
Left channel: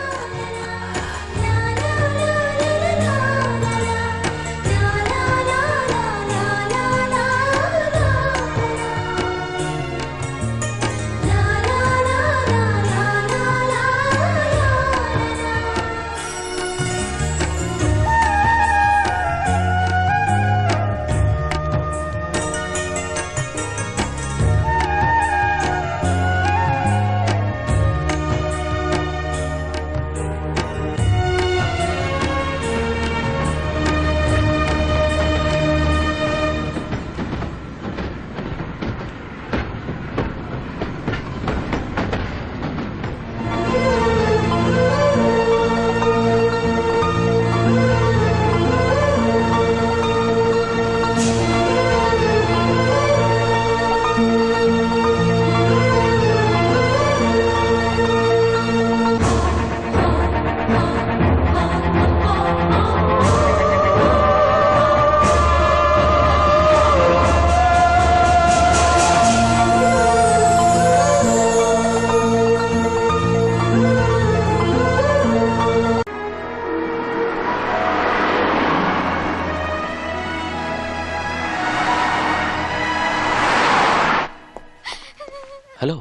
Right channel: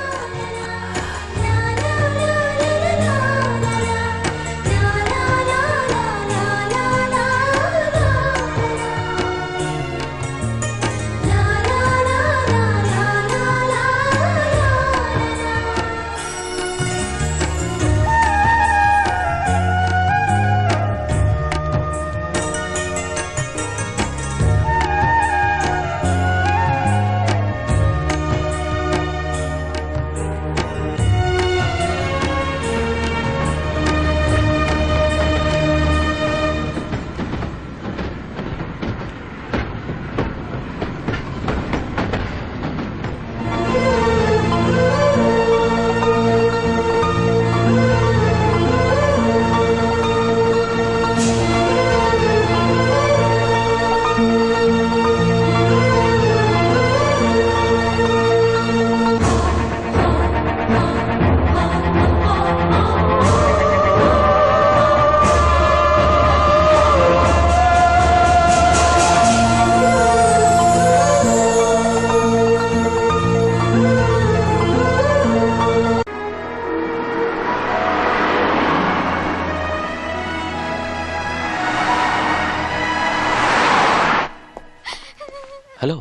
Hello,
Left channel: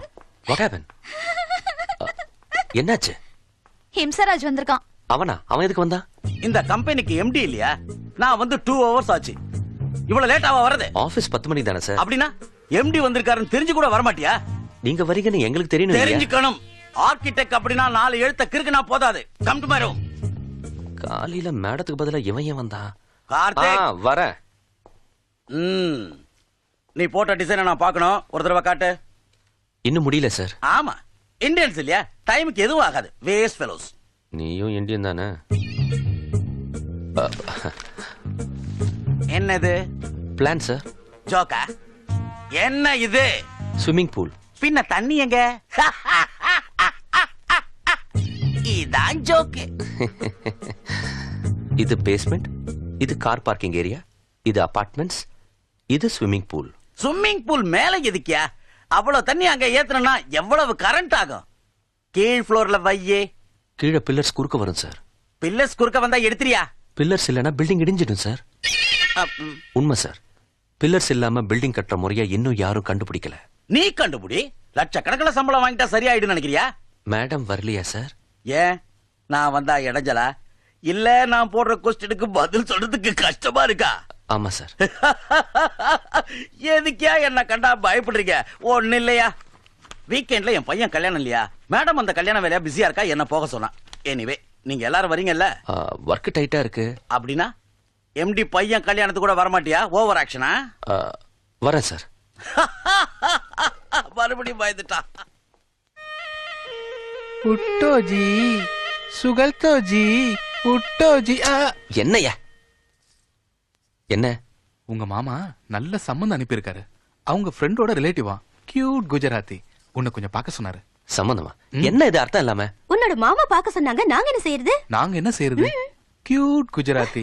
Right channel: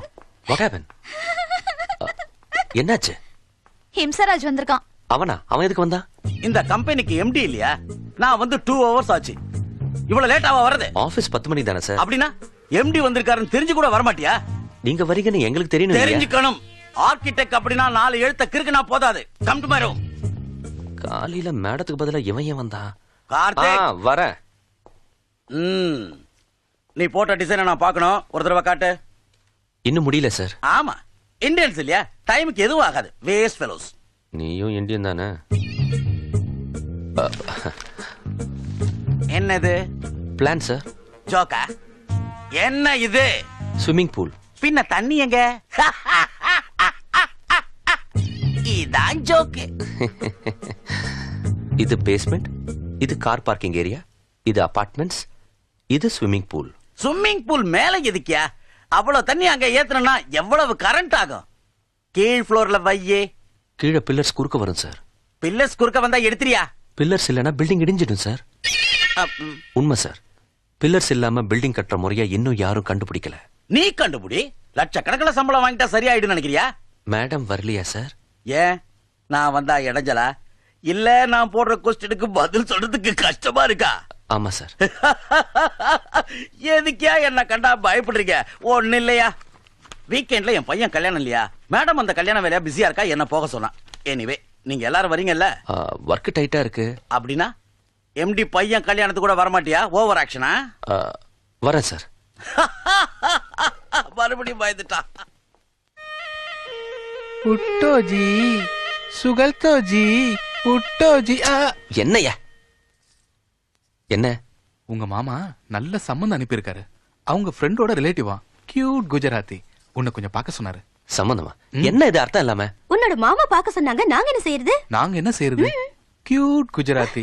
what happen? என்னாச்சு? ஹிம்சராஜ் வந்திருக்கான். அவனா? அவன் எதுக்கு வந்தா? இந்த கம்பெனிக்கு எம்டி இல்லையா? நான் வந்து 2 hours ஆச்சு. இவ்வளவு லேட்டாவா வருது? ஆபீஸ் 10 மணி தானே சார். அப்படின்னா எம்டி வந்திருக்காருன்னு தெரிஞ்சு கூட வர மாட்டியா? நீங்க வரீங்கன்னு எங்களுக்கு தெரியணும். தெரிஞ்சுக்கணும். ஆர்கிடெக்ட் அப்படின்னா 4 எழுத்த கிறுக்குனா போதாது. Come to my room. காலையில மேடத்துக்கு பதிலா இவன் ஏன் வந்தா? கார்த்திக் வர. நீ போட்ட டிசைனை நான் பார்க்கணும். ஒரு தடவை காட்டு. இன்னும் முடியல சார். ஆமா, இந்தியன்ஸ் இல்லையா? டைமுக்கு எதுவும் ஆகாது. Waste fellows. நீயும் இந்தியன் தானே? என்னது? Plan sir. ஜோக்கா? என்ன இது? Swimming pool. பின்ன தண்ணி எங்க? இதான் ஜோக்கு. இது பேஸ்மெண்ட், இது கார் பார்க்கிங் ஏரியா, இது அபார்ட்மெண்ட்ஸ், இது ஸ்விம்மிங் பூல். ஸ்விம்மிங் பூல் மேல எதுக்கியா? அவ்வளவு தண்ணி அங்க ஏத்தணும்னா எவ்வளவு கரண்ட் ஆகும்? கீழ் ஃப்ளோர்ல வையே. கீழே பில்லர்ஸ் குறுக்க வரும் சார். பில்லர்ஸ் குறுக்க வந்தா எடுத்துறியா? பில்லர்ஸ் இல்லனா பில்டிங் இடிஞ்சிடும் சார். உண்மை சார். பில்லர்ஸ் இல்லாம பில்டிங் கட்டுற முறையா இன்னும் யாரும் கண்டுபிடிக்கல. நீ கண்டுபிடி. லட்சக்கணக்கில் சம்பளம் வாங்கிட்டா சரியாயிடும் நினைக்கிறியா? மேடம் வரலையா சார்? ஏன் நான் வந்தா இடைஞ்சலா? இல்ல நான் போடுற கொஸ்டினுக்கு பதில் சொல்றதுக்கு கஷ்டமா இருக்கா? ஆமா சார். எதுக்கியா என்ன கண்டா பயப்படுறீங்க? ஒண்ணு இல்லையா, வீக்கெண்ட்ல என் பையன் கல்யாணம் இல்லையா? மேடம் அந்த கல்யாண வேலையா பிஸியா இருக்கா, என்ன போக சொன்னா. எனிவே நீங்க எல்லாரும் வரீங்கல்ல? ஒர்க் டைட்டா இருக்கு. அப்படின்னா எம்டி பையன் கல்யாணத்துக்கு கூட வரமாட்டியா? ஓவர் ஆக்ஷனா? வரேன் சார். மறுபடியும் பயந்துட்டா. உட்டோஜி சுகல்தோஜி உட்டோஜி. என்னையா? என்ன? உங்க மாமா நல்ல சம்மந்தம் அனுப்பியிருக்காரு. அவங்க ஃப்ரெண்டோட ரிலேட்டிவா, கியூட் குஜராத்தி. உன்னை கொஞ்சம் பார்க்க சொன்னாரு. சம்மந்தமா? என்ன இது அர்த்தம் இல்லாம? உன்னோட மாமா பார்க்க சொன்னாங்க, நாங்க என்ன செய்யறது? நாங்க என்ன செய்யறது? கியூட் குஜராத்தி.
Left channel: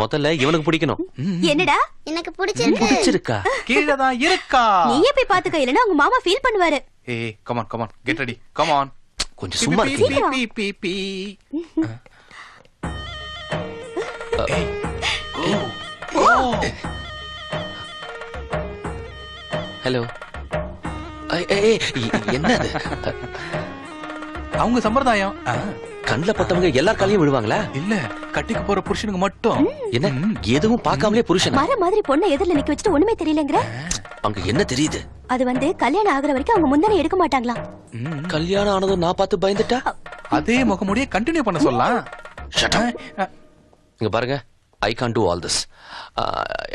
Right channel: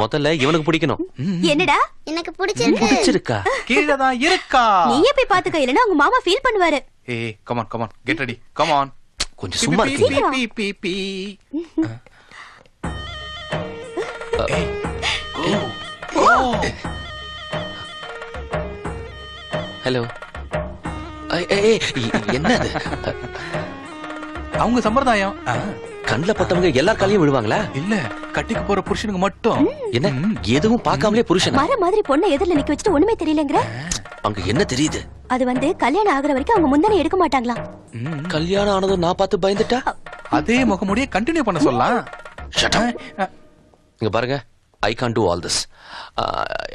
முதல்ல இவனுக்கு பிடிக்கணும். என்னடா? எனக்கு பிடிச்சிருக்கா? கீழே தான் இருக்கா. நீயே போய் பாத்துக்க, இல்லனா உங்க மாமா ஃபீல் பண்ணுவாரு. ஏய் come on come on, get ready, come on. கொஞ்சம் சும்மா ஹலோ. என்னது? அவங்க சம்பிரதாயம். கண்ணுல பட்டவங்க எல்லா காலையும் விழுவாங்களா? இல்ல, கட்டிக்கு போற புருஷனுக்கு மட்டும். என்ன எதுவும் பார்க்காமலே புருஷன்? மர மாதிரி பொண்ணு எதிரில நிக்க வச்சுட்டு ஒண்ணுமே தெரியலங்கற? அங்க என்ன தெரியுது? அது வந்து கல்யாணம் ஆகுற வரைக்கும் அவங்க முந்தனே எடுக்க மாட்டாங்களா? கல்யாணம் ஆனதும் நான் பார்த்து பயந்துட்டா அதே முகமுடியே கண்டினியூ பண்ண சொல்லலாம். Shut up. இங்க பாருங்க, I can't do all this.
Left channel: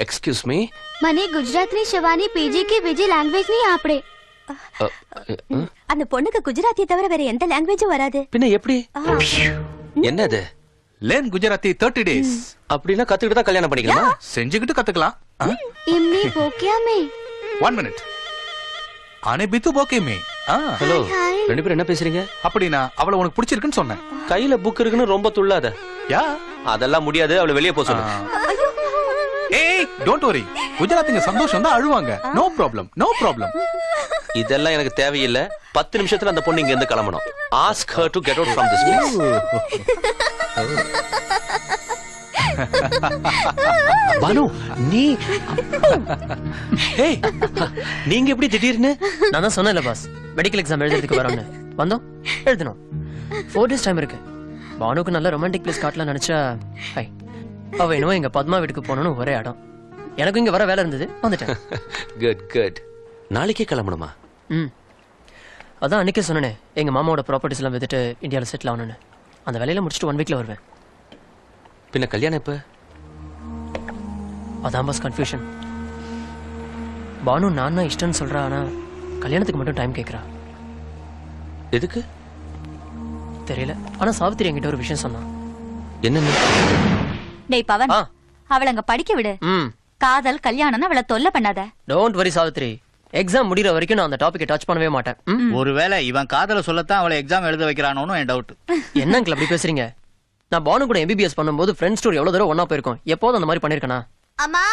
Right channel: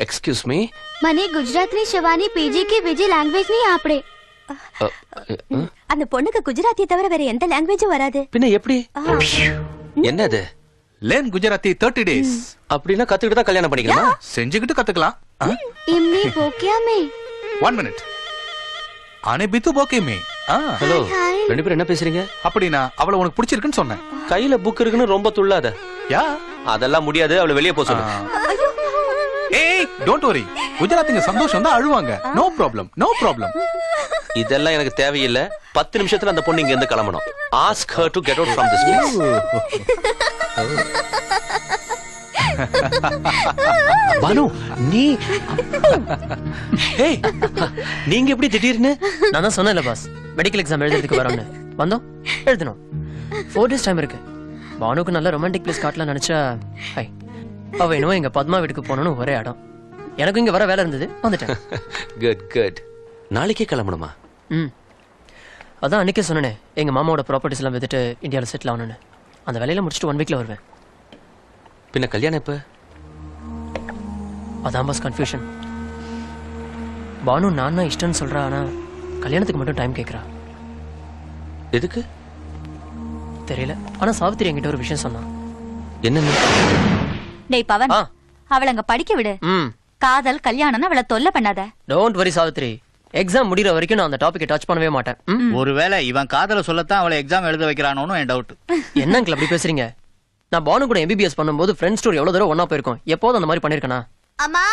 Excuse me. મને ગુજરાતી શવાની પીજી की બીજી લેંગ્વેજ नहीं આપડે. அந்த பொண்ணுக்கு குஜராத்தியை தவிர வேற எந்த லாங்குவேஜும் வராது. பின்ன எப்படி? என்னது? Learn Gujarati 30 days. அப்படினா கத்துக்கிட்டு தான் கல்யாணம் பண்ணிக்கலாமா? செஞ்சுக்கிட்டு கத்துக்கலாம். એમની ભોક્યા મે. 1 minute. ஆனே பித்து போகே மே. ஹலோ, ரெண்டு பேரும் என்ன பேசுறீங்க? அப்படினா அவளை உனக்கு பிடிச்சிருக்குன்னு சொன்னேன். கையில புக் இருக்குன்னு ரொம்ப துள்ளாத. யா, அதெல்லாம் முடியாது. அவளை வெளியே போக சொல்லு. ஏய், டோன்ட் வரி. குஜராத்திங்க சந்தோஷம் தான் அழுவாங்க. No problem, no problem. இதெல்லாம் எனக்கு தேவையில்லை. 10 நிமிஷத்துல அந்த பொண்ணு இங்க இருந்து கிளம்பணும். Ask her to get out from this place. Banu, நீங்க எப்படி திடீர்னு? நான் தான் சொன்னேன்ல பாஸ், மெடிக்கல் எக்ஸாம் எழுதுறதுக்கு வரோம்னு. வந்தோம், எழுதணும். 4 days டைம் இருக்கு. பானுக்கு நல்ல ரொமான்டிக் பிளேஸ் காட்டலாம் நினைச்சா, அவ இன்னும் எங்க பத்மா வீட்டுக்கு போகணும்னு ஒரே இடம். எனக்கு இங்க வர வேலை இருந்தது, வந்துட்டேன். Good good. நாளைக்கே கிளம்பணுமா? அதான் அன்னைக்கே சொன்னேன், எங்க மாமாவோட ப்ராப்பர்ட்டிஸ் எல்லாம் வித்துட்டு இந்தியாவில் செட்டில் ஆகணும்னு. அந்த வேலையில முடிச்சுட்டு 1 வீக்ல வருவேன். பின்ன கல்யாணம் எப்ப? அதான் பாஸ் கன்ஃபியூஷன். பானு நான் இஷ்டம்னு சொல்றா, ஆனா கல்யாணத்துக்கு மட்டும் டைம் கேட்கறா. எதுக்கு தெரியல. ஆனா சாவித்திரி என்கிட்ட ஒரு விஷயம் சொன்னா. என்ன? டேய் பவன், அவளை அங்க படிக்க விடு. காதல் கல்யாணம்னு அவளை தொல்லை பண்ணாத. டோன்ட் வரி சாவித்திரி, எக்ஸாம் முடிகிற வரைக்கும் நான் அந்த டாபிக்கை டச் பண்ணவே மாட்டேன். ஒருவேளை இவன் காதல சொல்லத்தான் அவளை எக்ஸாம் எழுத வைக்கிறானோன்னு என் டவுட். என்னங்க அப்படி பேசுறீங்க? நான் பானு கூட MBBS பண்ணும்போது ஃப்ரெண்ட்ஸ் டூர் எவ்வளவு தடவை ஒண்ணா போயிருக்கோம். எப்போது அந்த மாதிரி பண்ணிருக்கனா? அம்மா,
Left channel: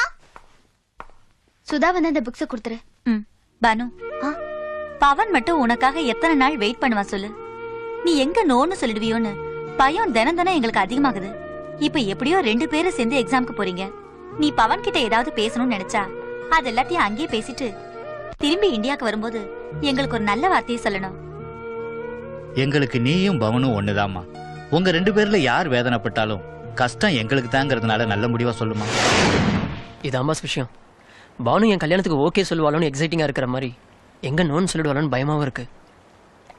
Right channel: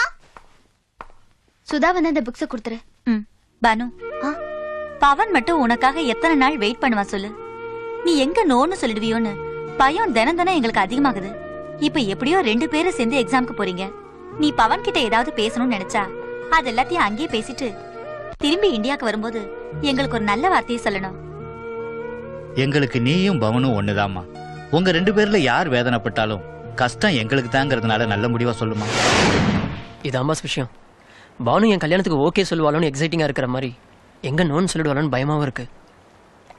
சுதா வந்து அந்த புக்ஸ் கொடுத்துரு. பானு, பவன் மட்டும் உனக்காக எத்தனை நாள் வெயிட் பண்ணுவான் சொல்லு? நீ எங்க நோன்னு சொல்லிடுவியோன்னு பயம் தினம் தினம் எங்களுக்கு அதிகமாகுது. இப்ப எப்படியோ 2 பேரும் சேர்ந்து எக்ஸாம்க்கு போறீங்க. நீ பவன் கிட்ட ஏதாவது பேசணும்னு நினைச்சா அது எல்லாத்தையும் அங்கேயே பேசிட்டு திரும்பி இந்தியாவுக்கு வரும்போது எங்களுக்கு ஒரு நல்ல வார்த்தையை சொல்லணும். எங்களுக்கு நீயும் பவனும் ஒண்ணுதாம்மா. உங்க 2 பேர்ல யார் வேதனைப்பட்டாலும் கஷ்டம் எங்களுக்கு தாங்கிறதுனால நல்ல முடிவா சொல்லுமா. இதான் பாஸ் விஷயம். பானு என் கல்யாணத்துக்கு ஓகே சொல்லுவாளோன்னு எக்ஸைட்டிங்கா இருக்கிற மாதிரி எங்க நோன்னு சொல்லிடுவாளோன்னு பயமாவும் இருக்கு.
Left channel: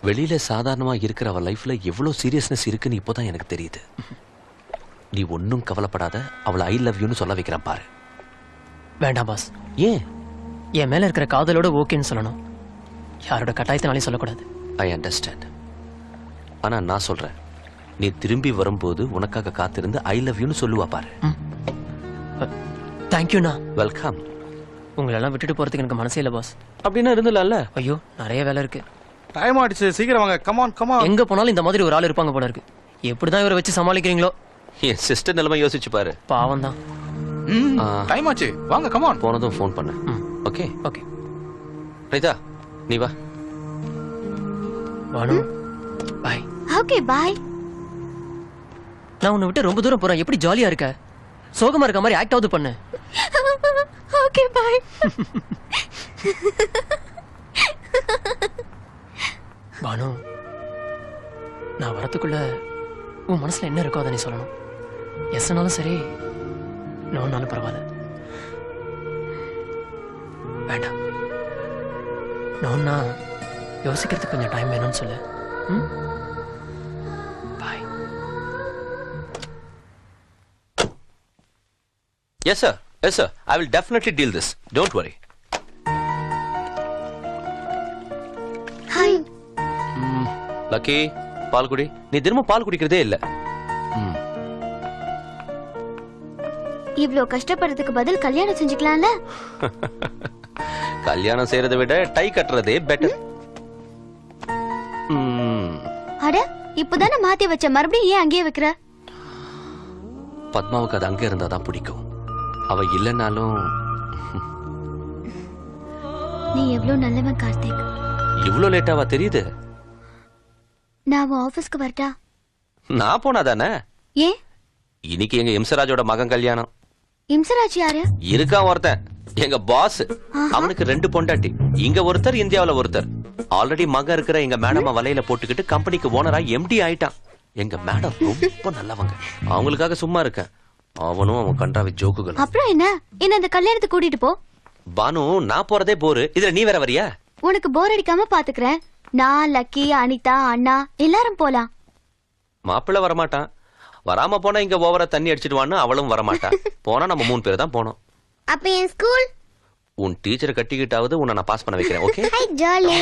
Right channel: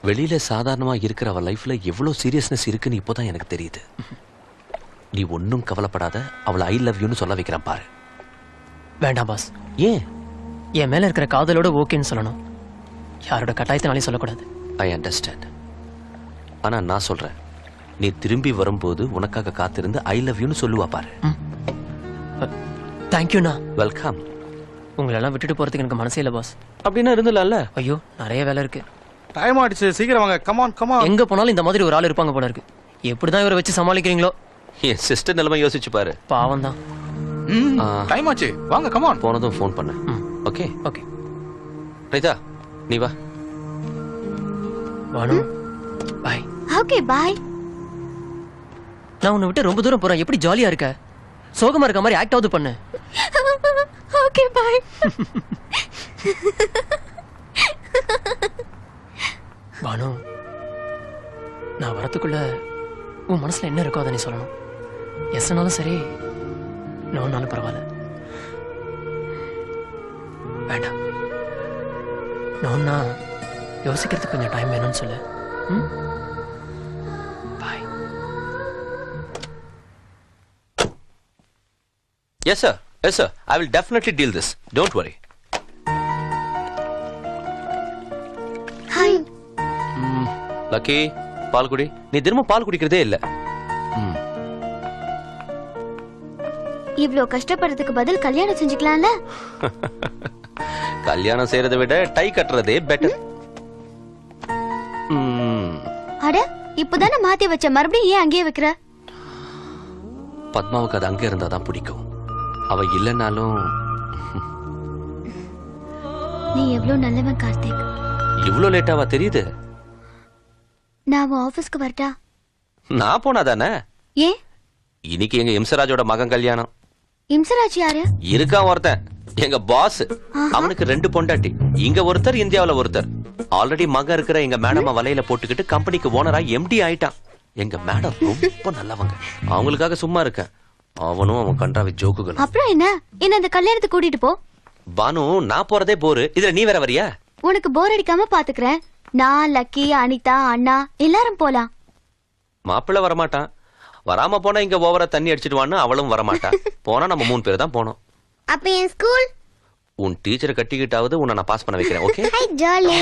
வெளியில சாதாரணமா இருக்கிற அவ லைஃப்ல எவ்வளவு சீரியஸ்னஸ் இருக்குன்னு இப்போதான் எனக்கு தெரியுது. நீ ஒன்னும் கவலைப்படாத, அவளை ஐ லவ் யூன்னு சொல்ல வைக்கிறான் பாரு. வேண்டாம் பாஸ். ஏன்? என் மேல இருக்கிற காதலோட ஓகேன்னு சொல்லணும், யாரோட கட்டாயத்தினாலே சொல்லக்கூடாது. I understand. ஆனா நான் சொல்றேன், நீ திரும்பி வரும்போது உனக்காக காத்திருந்து ஐ லவ் யூன்னு சொல்லுவா பாரு. தேங்க்யூண்ணா. வெல்கம். உங்களெல்லாம் விட்டுட்டு போறதுக்கு எனக்கு மனசே இல்ல பாஸ். அப்படின்னா இருந்தல. ஐயோ நிறைய வேலை இருக்கு. டைம் ஆயிடுச்சு, சீக்கிரம் வாங்க. Come on come on. எங்க போனாலும் இந்த மாதிரி ஒரு ஆள் இருப்பாங்க போல இருக்கு. எப்படிதான் இவரை வச்சு சமாளிக்கிறீங்களோ? என் சிஸ்டர் நிலைமை யோசிச்சு பாரு. பாவம் தான். டைம் ஆச்சு, வாங்க கமான். போனதும் ஃபோன் பண்ணு. Okay okay. ரைதா நீ வா. பானு பை. Okay bye. நான் உன்னை விட்டு ரொம்ப தூரம் போறேன், எப்படி ஜாலியா இருக்க? சோகமா இருக்க மாதிரி ஆக்ட் ஆவது பண்ணு. Okay bye. பானு, நான் வரதுக்குள்ள உன் மனசுல என்ன இருக்கோ அதை நீ சொல்லணும். எஸ்னாலும் சரி, நோனாலும் பரவாயில்ல. வேண்டாம், நோன்னா யோசிக்கிறதுக்கு கொஞ்சம் டைம் வேணும்னு சொல்லு. பாய். Yes sir, yes sir, I will definitely deal this, don't worry. Hi. Lucky, பால் குடி. நீ தினமும் பால் குடிக்கிறதே இல்ல. இவ்ளோ கஷ்டப்படுறதுக்கு பதில் கல்யாணம் செஞ்சுக்கலாம்ல? கல்யாணம் செய்யறதை விட டை கட்டுறதே பெட்டர். அட, இப்பதானே மாத்தி வச்ச, மறுபடியும் ஏன் அங்கேயே வைக்கிற? பத்மாவுக்கு அது அங்க இருந்தாதான் பிடிக்கும். அவ இல்லைன்னாலும். நீ எவ்வளவு நல்லவன் கார்த்திக். இவ்வளவு லேட்டாவா தெரியுது? நான் உன் ஆபீஸ்க்கு வரட்டா? நான் போனாதானே. ஏ? இன்னைக்கு எங்க இம்சராஜோட மகன் கல்யாணம். இம்சராஜ் யாரு? இருக்கான் ஒருத்தன், எங்க பாஸ். அவனுக்கு 2 பொண்டாட்டி. இங்க ஒருத்தர், இந்தியாவுல ஒருத்தர். ஆல்ரெடி மகன் இருக்கிற எங்க மேடம வலையில போட்டுக்கிட்டு கம்பெனிக்கு ஓனரா எம்டி ஆயிட்டான். எங்க மேடம் ரொம்ப நல்லவங்க. அவங்களுக்காக சும்மா இருக்க. அவனும் அவன் கண்டாவி ஜோக்குகள். அப்புறம் என்ன, என்ன அந்த கல்யாணத்துக்கு கூட்டிட்டு போ. பானு, நான் போறதே போரு, இதுல நீ வேற வரியா? உனக்கு போர் அடிக்காம பாத்துக்கிறேன். நான், லக்கி, அனிதா, அண்ணா எல்லாரும் போலாம். மாப்பிள்ள வரமாட்டான். வராம போனா இங்க ஓவரா தண்ணி அடிச்சிடுவான்னு அவளும் வரமாட்டா. போனா நம்ம 3 பேர் தான் போனோம். அப்ப என் ஸ்கூல்? உன் டீச்சரை கட்டிக்கிட்டாவது உன்னை நான் பாஸ் பண்ண வைக்கிறேன். Okay? Hi jolly.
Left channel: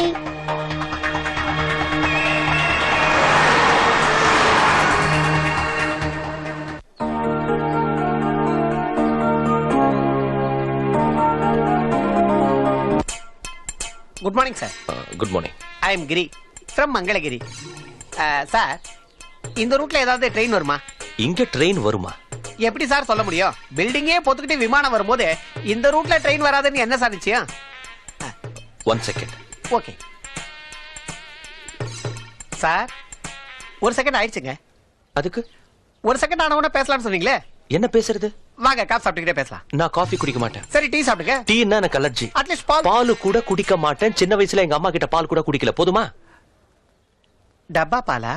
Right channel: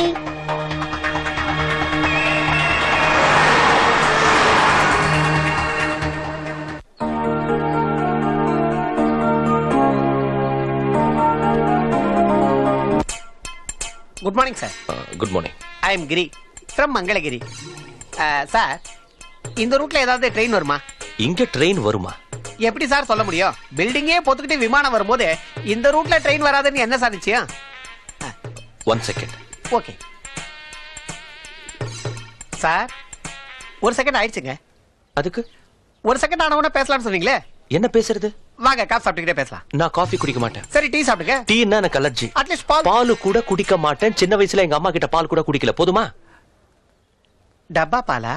Good morning sir. Good morning. I am Giri from Mangalagiri. Sir, இந்த ரூட்ல ஏதாவது ட்ரெயின் வருமா? இங்க ட்ரெயின் வருமா? எப்படி சார் சொல்ல முடியும்? பில்டிங்கே போத்துக்கிட்டு விமானம் வரும்போது இந்த ரூட்ல ட்ரெயின் வராதுன்னு என்ன சார் நிச்சயம்? 1 செகண்ட். ஓகே சார், 1 செகண்ட் ஆயிடுச்சுங்க. அதுக்கு 1 செகண்ட் ஆனவன பேசலாம்னு சொன்னீங்களே, என்ன பேசுறது? வாங்க காஃபி சாப்பிட்டுக்கிட்டே பேசலாம். நான் காஃபி குடிக்க மாட்டேன். சரி, டீ சாப்பிடுங்க. டீன்னா எனக்கு அலர்ஜி. அட்லீஸ்ட் பால். பால் கூட குடிக்க மாட்டேன். சின்ன வயசுல எங்க அம்மா கிட்ட பால் கூட குடிக்கல. போதுமா? டப்பா பாலா?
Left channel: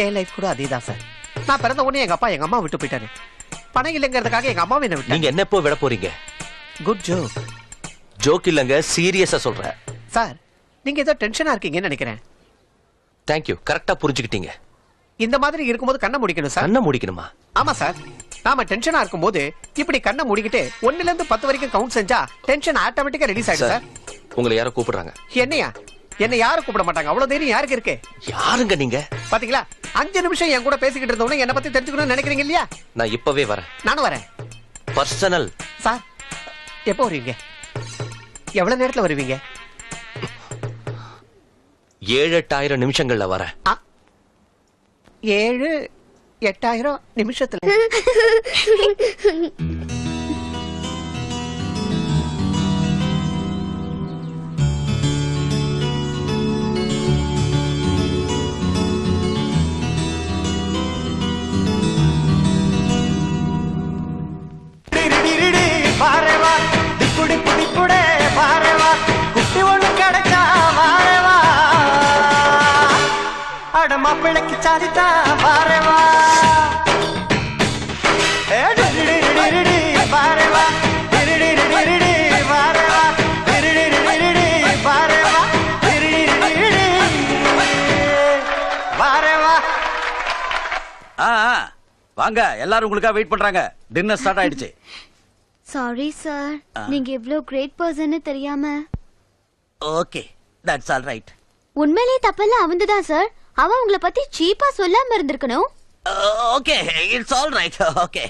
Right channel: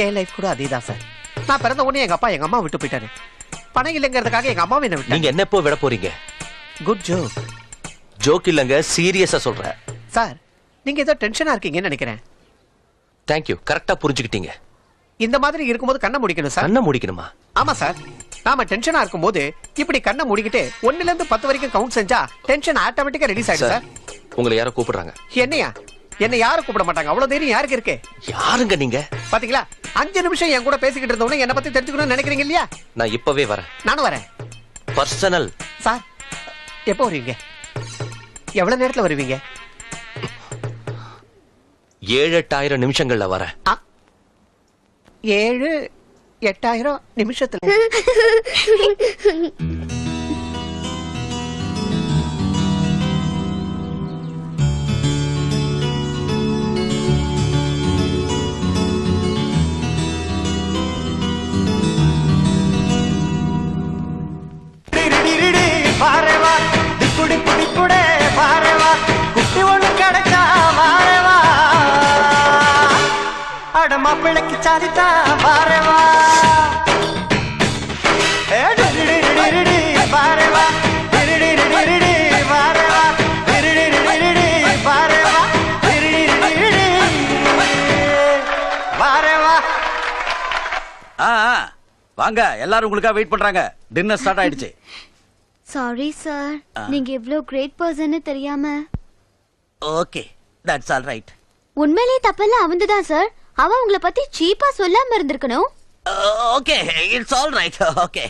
என் லைஃப் கூட அதேதான் சார். நான் பிறந்த உடனே எங்க அப்பா எங்க அம்மா விட்டு போயிட்டாரு. பணம் இல்லைங்கிறதுக்காக எங்க அம்மாவை என்ன விட்டாங்க. நீங்க என்ன எப்போ விட போறீங்க? Good joke. ஜோக் இல்லங்க, சீரியஸா சொல்றேன். சார், நீங்க ஏதோ டென்ஷனா இருக்கீங்கன்னு நினைக்கிறேன். தேங்க்யூ, கரெக்டா புரிஞ்சுக்கிட்டீங்க. இந்த மாதிரி இருக்கும்போது கண்ணை முடிக்கணும் சார். கண்ணை முடிக்கணுமா? ஆமா சார். நாம டென்ஷனா இருக்கும்போது இப்படி கண்ணை மூடிக்கிட்டு 1ல இருந்து 10 வரைக்கும் கவுண்ட் செஞ்சா டென்ஷன் ஆட்டோமேட்டிக்கா ரிலீஸ் ஆயிடும் சார். உங்களை யாரோ கூப்பிடுறாங்க. என்னையா? என்ன யாரும் கூப்பிட மாட்டாங்க. அவ்வளவு தைரியம் யாருக்கு இருக்கு? யாருங்க நீங்க? பாத்தீங்களா, 5 நிமிஷம் என் கூட பேசிக்கிட்டு இருந்தவன என்ன பத்தி தெரிஞ்சுக்கணும்னு நினைக்கிறீங்க இல்லையா? நான் இப்பவே வரேன். நானும் வரேன். பர்சனல். சார், எப்போ வருவீங்க? எவ்வளவு நேரத்துல வருவீங்க? 7-8 நிமிஷங்கள்ல வரேன். 7-8 நிமிஷத்துல? மாப்பிள்ளைக்கு சாரிதான் பாரவா. வாங்க, எல்லாரும் உங்களுக்காக வெயிட் பண்றாங்க. டின்னர் ஸ்டார்ட் ஆயிடுச்சு. சாரி சார், நீங்க இவ்ளோ கிரேட் பர்சன் தெரியாம. Okay, that's all right. உண்மையிலேயே தப்பெல்லாம் அவன்தான் சார். அவன் உங்களை பத்தி சீப்பா சொல்லாம இருந்திருக்கணும். Okay, it's all right. Okay.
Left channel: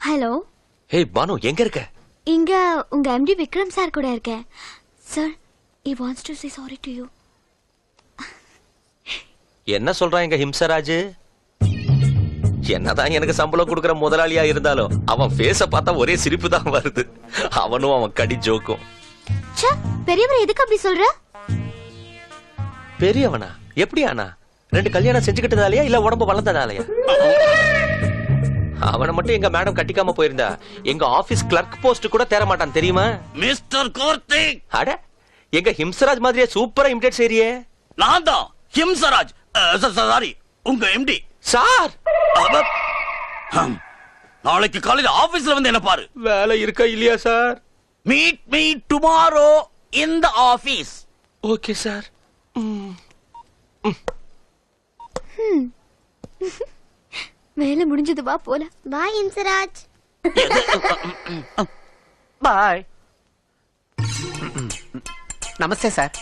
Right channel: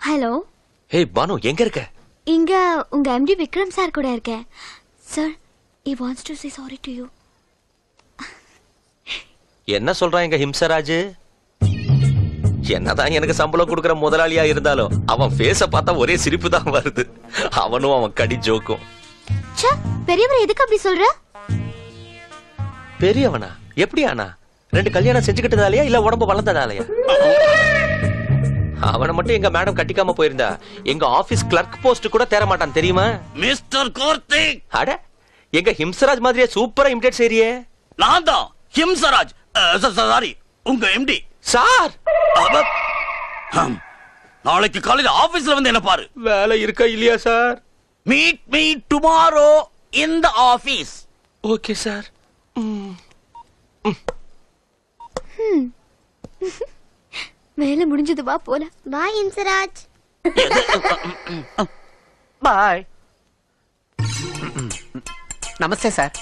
Hello. ஏய் பானு, எங்க இருக்க? இங்க உங்க எம்டி விக்ரம் சார் கூட இருக்கேன். Sir, he wants to say sorry to you. என்ன சொல்றான் எங்க ஹிம்சராஜ்? என்னதான் எனக்கு சம்பளம் கொடுக்கற முதலாளியா இருந்தாலும் அவன் ஃபேஸ பார்த்தா ஒரே சிரிப்பு தான் வருது. அவனும் அவன் கடி ஜோக்கும். ச்சே, பெரியவர் எதுக்கு அப்படி சொல்ற? பெரியவனா? எப்படி ஆனா? 2 கல்யாணம் செஞ்சுக்கிட்டதாலயா இல்ல உடம்பு வளர்ந்ததாலயா? அவனை மட்டும் எங்க மேடம் கட்டிக்காம போயிருந்தா எங்க ஆபீஸ் கிளர்க் போஸ்ட் கூட தேர மாட்டான் தெரியுமா? மிஸ்டர் கார்த்திக். அட, எங்க ஹிம்சராஜ் மாதிரியே சூப்பரா இமிடேட் செய்றியே. நான் தான் ஹிம்சராஜ். சாரி, உங்க எம்டி சார். நாளைக்கு காலையில ஆபீஸ்ல வந்து என்ன பாரு. வேலை இருக்கா இல்லையா சார்? மீட் மீ டுமாரோ இன் தி ஆபீஸ். Okay sir. வேலை முடிஞ்சது, வா போல. பாய் இன்சராஜ். பாய். நமஸ்தே சார்.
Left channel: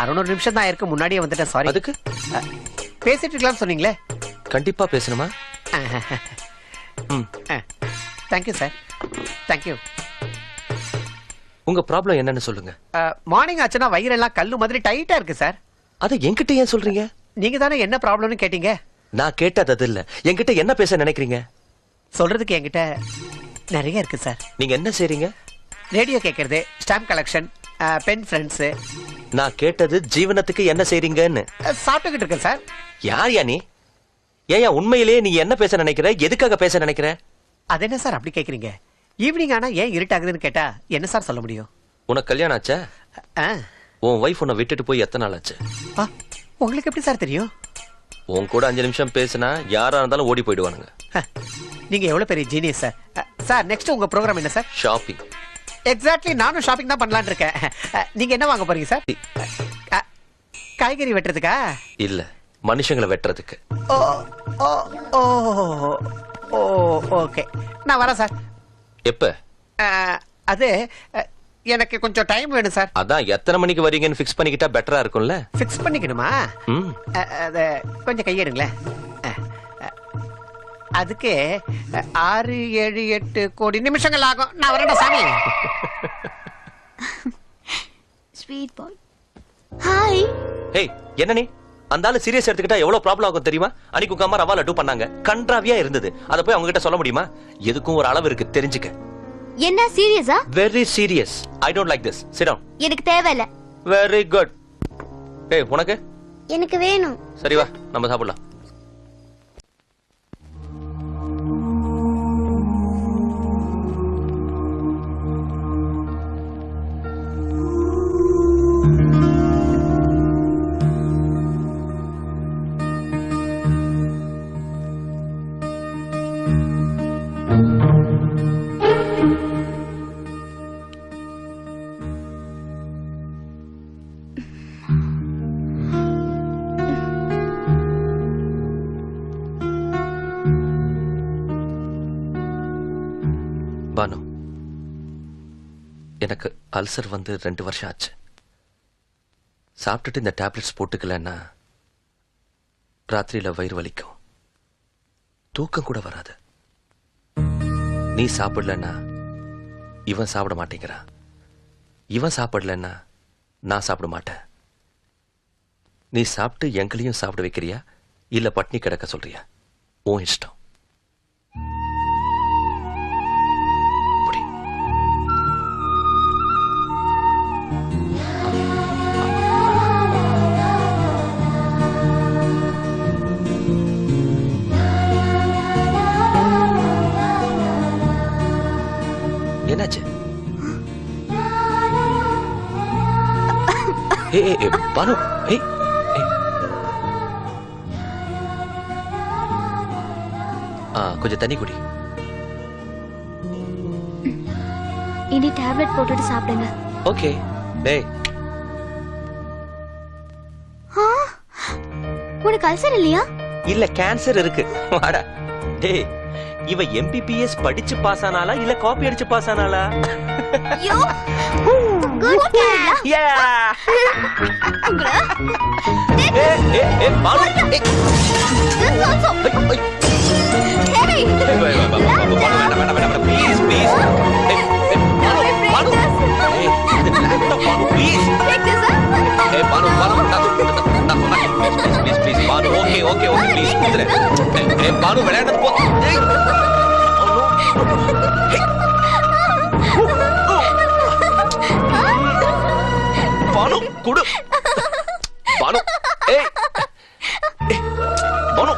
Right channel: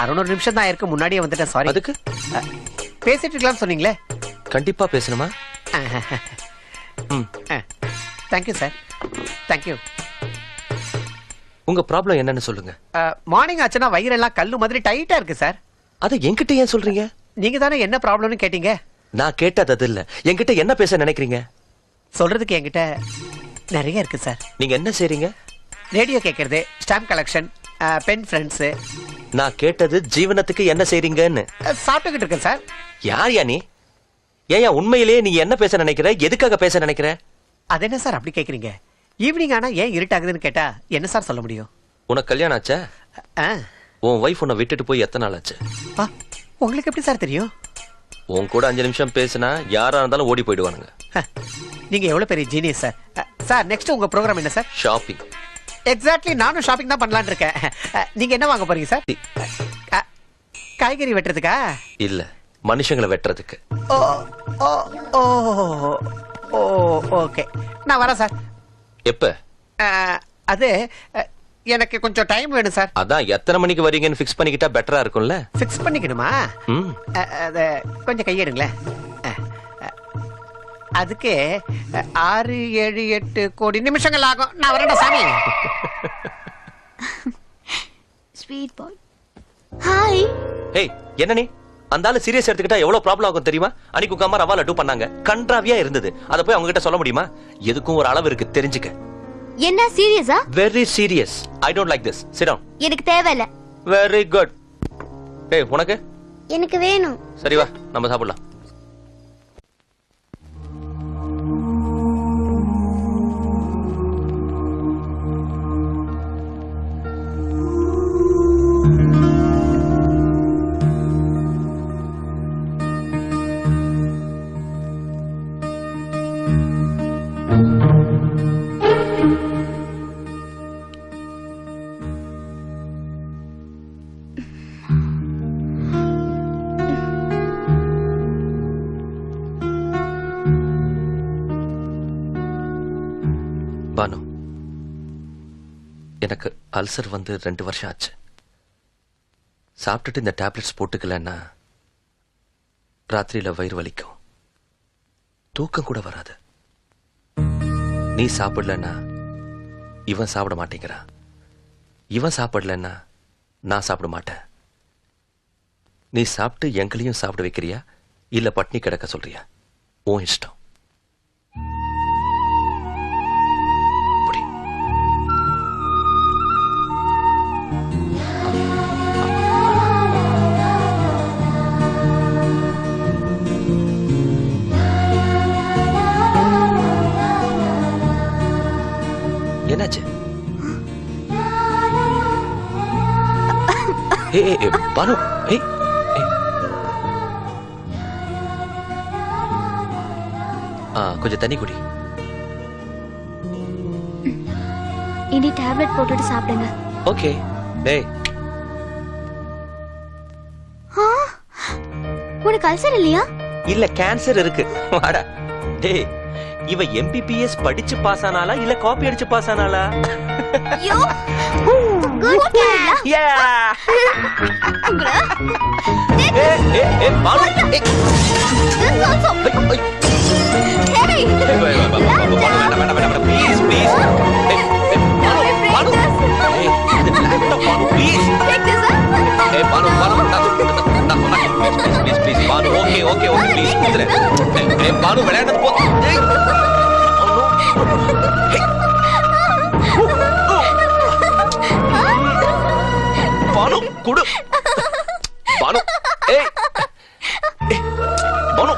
அரை நிமிஷம் தான் இருக்கு, முன்னாடியே வந்துட்டேன். சாரி. அதுக்கு பேசிட்டு இருக்கலாம் சொன்னீங்களே. கண்டிப்பா பேசணுமா? Thank you sir, thank you. உங்க ப்ராப்ளம் என்னன்னு சொல்லுங்க. மார்னிங் ஆச்சுன்னா வயிறெல்லாம் கல்லு மாதிரி டைட்டா இருக்கு சார். அது என்கிட்ட ஏன் சொல்றீங்க? நீங்க தானே என்ன ப்ராப்ளம்னு கேட்டீங்க. நான் கேட்டது அது இல்ல. என்கிட்ட என்ன பேச நினைக்கிறீங்க? சொல்றதுக்கு என்கிட்ட நிறைய இருக்கு சார். நீங்க என்ன செய்றீங்க? ரேடியோ கேட்கறது, ஸ்டாம்ப் கலெக்ஷன், பென் ஃப்ரெண்ட்ஸ். நான் கேட்டது ஜீவனத்துக்கு என்ன செய்றீங்கன்னு. சாப்பிட்டுக்கிட்டு இருக்கேன் சார். யார் யா நீ? ஏயா உண்மையிலேயே நீ என்ன பேச நினைக்கிற? எதுக்காக பேச நினைக்கிற? அது என்ன சார் அப்படி கேக்குறீங்க? ஈவினிங் ஆனா ஏன் இருட்டாகுதுன்னு கேட்டா என்ன சார் சொல்ல முடியும்? உனக்கு கல்யாணம் ஆச்சா? உன் வைஃப் உன்னை விட்டுட்டு போய் எத்தனை நாள் ஆச்சு? உங்களுக்கு எப்படி சார் தெரியும்? உன் கூட 5 நிமிஷம் பேசினா யாரா இருந்தாலும் ஓடி போயிடுவானுங்க. நீங்க எவ்வளவு பெரிய ஜீனியஸ் சார். சார், நெக்ஸ்ட் உங்க ப்ரோக்ராம் என்ன சார்? ஷாப்பிங். எக்ஸாக்ட்லி, நானும் ஷாப்பிங் தான் பண்ணலாம்னு இருக்கேன். நீங்க என்ன வாங்க போறீங்க சார்? காய்கறி வெட்டுறதுக்கா? இல்ல, மனுஷங்களை வெட்டுறதுக்கு. ஓ ஓ ஓ ஓ ஓகே, நான் வரேன் சார். எப்ப? அது எனக்கு கொஞ்சம் டைம் வேணும் சார். அதான் எத்தனை மணிக்கு வரீங்கன்னு ஃபிக்ஸ் பண்ணிக்கிட்டா பெட்டரா இருக்கும்ல. ஃபிக்ஸ் பண்ணிக்கணுமா? அத கொஞ்சம் கையெடுங்களேன். அதுக்கு 6, 7, 8 கோடி நிமிஷங்கள் ஆகும். நான் வரேன் சாமி. ஸ்வீட் பாய். ஹாய். ஏய், என்ன நீ? அந்த ஆளு சீரியஸ் எடுத்துக்கிட்டா எவ்வளவு ப்ராப்ளம் ஆகும் தெரியுமா? அன்னைக்கு உங்க அம்மா ரவா லட்டு பண்ணாங்க, கன்றாவியா இருந்தது. அத போய் அவங்க கிட்ட சொல்ல முடியுமா? எதுக்கும் ஒரு அளவு இருக்கு, தெரிஞ்சுக்க. என்ன சீரியஸா? Very serious. I don't like this. Sit down. எனக்கு தேவையில்ல. Very good. ஏய், உனக்கு? எனக்கு வேணும். சரி வா, நம்ம சாப்பிடலாம். பானு, எனக்கு அல்சர் வந்து 2 வருஷம் ஆச்சு. சாப்பிட்டுட்டு இந்த டேப்லெட்ஸ் போட்டுக்கலன்னா ராத்திரியில வயிறு வலிக்கும், தூக்கம் கூட வராது. நீ சாப்பிடலன்னா இவன் சாப்பிட மாட்டேங்கிறான், இவன் சாப்பிடலன்னா நான் சாப்பிட மாட்டேன். நீ சாப்பிட்டு எங்களையும் சாப்பிட வைக்கிறியா இல்ல பட்னி கிடக்க சொல்றியா? உன் இஷ்டம். என்னாச்சு? பானு, கொஞ்சம் தண்ணி குடி. இனி டேப்லெட் போட்டுட்டு சாப்பிடுங்க. ஓகே. டேய், உனக்கு அல்சர் இல்லையா? இல்ல கேன்சர் இருக்கு. வாடா. டேய் இவ MPPS படிச்சு பாஸ் ஆனாளா இல்ல காப்பி அடிச்சு பாஸ் ஆனாளா? Yo good girl. யா ஏ பாலு ப்ளீஸ் ப்ளீஸ் பாலு விளையாட போ. பாலு குடு பாலு ஏய் பாலு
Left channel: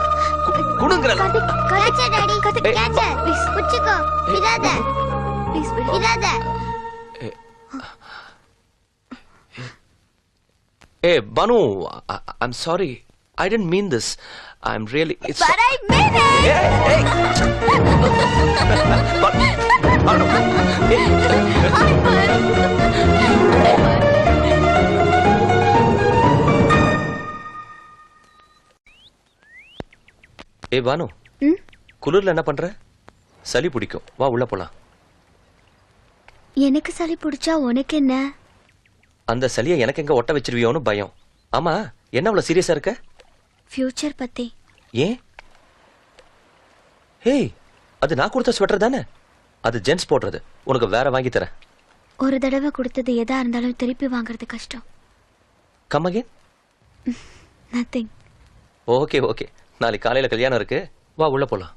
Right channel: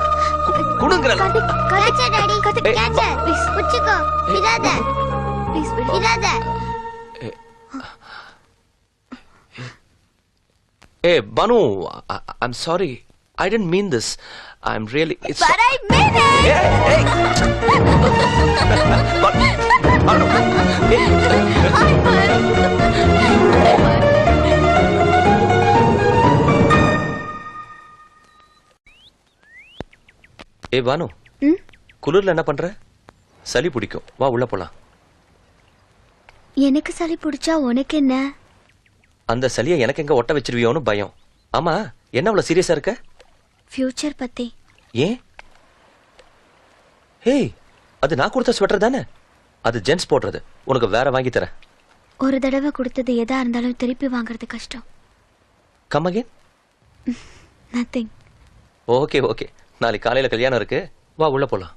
குடுங்கற கடிச்ச டாடி கடிச்ச ப்ளீஸ் குச்சிக்கோ விடாத ப்ளீஸ் விடாத. Hey, Banu, I'm sorry. I didn't mean this. I'm really... It's But I meant it! Hey! Banu! Hey, Banu. குளிர்ல என்ன பண்ற? சளி பிடிக்கும். வா உள்ள போலாம். எனக்கு சளி பிடிச்சா உனக்கு என்ன? அந்த சளியை எனக்கு எங்க ஒட்ட வச்சிருவியோன்னு பயம். ஆமா என்ன அவ்வளவு சீரியஸா இருக்க? ஃபியூச்சர் பத்தி. ஏன்? ஹேய் அது நான் கொடுத்த ஸ்வெட்டர் தானே? அது ஜென்ஸ் போடுறது. உனக்கு வேற வாங்கி தரேன். ஒரு தடவை கொடுத்தது எதா இருந்தாலும் திருப்பி வாங்குறது கஷ்டம். Come again? Nothing. Okay okay. நாளைக்கு காலையில கல்யாணம் இருக்கு. வா உள்ள போலாம்.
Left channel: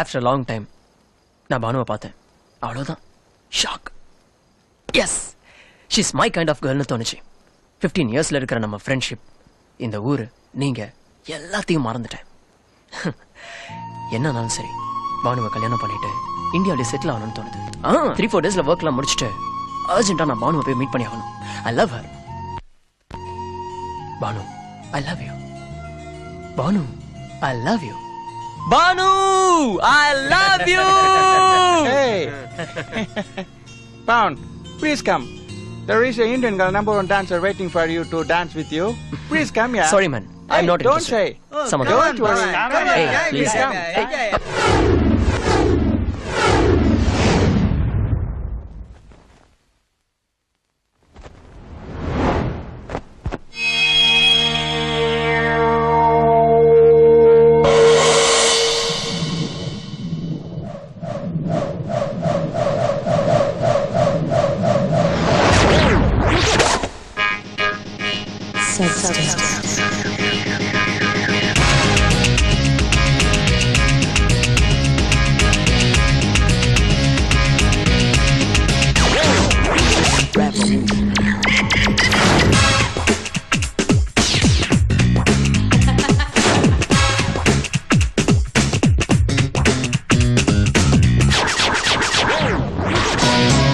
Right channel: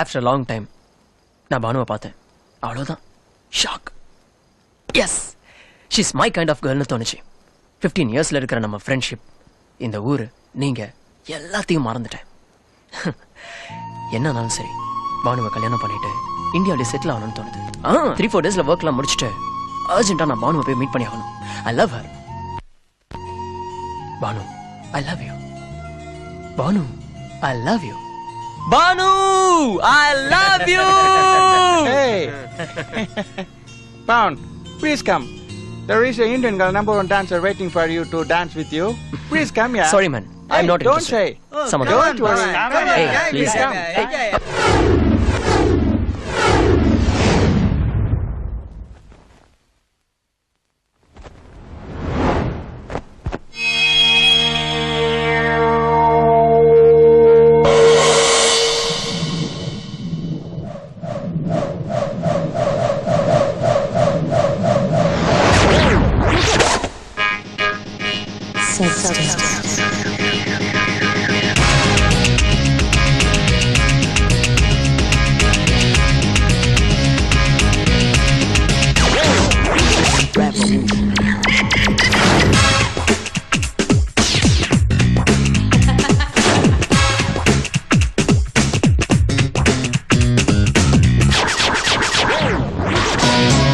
After a long time, நான் பானுவை பார்த்தேன். அவ்வளவுதான். Shock. Yes she's my kind of கேர்ள்னு தோணுச்சு. 15 இயர்ஸ்ல இருக்கிற நம்ம ஃப்ரெண்ட்ஷிப், இந்த ஊரு, நீங்க எல்லாத்தையும் மறந்துட்டேன். என்னன்னாலும் சரி பானுவை கல்யாணம் பண்ணிட்டு இந்தியாவிலே செட்டில் ஆகணும்னு தோணுது. 3-4 டேஸ்ல ஒர்க்லாம் முடிச்சுட்டு அர்ஜென்ட்டா நான் பானுவை போய் மீட் பண்ணி ஆகணும். I love her. Banu I love you. Banu I love you. Banu, I love you. Hey, Pound, please come. There is an Indian #1 dancer waiting for you to dance with you. Please come here. Sorry, man. I'm not Don't interested. say. Someone Don't worry. Hey, please come. Hey.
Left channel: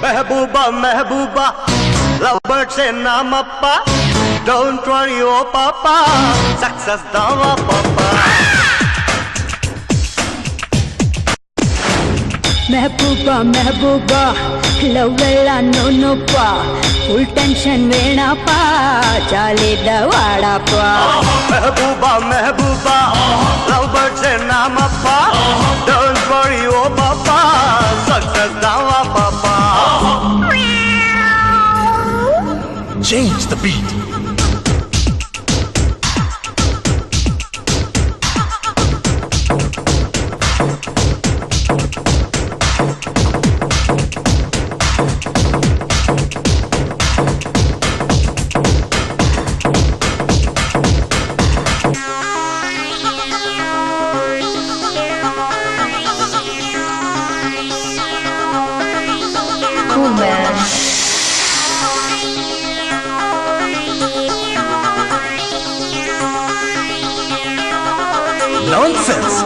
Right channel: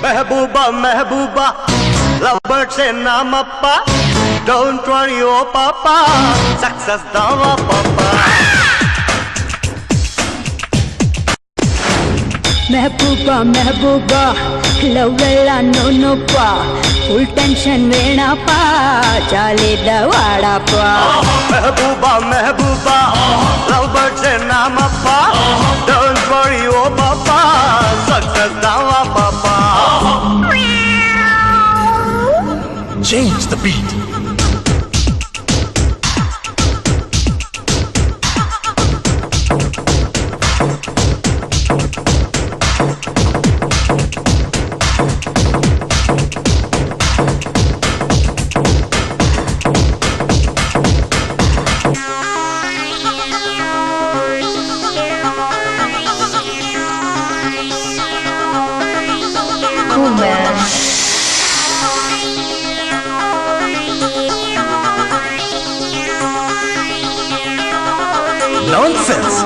Mehbooba Mehbooba lowered से नाम अप्पा डोंट वरी ओ पापा सक्सेस दावा पापा महबूबा महबूबा लवेला नोनो पा फुल टेंशन वेणा पा चाले दवाड़ा पा महबूबा महबूबा लवर्ड से नाम अप्पा डोंट वरी ओ पापा सक्सेस दावा पापा Change the beat. Nonsense.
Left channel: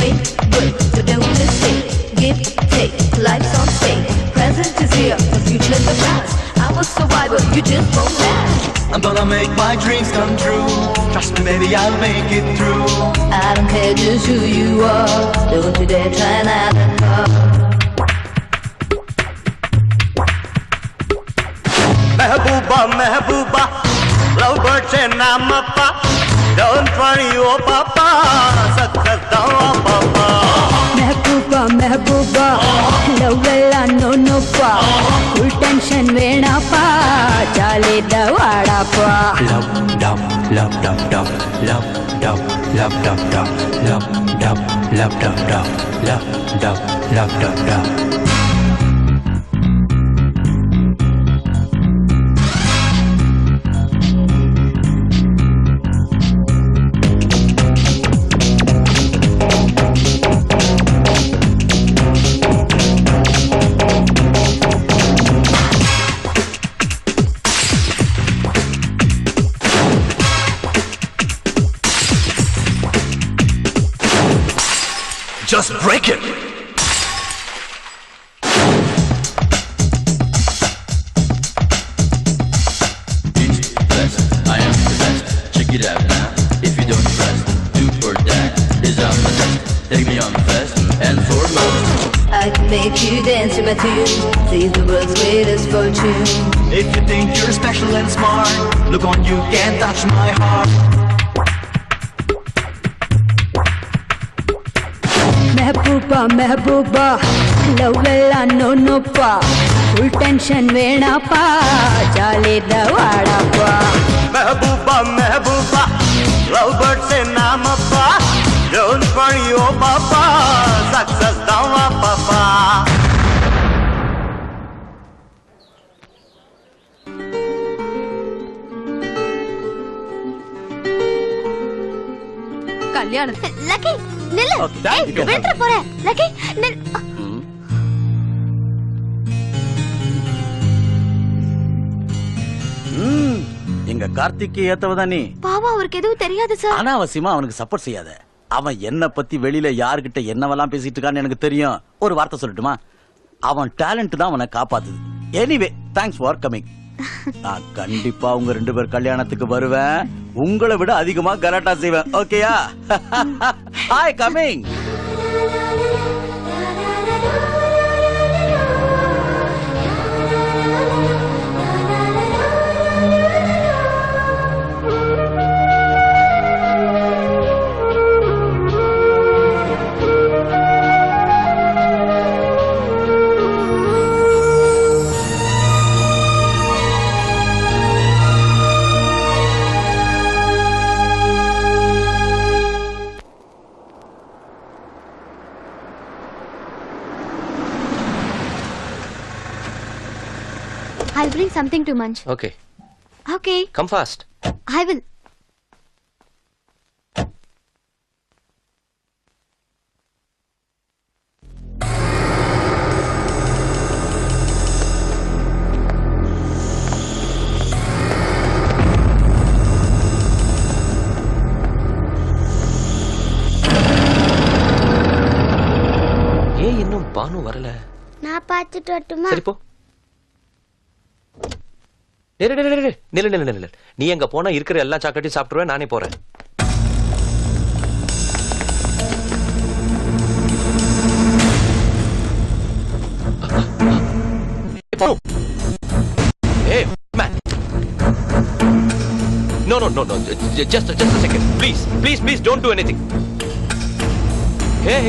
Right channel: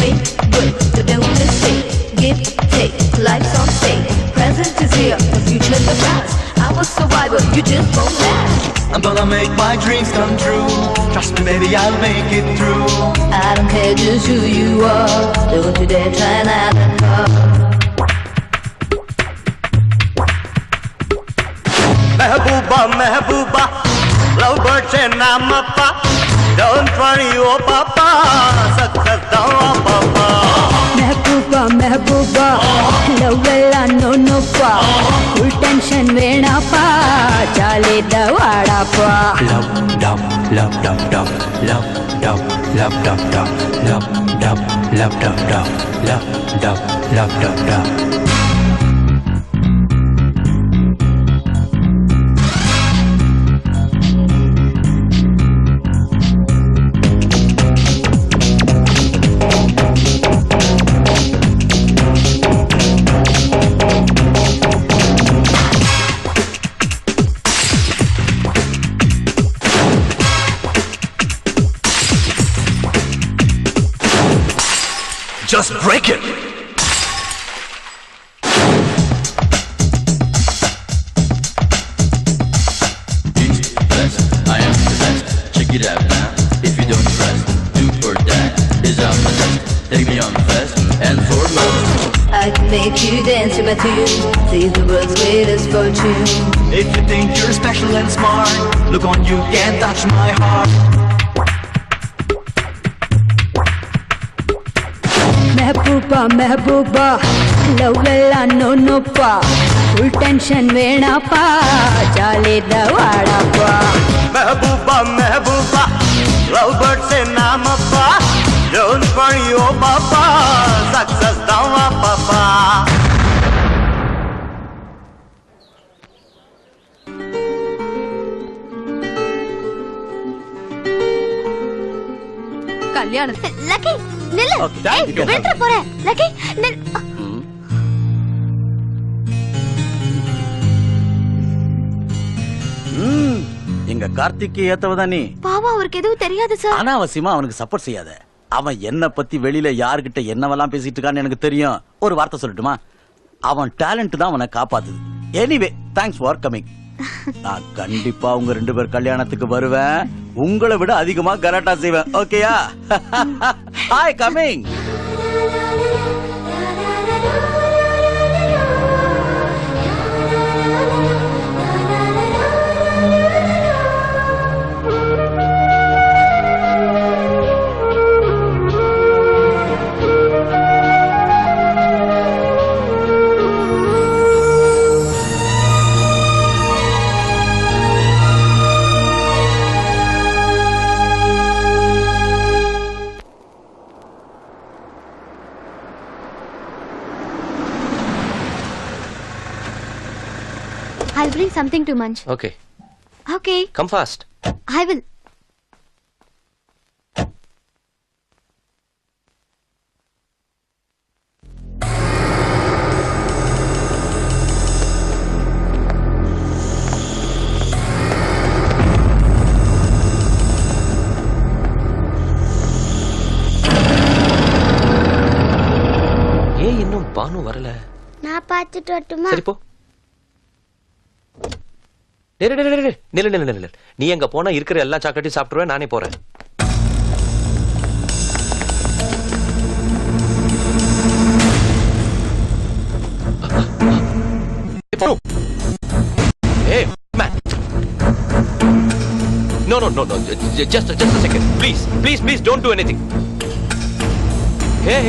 Make good the devil is fake. Give, take, life's on stake. Present is here, the future is past. I'm a survivor, you just don't last. I'm gonna make my dreams come true. Trust me, baby, I'll make it through. I don't care just who you are. Don't you dare try that. Mehbooba, Mehbooba, lovebird se naam appa. Don't worry, oh papa, success down, oh papa. Mehbooba, Mehbooba, love ella no no pa. Full tension vena pa, chalida vada pa. Love, love, love, love, love, love, love, love, love, love, love, love, love, love, love, love, love, love, love. Just break it. I am the best. Check it out now. If you don't trust, do or that is out my test. Take me on fast and foremost. I can make you dance to my tune. Sing the world's greatest fortune. If you think you're special and smart, look on, you can't touch my heart. Mehbooba, Mehbooba, love ella no no pa. Full tension vena pa, chalida vada pa. Mehbooba, Mehbooba, lovebird se naam appa. Don't worry, oh papa, success down, oh papa. கல்யாணம் லக்கி நில்லு. ஏய், விழுந்துற போற லக்கி நில். எங்க கார்த்திக்கு ஏத்தவதா நீ. பாவம் அவருக்கு எதுவும் தெரியாது சார். அனாவசியமா அவனுக்கு சப்போர்ட் செய்யாத. அவன் என்ன பத்தி வெளியில யாருகிட்ட என்னவெல்லாம் பேசிட்டு இருக்கான்னு எனக்கு தெரியும். ஒரு வார்த்தை சொல்லட்டுமா? அவன் டேலண்ட் தான் அவனை காப்பாத்துது. Anyway thanks for coming. நான் கண்டிப்பா உங்க 2 பேர் கல்யாணத்துக்கு வருவேன். உங்களை விட அதிகமா கராட்டா செய்வேன். ஓகேயா? Hi coming. I'll bring something to munch. Okay. Okay. Come fast. I will. ஏன் இன்னும் பானு வரல? நான் பார்த்துட்டு வரட்டுமா? சரி போ. நில்லு. நீ எங்க போனா இருக்கிற எல்லா சாக்லேட்டையும் சாப்பிட்டுருவேன். நானே போறேன். Hey, man. No. Just a second. Please, don't do anything. Hey.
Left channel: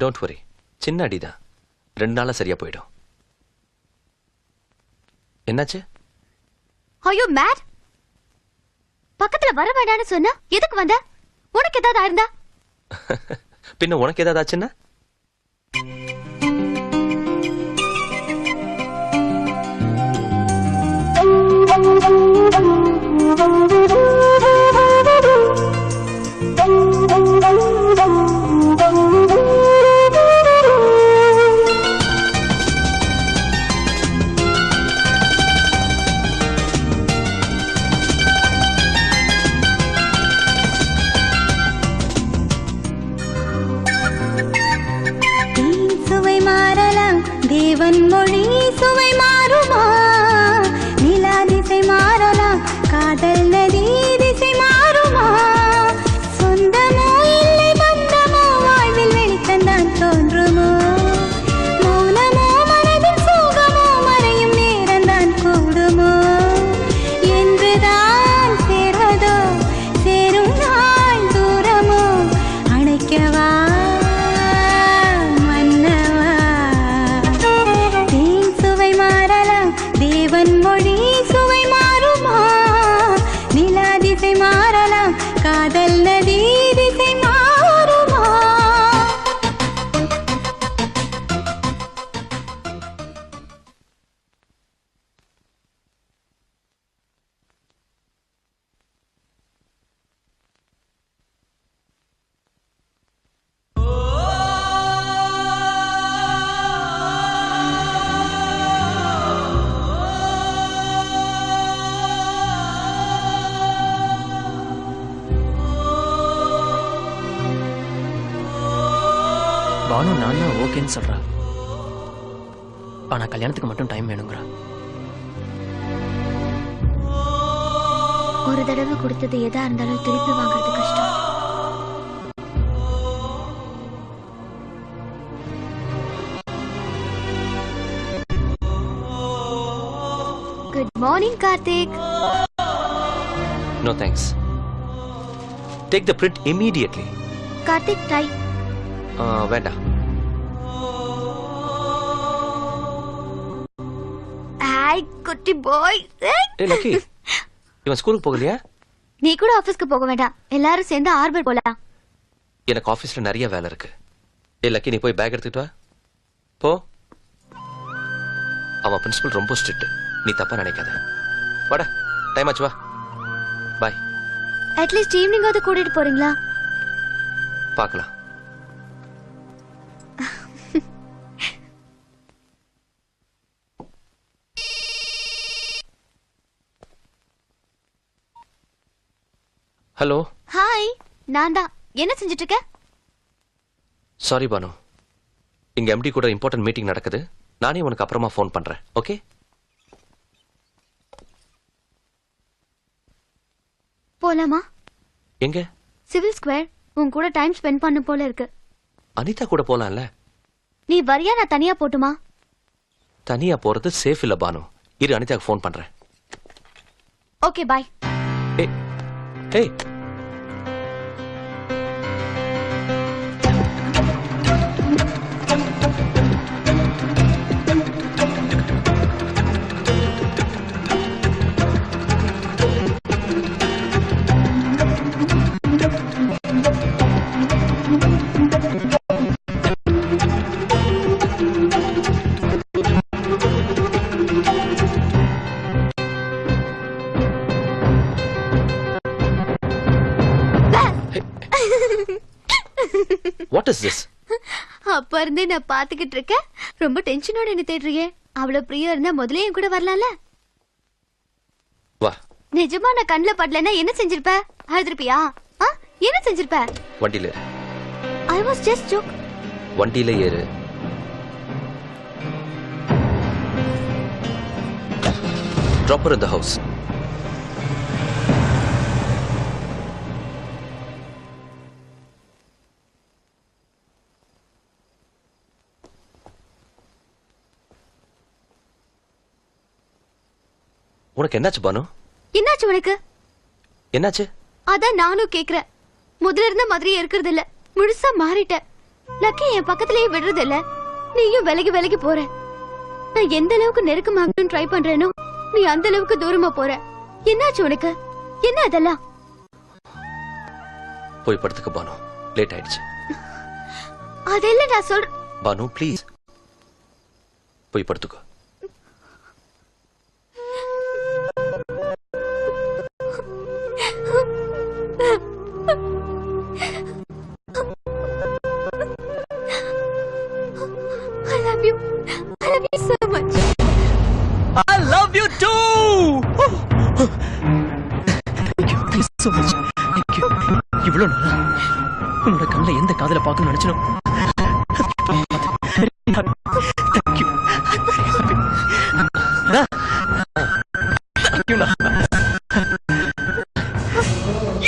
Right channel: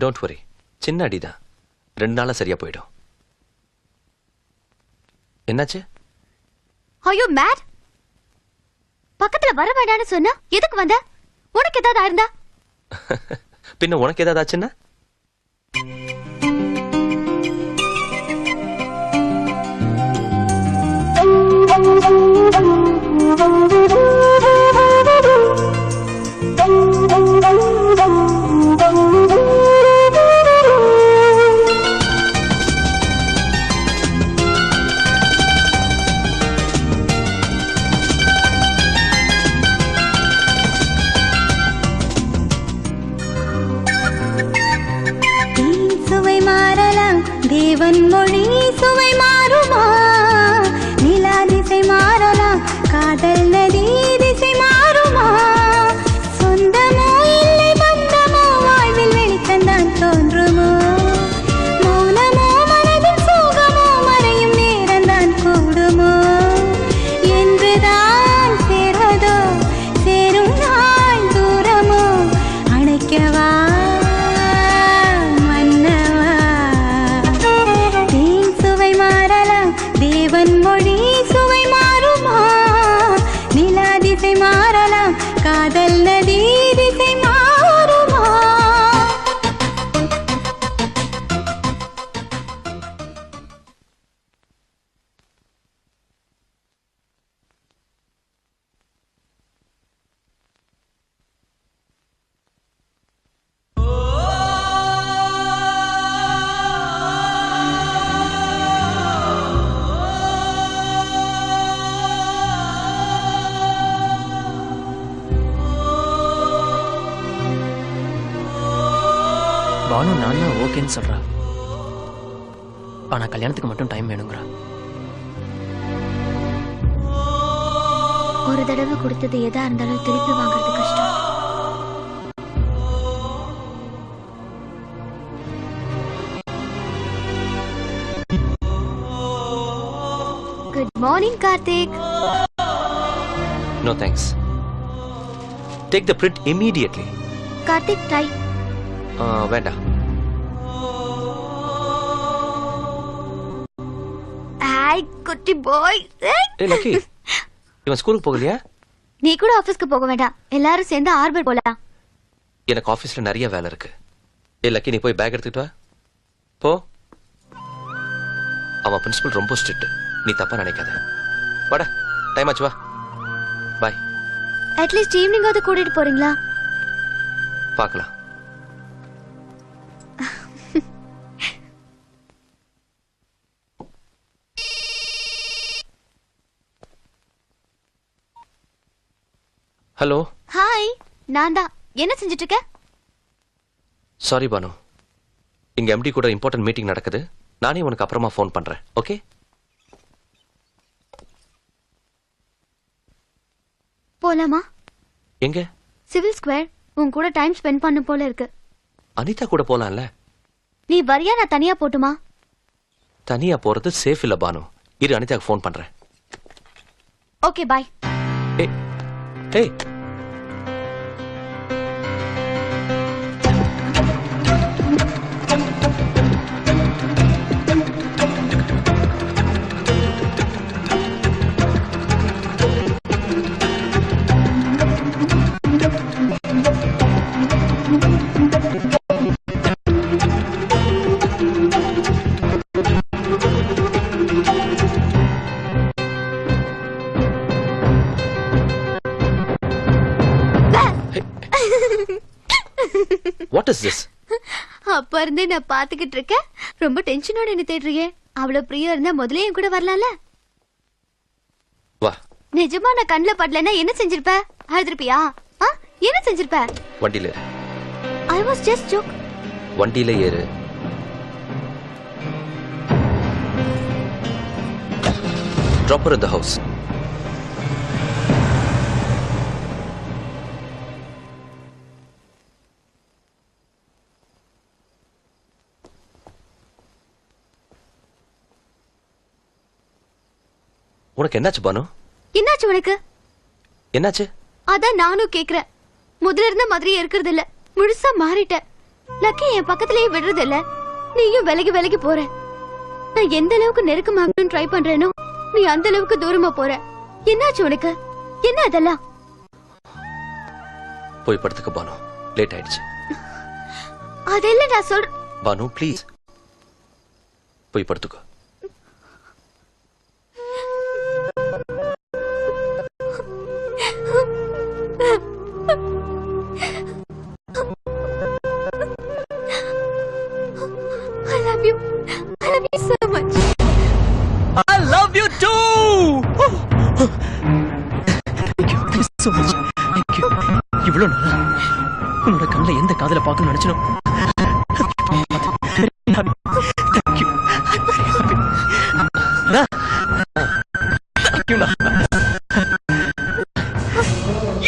Don't worry, சின்ன அடிதான், 2 நாளா சரியா போயிடும். என்னாச்சு? Are you mad? பக்கத்துல வர வேண்டாம்னு சொன்னா எதுக்கு வந்த? உனக்கு ஏதாவது ஆயிருந்தா? பின்ன உனக்கு ஏதாவது ஆச்சுன்னா? தேவன் மொழி சுவை மாறுமா? நிலா திசை மாறலாம், காதல் நதி திசை மாறுமா? சொந்தமோ இல்லை பந்தமோ வாழ்வில் வெளிச்சந்தான் தோன்றுமோ? மௌனமோ மனதில் சோகமோ மறையும் நேரம்தான் கூடுமோ? என்றுதான் சேர்வதோ சேரும் நாள் தூரமோ? அணைக்கவா தேவன் மொழி சுவை மாறுமா? நிலா திசை மாறலாம், காதல் நதி திசை மாறுமா? பானு நான் தான் ஓகேன்னு சொல்றா. ஆனா கல்யாணத்துக்கு மட்டும் டைம் வேணுங்கிறா. ஒரு தடவை கொடுத்தது எதா இருந்தாலும் திருப்பி வாங்குறது கஷ்டம். Good morning Karthik. No thanks. Take the print immediately. Karthik டை. வேண்டாம். ஹாய் குட்டி பாய். ஏய் லக்கி, இவன் ஸ்கூலுக்கு போகலையா? நீ கூட ஆபீஸ்க்கு போக வேண்டாம், எல்லாரும் சேர்ந்து ஆர்பர் போலாம். எனக்கு ஆபீஸ்ல நிறைய வேலை இருக்கு. ஏய் லக்கி, நீ போய் பேக் எடுத்துட்டு வா. போ. அவன் பிரின்சிபல் ரொம்ப ஸ்ட்ரிக்ட், நீ தப்பா நினைக்காத. வாடா, டைம் ஆச்சு, வா. பாய். அட்லீஸ்ட் ஈவினிங் வந்து கூட்டிட்டு போறீங்களா? பார்க்கலாம். ஹலோ. ஹாய், நான் தான். என்ன செஞ்சிட்டு இருக்க? சாரி பானு, இங்க எம்டி கூட இம்பார்ட்டன்ட் மீட்டிங் நடக்குது. நானே உனக்கு அப்புறமா ஃபோன் பண்றேன். ஓகே? போலாமா? எங்க? Civil square. உன் கூட டைம் ஸ்பெண்ட் பண்ண போல இருக்கு. அனிதா கூட போலாம்ல. நீ வரியா? நான் தனியா போட்டுமா? தனியா போறது சேஃப் இல்ல பானு. இரு, அனிதாக்கு ஃபோன் பண்றேன். Okay bye. ஏய் ஏய், what is this? அப்ப இருந்தே நான் பாத்துக்கிட்டு இருக்கேன். ரொம்ப டென்ஷனோட என்ன தேடுறியே? அவ்வளவு பிரியா இருந்தா முதல்லயே கூட வரலாம்ல. வா. நிஜமா நான் கண்ணுல படலன்னா என்ன செஞ்சிருப்ப? அழுதுருப்பியா? என்ன செஞ்சிருப்ப? வண்டியில ஏறு. I was just joke. வண்டியில ஏறு. Drop her in the house. உனக்கு என்னாச்சு பானு? என்னாச்சு உனக்கு? என்னாச்சு? அதான் நானும் கேக்குறேன். முதல்ல இருந்த மாதிரியே இருக்கிறது இல்ல, முழுசா மாறிட்ட. லக்கி என் பக்கத்துலயே விடுறது இல்ல. நீயும் விலகி விலகி போற. நான் எந்த அளவுக்கு நெருக்கமாகணும்னு ட்ரை பண்றேனோ நீ அந்த அளவுக்கு தூரமா போற. என்னாச்சு உனக்கு? என்ன அதெல்லாம்? போய் படுத்துக்க பானு, லேட் ஆயிடுச்சு. அதெல்லாம் நான் சொல்ற. பானு ப்ளீஸ் போய் படுத்துக்கோ. I love you. I love you so much. I love you too. Thank you so much. Thank you. இவ்வளவு நாளா உன்னோட கண்ணுல எந்த காதல பார்க்கணும்னு நினைச்சனோ. Thank you. Thank you.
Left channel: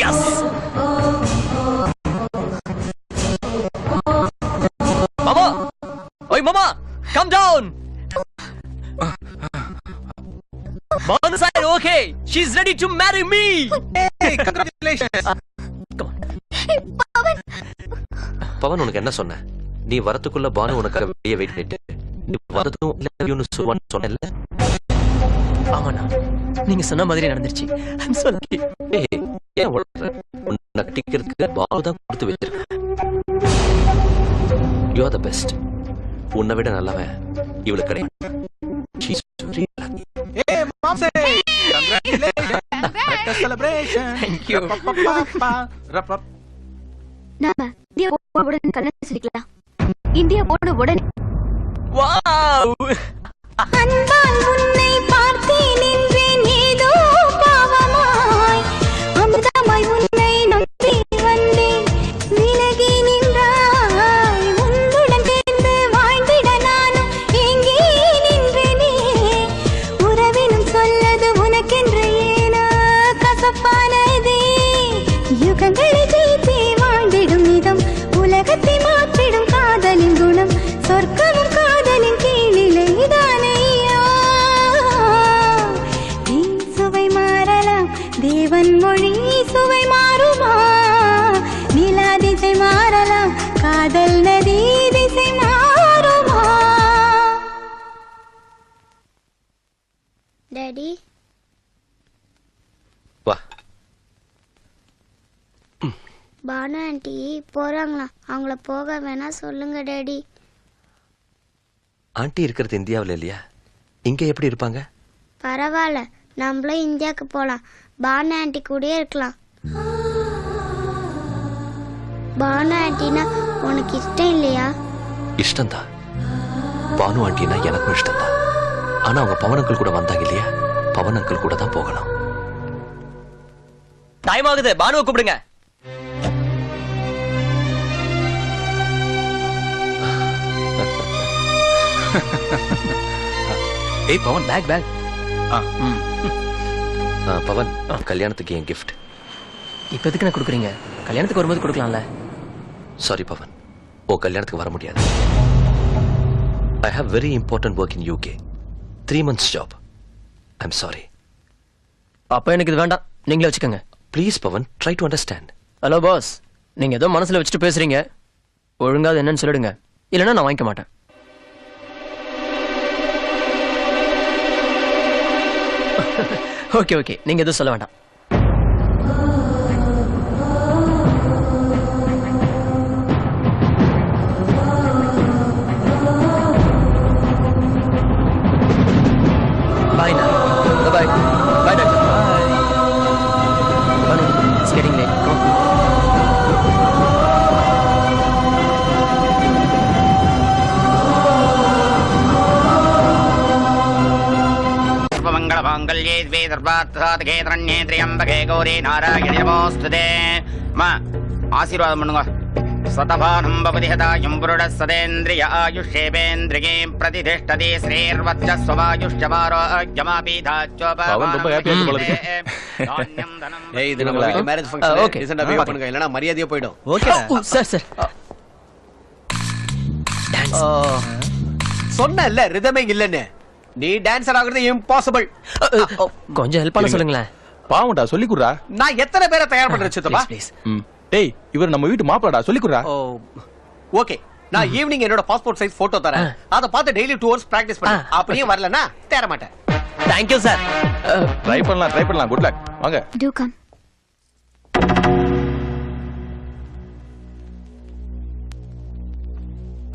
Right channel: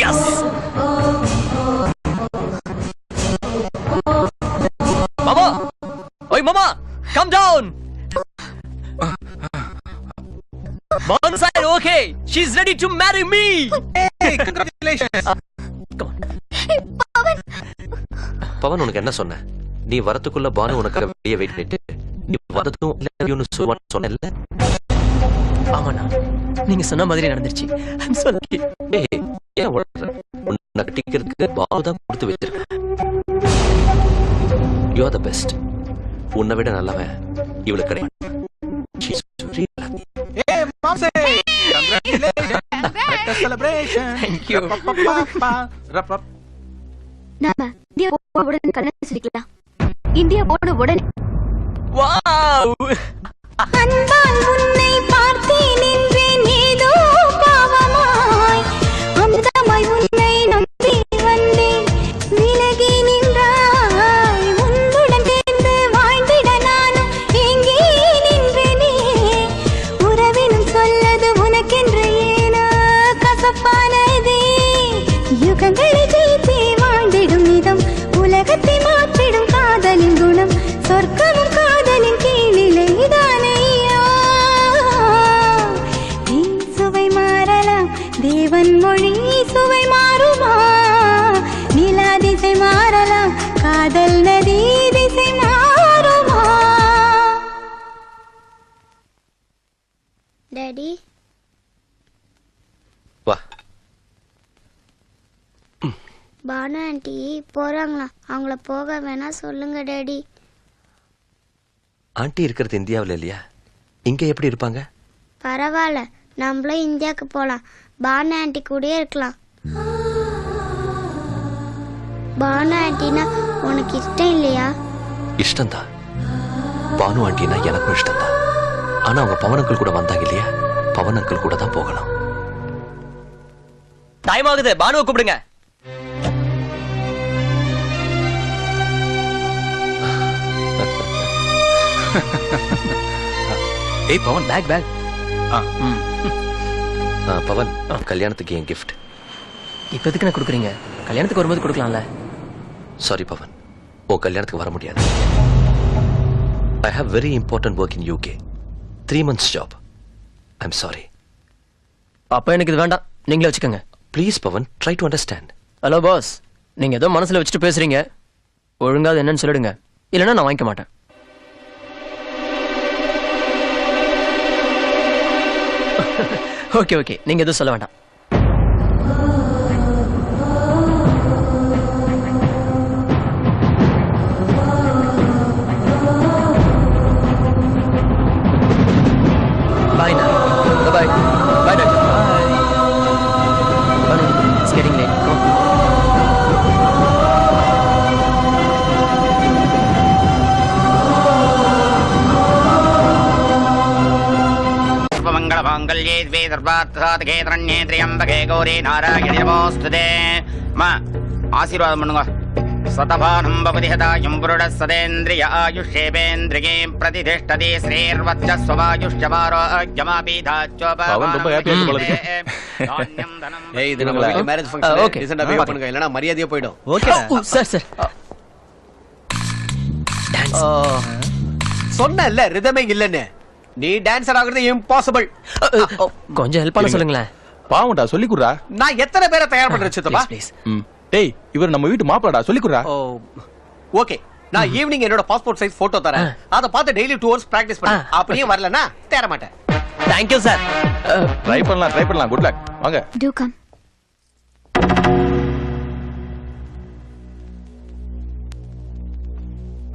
Yes. Mama. Oi mama, come down. Mom's side okay. She's ready to marry me. Hey, congratulations. Pawan உனக்கு என்ன சொன்ன? நீ வரதுக்குள்ள பானு உனக்காக வெளியே வெயிட் பண்ணிட்டு நீ வரதும் சொன்னல. ஆமாண்ணா, நீங்க சொன்ன மாதிரி நடந்துருச்சு. I'm so lucky. ஏன் உன்னை கட்டிக்கிறதுக்கு பானு தான் கொடுத்து வச்சிருக்க. You are the best. உன்னை விட நல்லவன் இவளுக்கு கிடையாது. She's really lucky. Hey, Momsy! Congratulations! Let us celebration! Thank you. நாம இந்தியா உடனே கல்யாணம் செஞ்சுக்கலாம். இந்தியா போன உடனே. Wow! அன்பால் உன்னை பார்த்தேன் நின்றேன் ஏதோ பாவமாய். அந்தமாய் உன்னை நம்பி வந்தேன் விலகி நின்றாய். உன்னுடன் சேர்ந்து வாழ்ந்திட நானும் எங்கே நின்றேனே. உறவினும் சொல்லது உனக்கென்று ஏனோ கசப்பானதே. யுகங்களை ஜெயித்தே வாழ்ந்திடும் விதம் உலகத்தை மாற்றிடும் காதலின் குணம். சொர்க்கமும் காதலின் கீழிலே இதானையா. சுவை மாறலாம், தேவன் மொழி சுவை மாறுமா? நிலா திசை மாறலாம், காதல் நதி திசை மாறுமா? டாடி வா. பானு ஆண்டி போறாங்களா? அவங்கள போக வேணா சொல்லுங்க டாடி. ஆண்டி இருக்கிறது இந்தியாவில் இல்லையா? இங்க எப்படி இருப்பாங்க? பரவாயில்ல, நம்மளும் இந்தியாவுக்கு போலாம். பானு ஆண்டி கூடயே இருக்கலாம். பானு ஆண்டினா உனக்கு இஷ்டம் இல்லையா? இஷ்டம்தான். பானு ஆண்டினா எனக்கும் இஷ்டம்தான். ஆனா அவங்க பவனங்கள் கூட வந்தாங்க இல்லையா? பவனங்கள் கூட தான் போகலாம். டைம் ஆகுது, பானுவை கூப்பிடுங்க. ஏய் பவன், பேக் பேக். பவன், கல்யாணத்துக்கு என் கிஃப்ட். இப்ப எதுக்கு நான் கொடுக்குறீங்க? கல்யாணத்துக்கு வரும்போது கொடுக்கலாம்ல. சாரி பவன், உன் கல்யாணத்துக்கு வர முடியாது. I have very important work in UK. 3 months job. I'm sorry. அப்ப எனக்கு இது வேண்டாம், நீங்களே வச்சுக்கோங்க. Please Pavan, try to understand. Hello boss, நீங்க ஏதோ மனசுல வச்சுட்டு பேசுறீங்க. ஒழுங்கா அது என்னன்னு சொல்லிடுங்க, இல்லைன்னா நான் வாங்கிக்க மாட்டேன். ஓகே ஓகே, நீங்க எதுவும் சொல்ல வேண்டாம். Bye now. Bye bye. Bye doctor. Bye. It's getting late. Come. सर्वमङ्गलमाङ्गल्ये द्वे सर्वार्थसाधके शरण्ये त्र्यम्बके गौरी नारायणि नमोऽस्तुते. மா ஆசீர்வாதம் பண்ணுங்க. சதபானம் பவதி ஹதாயம் புருடः சதேந்திரிய ஆயுஷ்யேவேந்திரியே பிரதிதிஷ்டதே ஸ்ரீர்வத்சஸ்வமாயுஷ்யமாரோக்யமாபீதாச்சோப. அவன் ரொம்ப ஹாப்பியா இருக்கு போல இருக்கு. ஏய், இது நம்ம வீட்ல மேரேஜ் ஃபங்க்ஷன். ஓகே, ரீசன்ட்டா பிஹேவ் பண்ணுங்க, இல்லனா மரியாதையே போய்டும். Okay sir sir. டான்ஸ் சொன்னேன்ல ரிதமே இல்லன்னு. நீ டான்சர் ஆகுறது இம்பாசிபிள். கொஞ்சம் ஹெல்ப் பண்ண சொல்லுங்களேன். பாவுண்டா, சொல்லி குடுறா. நான் எத்தனை பேரை தயார் பண்றேன் சித்தப்பா? ப்ளீஸ். டேய், இவர் நம்ம வீட்டு மாப்பிளடா, சொல்லி குடுறா. ஓகே, நான் ஈவினிங் என்னோட பாஸ்போர்ட் சைஸ் போட்டோ தரேன். அத பார்த்து டெய்லி 2 hours பிராக்டிஸ் பண்ணு. அப்படியே வரலனா தேற மாட்டேன். Thank you sir. ட்ரை பண்ணலாம். Good luck. வாங்க. Do come.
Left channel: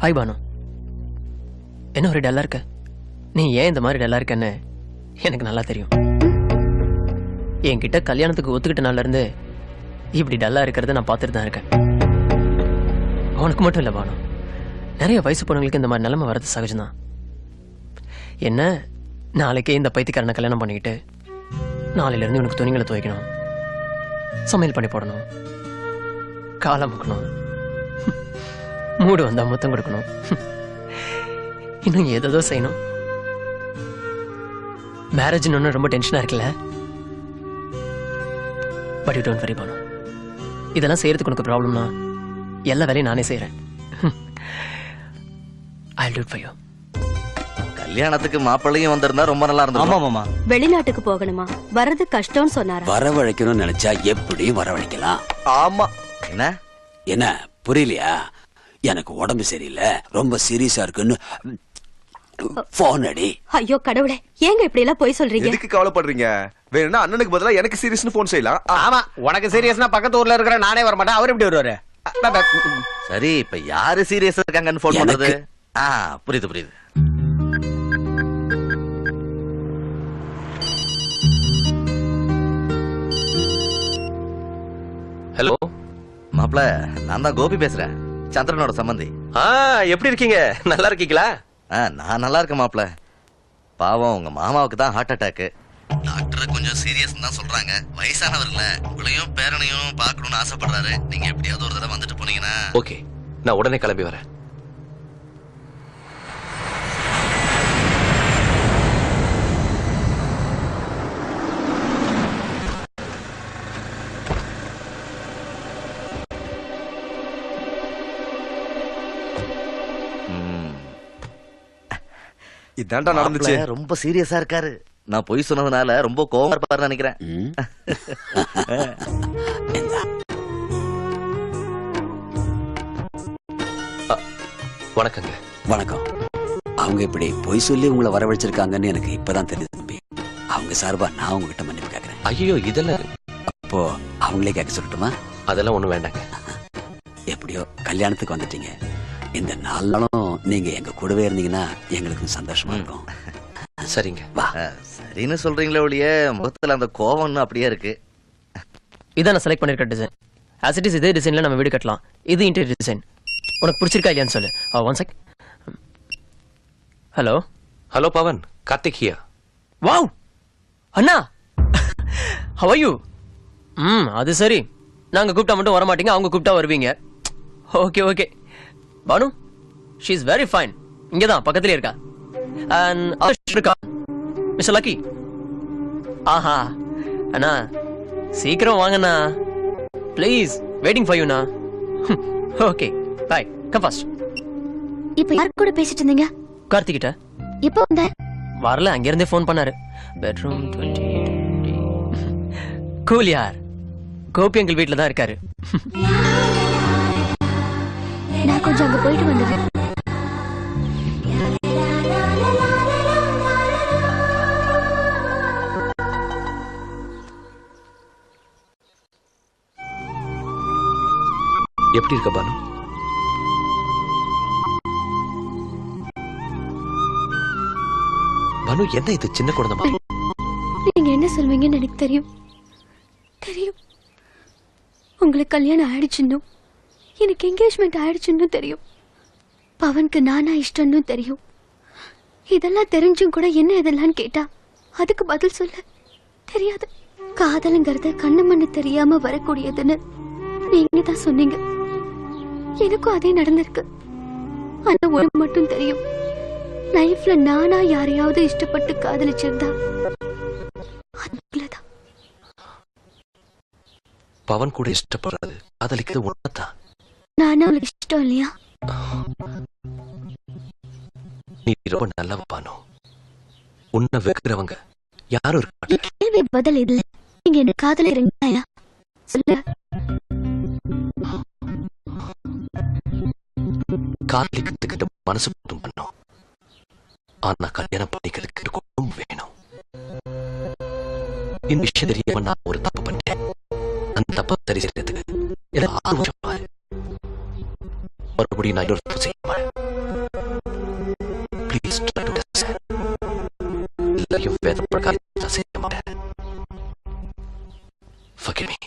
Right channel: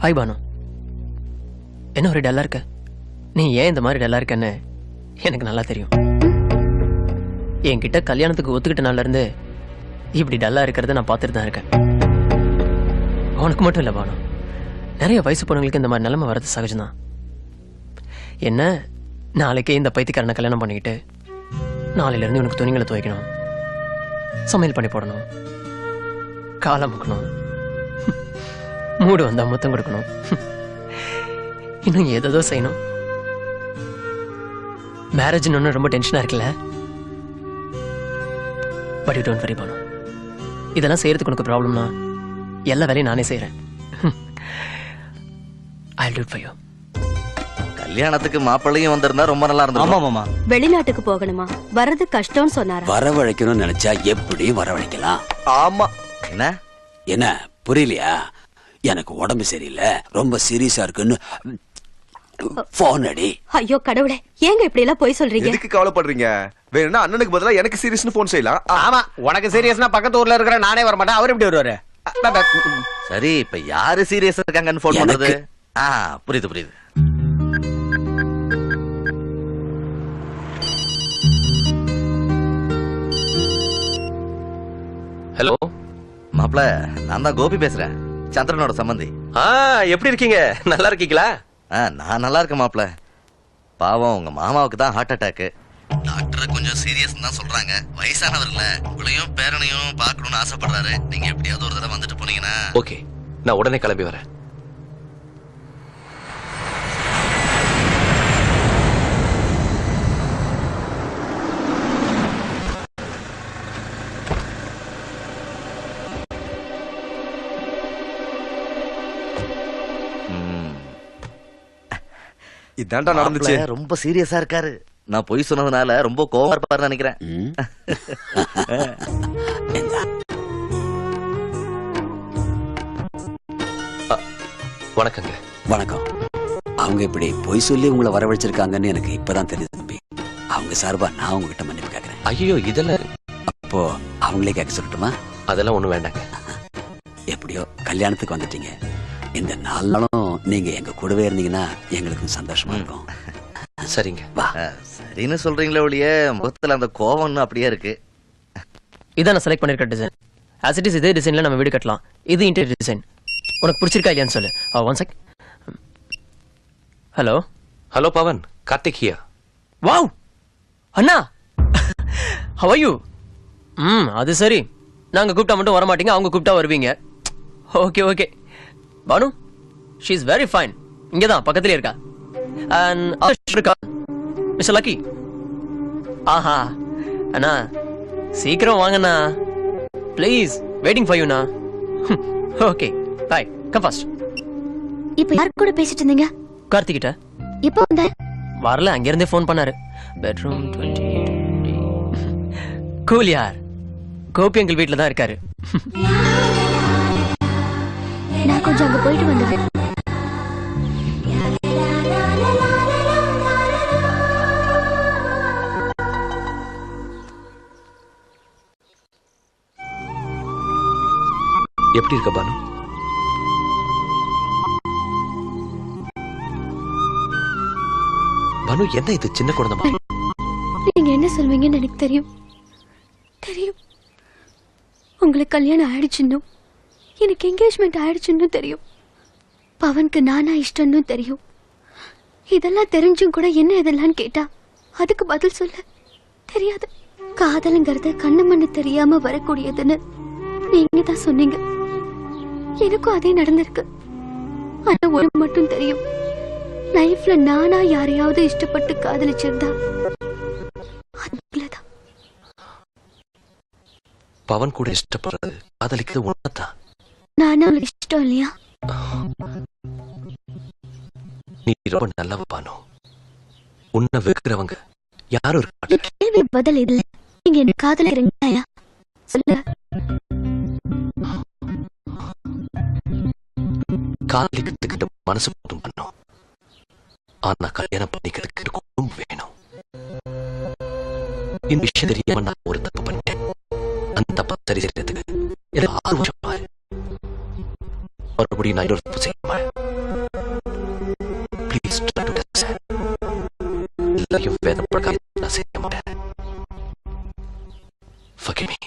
ஹாய் பானு. என்ன ஒரு டல்லா இருக்க? நீ ஏன் இந்த மாதிரி டல்லா இருக்கன்னு எனக்கு நல்லா தெரியும். என்கிட்ட கல்யாணத்துக்கு ஒத்துக்கிட்ட நாள்ல இருந்து இப்படி டல்லா இருக்கிறத நான் பார்த்துட்டு தான் இருக்கேன். அவனுக்கு மட்டும் இல்ல பானு, நிறைய வயசு பொண்ணுங்களுக்கு இந்த மாதிரி நிலைமை வர்றது சகஜம்தான். என்ன, நாளைக்கே இந்த பைத்தியக்காரனை கல்யாணம் பண்ணிக்கிட்டு நாளையில இருந்து உனக்கு துணிகளை துவைக்கணும், சமையல் பண்ணி போடணும், காலை முக்கணும், மூடு வந்தா முத்தம் கொடுக்கணும், இன்னும் ஏதோ செய்யணும். மேரேஜ் ஒண்ணு ரொம்ப டென்ஷனா இருக்குல்ல? But you don't worry Banu, இதெல்லாம் செய்யறதுக்கு உனக்கு ப்ராப்ளம்னா எல்லா வேலையும் நானே செய்யறேன். I'll do it for you. கல்யாணத்துக்கு மாப்பிள்ளையும் வந்திருந்தா ரொம்ப நல்லா இருந்திருக்கும். வெளிநாட்டுக்கு போகணுமா? வர்றது கஷ்டம்னு சொன்னாரு. வரவழைக்கணும்னு நினைச்சா எப்படியும் வரவழைக்கலாம். ஆமா. என்ன புரியலையா? எனக்கு உடம்பு சரியில்லை, ரொம்ப சீரியஸா இருக்குன்னு போன் அடி. ஐயோ கடவுளே, ஏங்க இப்படி எல்லாம் போய் சொல்றீங்க? எதுக்கு கவலைப்படுறீங்க? வேணும்னா அண்ணனுக்கு பதிலா எனக்கு சீரியஸ்னு போன் செய்யலாம். ஆமா, உனக்கு சீரியஸ்னா பக்கத்து ஊர்ல இருக்கிற நானே வர மாட்டேன். அவர் எப்படி வருவாரு? சரி, இப்ப யாரு சீரியஸா இருக்காங்கன்னு போன் பண்றது? புரியுது. ஹலோ மாப்ள, நான் தான் கோபி பேசுறேன், சந்திரனோட சம்பந்தி. எப்படி இருக்கீங்க? நல்லா இருக்கீங்களா? நான் நல்லா இருக்கேன் மாப்ள. பாவம் உங்க மாமாவுக்கு தான் ஹார்ட் அட்டாக். டாக்டர் கொஞ்சம் சீரியஸ் தான் சொல்றாங்க. வயசானவர்ல உங்களையும் பேரனையும் பார்க்கணும்னு ஆசைப்படுறாரு. நீங்க எப்படியாவது ஒரு தடவை வந்துட்டு போனீங்கன்னா. ஓகே, நான் உடனே கிளம்பி வரேன். இதான்டா நடந்துச்சு. ரொம்ப சீரியஸா இருக்காரு. நான் பொய் சொன்னதுனால ரொம்ப கோவமா இருப்பாருன்னு நினைக்கிறேன். வணக்கங்க. வணக்கம். அவங்க இப்படி பொய் சொல்லி உங்களை வரவழைச்சிருக்காங்கன்னு எனக்கு இப்பதான் தெரியுது தம்பி. அவங்க சார்பா நான் உங்ககிட்ட மன்னிப்பு கேட்கிறேன். ஐயோ, இதெல்லாம் அப்போ அவங்களே கேட்க சொல்லட்டுமா? அதெல்லாம் ஒண்ணும் வேண்டாங்க. எப்படியோ கல்யாணத்துக்கு வந்துட்டீங்க. இந்த 4 நாளும் நீங்க எங்க கூடவே இருந்தீங்கன்னா எங்களுக்கு சந்தோஷமா இருக்கும். சரிங்க. வா. சரின்னு சொல்றீங்களே ஒழிய முகத்துல அந்த கோவம் அப்படியே இருக்கு. இதான் நான் செலக்ட் பண்ணிருக்க டிசைன். as it is இதே டிசைன்ல நம்ம வீடு கட்டலாம். இது இன்டீரியர் டிசைன். உனக்கு பிடிச்சிருக்கா இல்லையான்னு சொல்லு. One sec. Hello Pavan, Karthik here. Wow அண்ணா, how are you? அது சரி, நாங்க கூப்பிட்டா மட்டும் வர மாட்டீங்க, அவங்க கூப்பிட்டா வருவீங்க. Okay Banu, she is very fine. இங்கதான் பக்கத்துலயே இருக்கா. and mister Lucky. ஆஹா அண்ணா, சீக்கிரம் வாங்கண்ணா ப்ளீஸ், வெயிட்டிங் ஃபார் யூ ண்ணா. Okay bye, come fast. இப்ப யார் கூட பேசிட்டு இருந்தீங்க? கார்த்திக் கிட்ட. இப்போ வந்த வரல, அங்க இருந்தே ஃபோன் பண்ணாரு. பெட்ரூம் 20. கூல் யார், கோபி அங்கிள் வீட்ல தான் இருக்காரு. நான் கொஞ்சம் அங்க போயிட்டு வந்துடுறேன். எப்படி இருக்க பானு? பானு, என்ன இது சின்ன குழந்தை மாதிரி? நீங்க என்ன சொல்வீங்கன்னு எனக்கு தெரியும். உங்களுக்கு கல்யாணம் ஆயிடுச்சுன்னு, எனக்கு என்கேஜ்மெண்ட் ஆயிடுச்சுன்னு தெரியும். பவனுக்கு நானா இஷ்டம்னு தெரியும். இதெல்லாம் தெரிஞ்சும் கூட என்ன இதெல்லாம் கேட்டா அதுக்கு பதில் சொல்ல தெரியாது. காதலுங்கிறது கண்ணு மண்ணு தெரியாம வரக்கூடியதுன்னு நீங்க தான் சொன்னீங்க. எனக்கும் அதே நடந்திருக்கு. ஆனா ஒரு மட்டும் தெரியும், லைஃப்ல நானா யாரையாவது இஷ்டப்பட்டு காதலிச்சிருந்தா அதுலதான். பவன் கூட இஷ்டப்படுறது காதலிக்கிறது உண்மைதான். நானா அவளுக்கு இஷ்டம் இல்லையா? நீ ரொம்ப நல்லவ பானு. உன்னை வெறுக்கிறவங்க யாரும் இருக்க மாட்டாங்க. கேள்வி பதில் இல்ல. நீங்க என்ன காதலிக்கிறீங்களா? சொல்லுங்க. காதலி கத்துக்கிட்டு மனசு போதும் பண்ணும். ஆனா கல்யாணம் பண்ணிக்கிறதுக்கு குடும்பம் வேணும். இந்த விஷயம் தெரியாம நான் ஒரு தப்பு பண்ணிட்டேன். அந்த தப்பை சரி செய்யறதுக்கு எனக்கு 6 வருஷம் ஆறு. மறுபடியும் நான் இன்னொரு தப்பு செய்ய மாட்டேன். Please try to understand. எல்லாரையும் வேத பிரகாரம் நான் செய்ய மாட்டேன். Forgive me.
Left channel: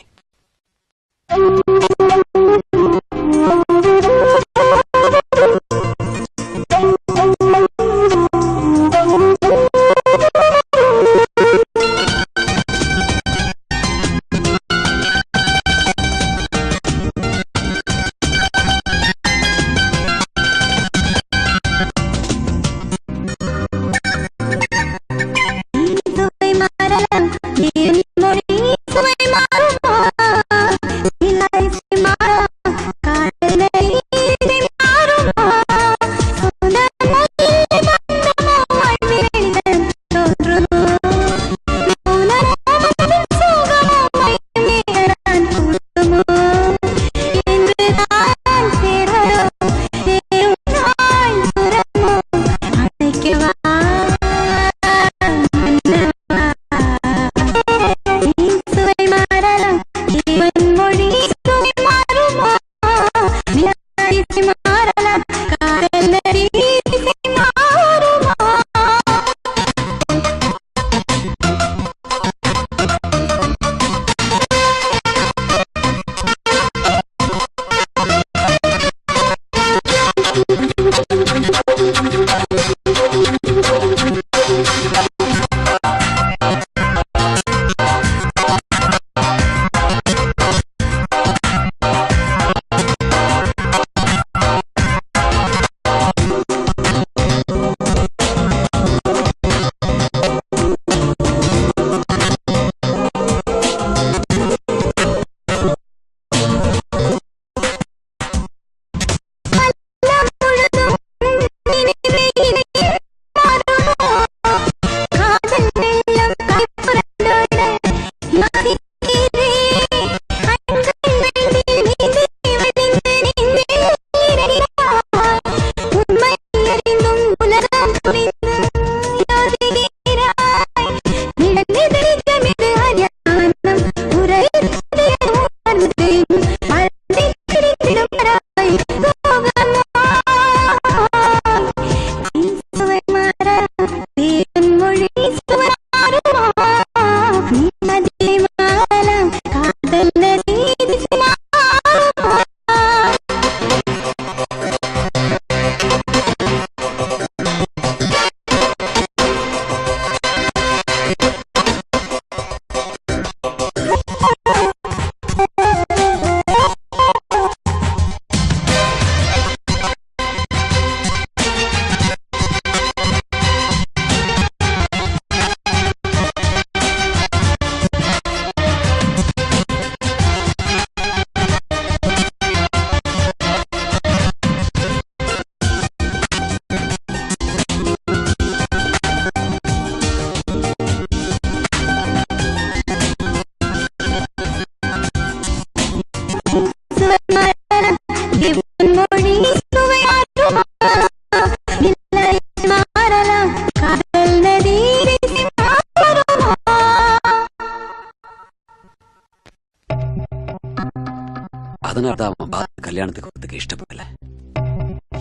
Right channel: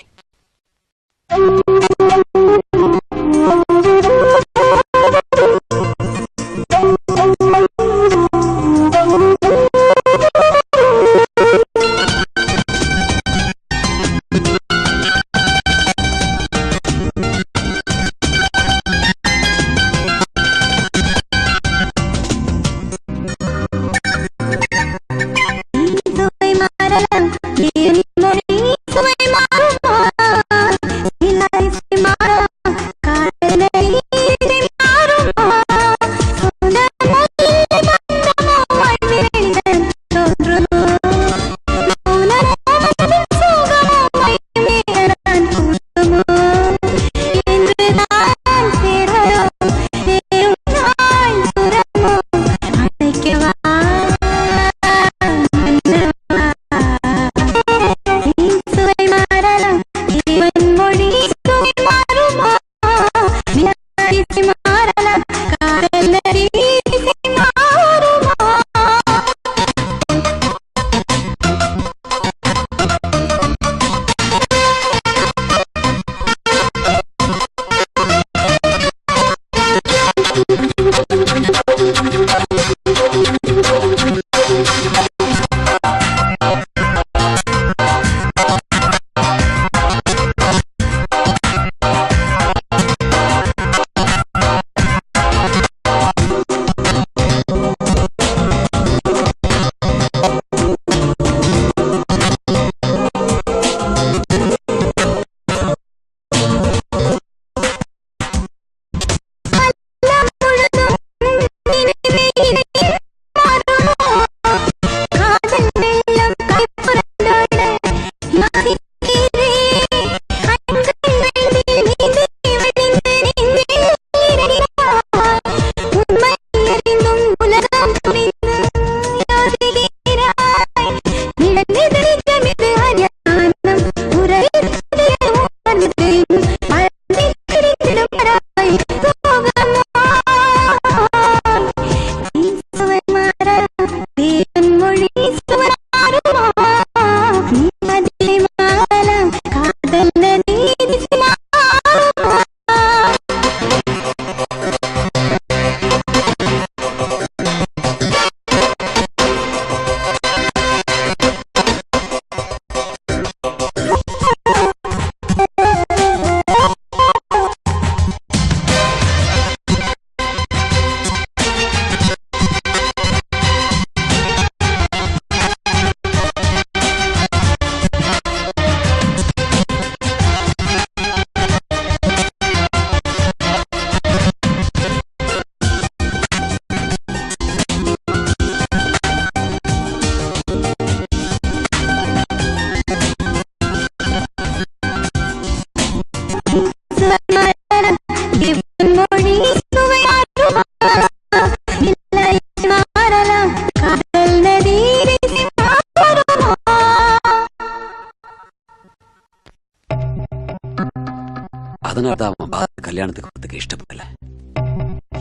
அதனாலதான் அவன் பாரதி கல்யாணத்துக்கு வரதுக்கு இஷ்டப்படல.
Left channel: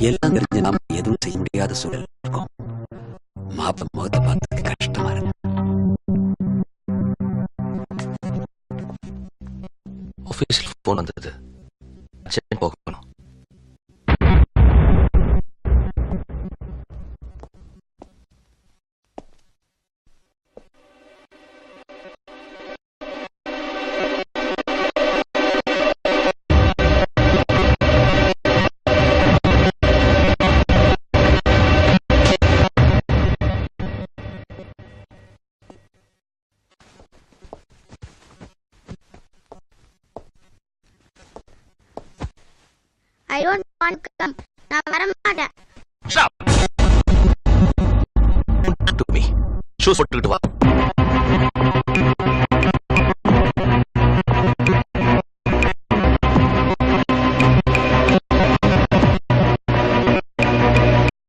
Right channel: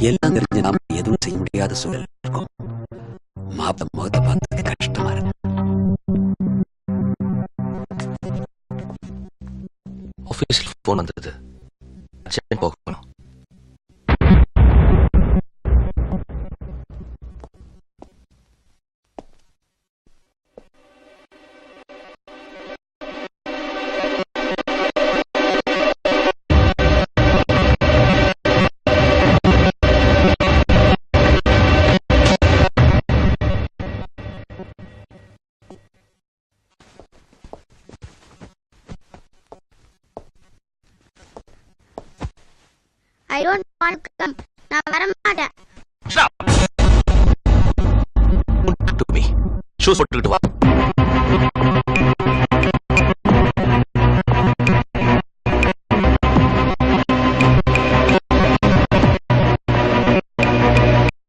எல்லாம் தெரிஞ்சு நாம எதுவும் செய்ய முடியாத சூழல் இருக்கும். மாப்பிள்ளை முகத்தை பார்த்ததுக்கு கஷ்டமா இருக்கு. ஆபீஸ்ல போன் வந்தது. சரி போகணும். I don't want to come. நான் வர மாட்டேன். Stop. To me. Shoes போட்டுக்கிட்டு வா.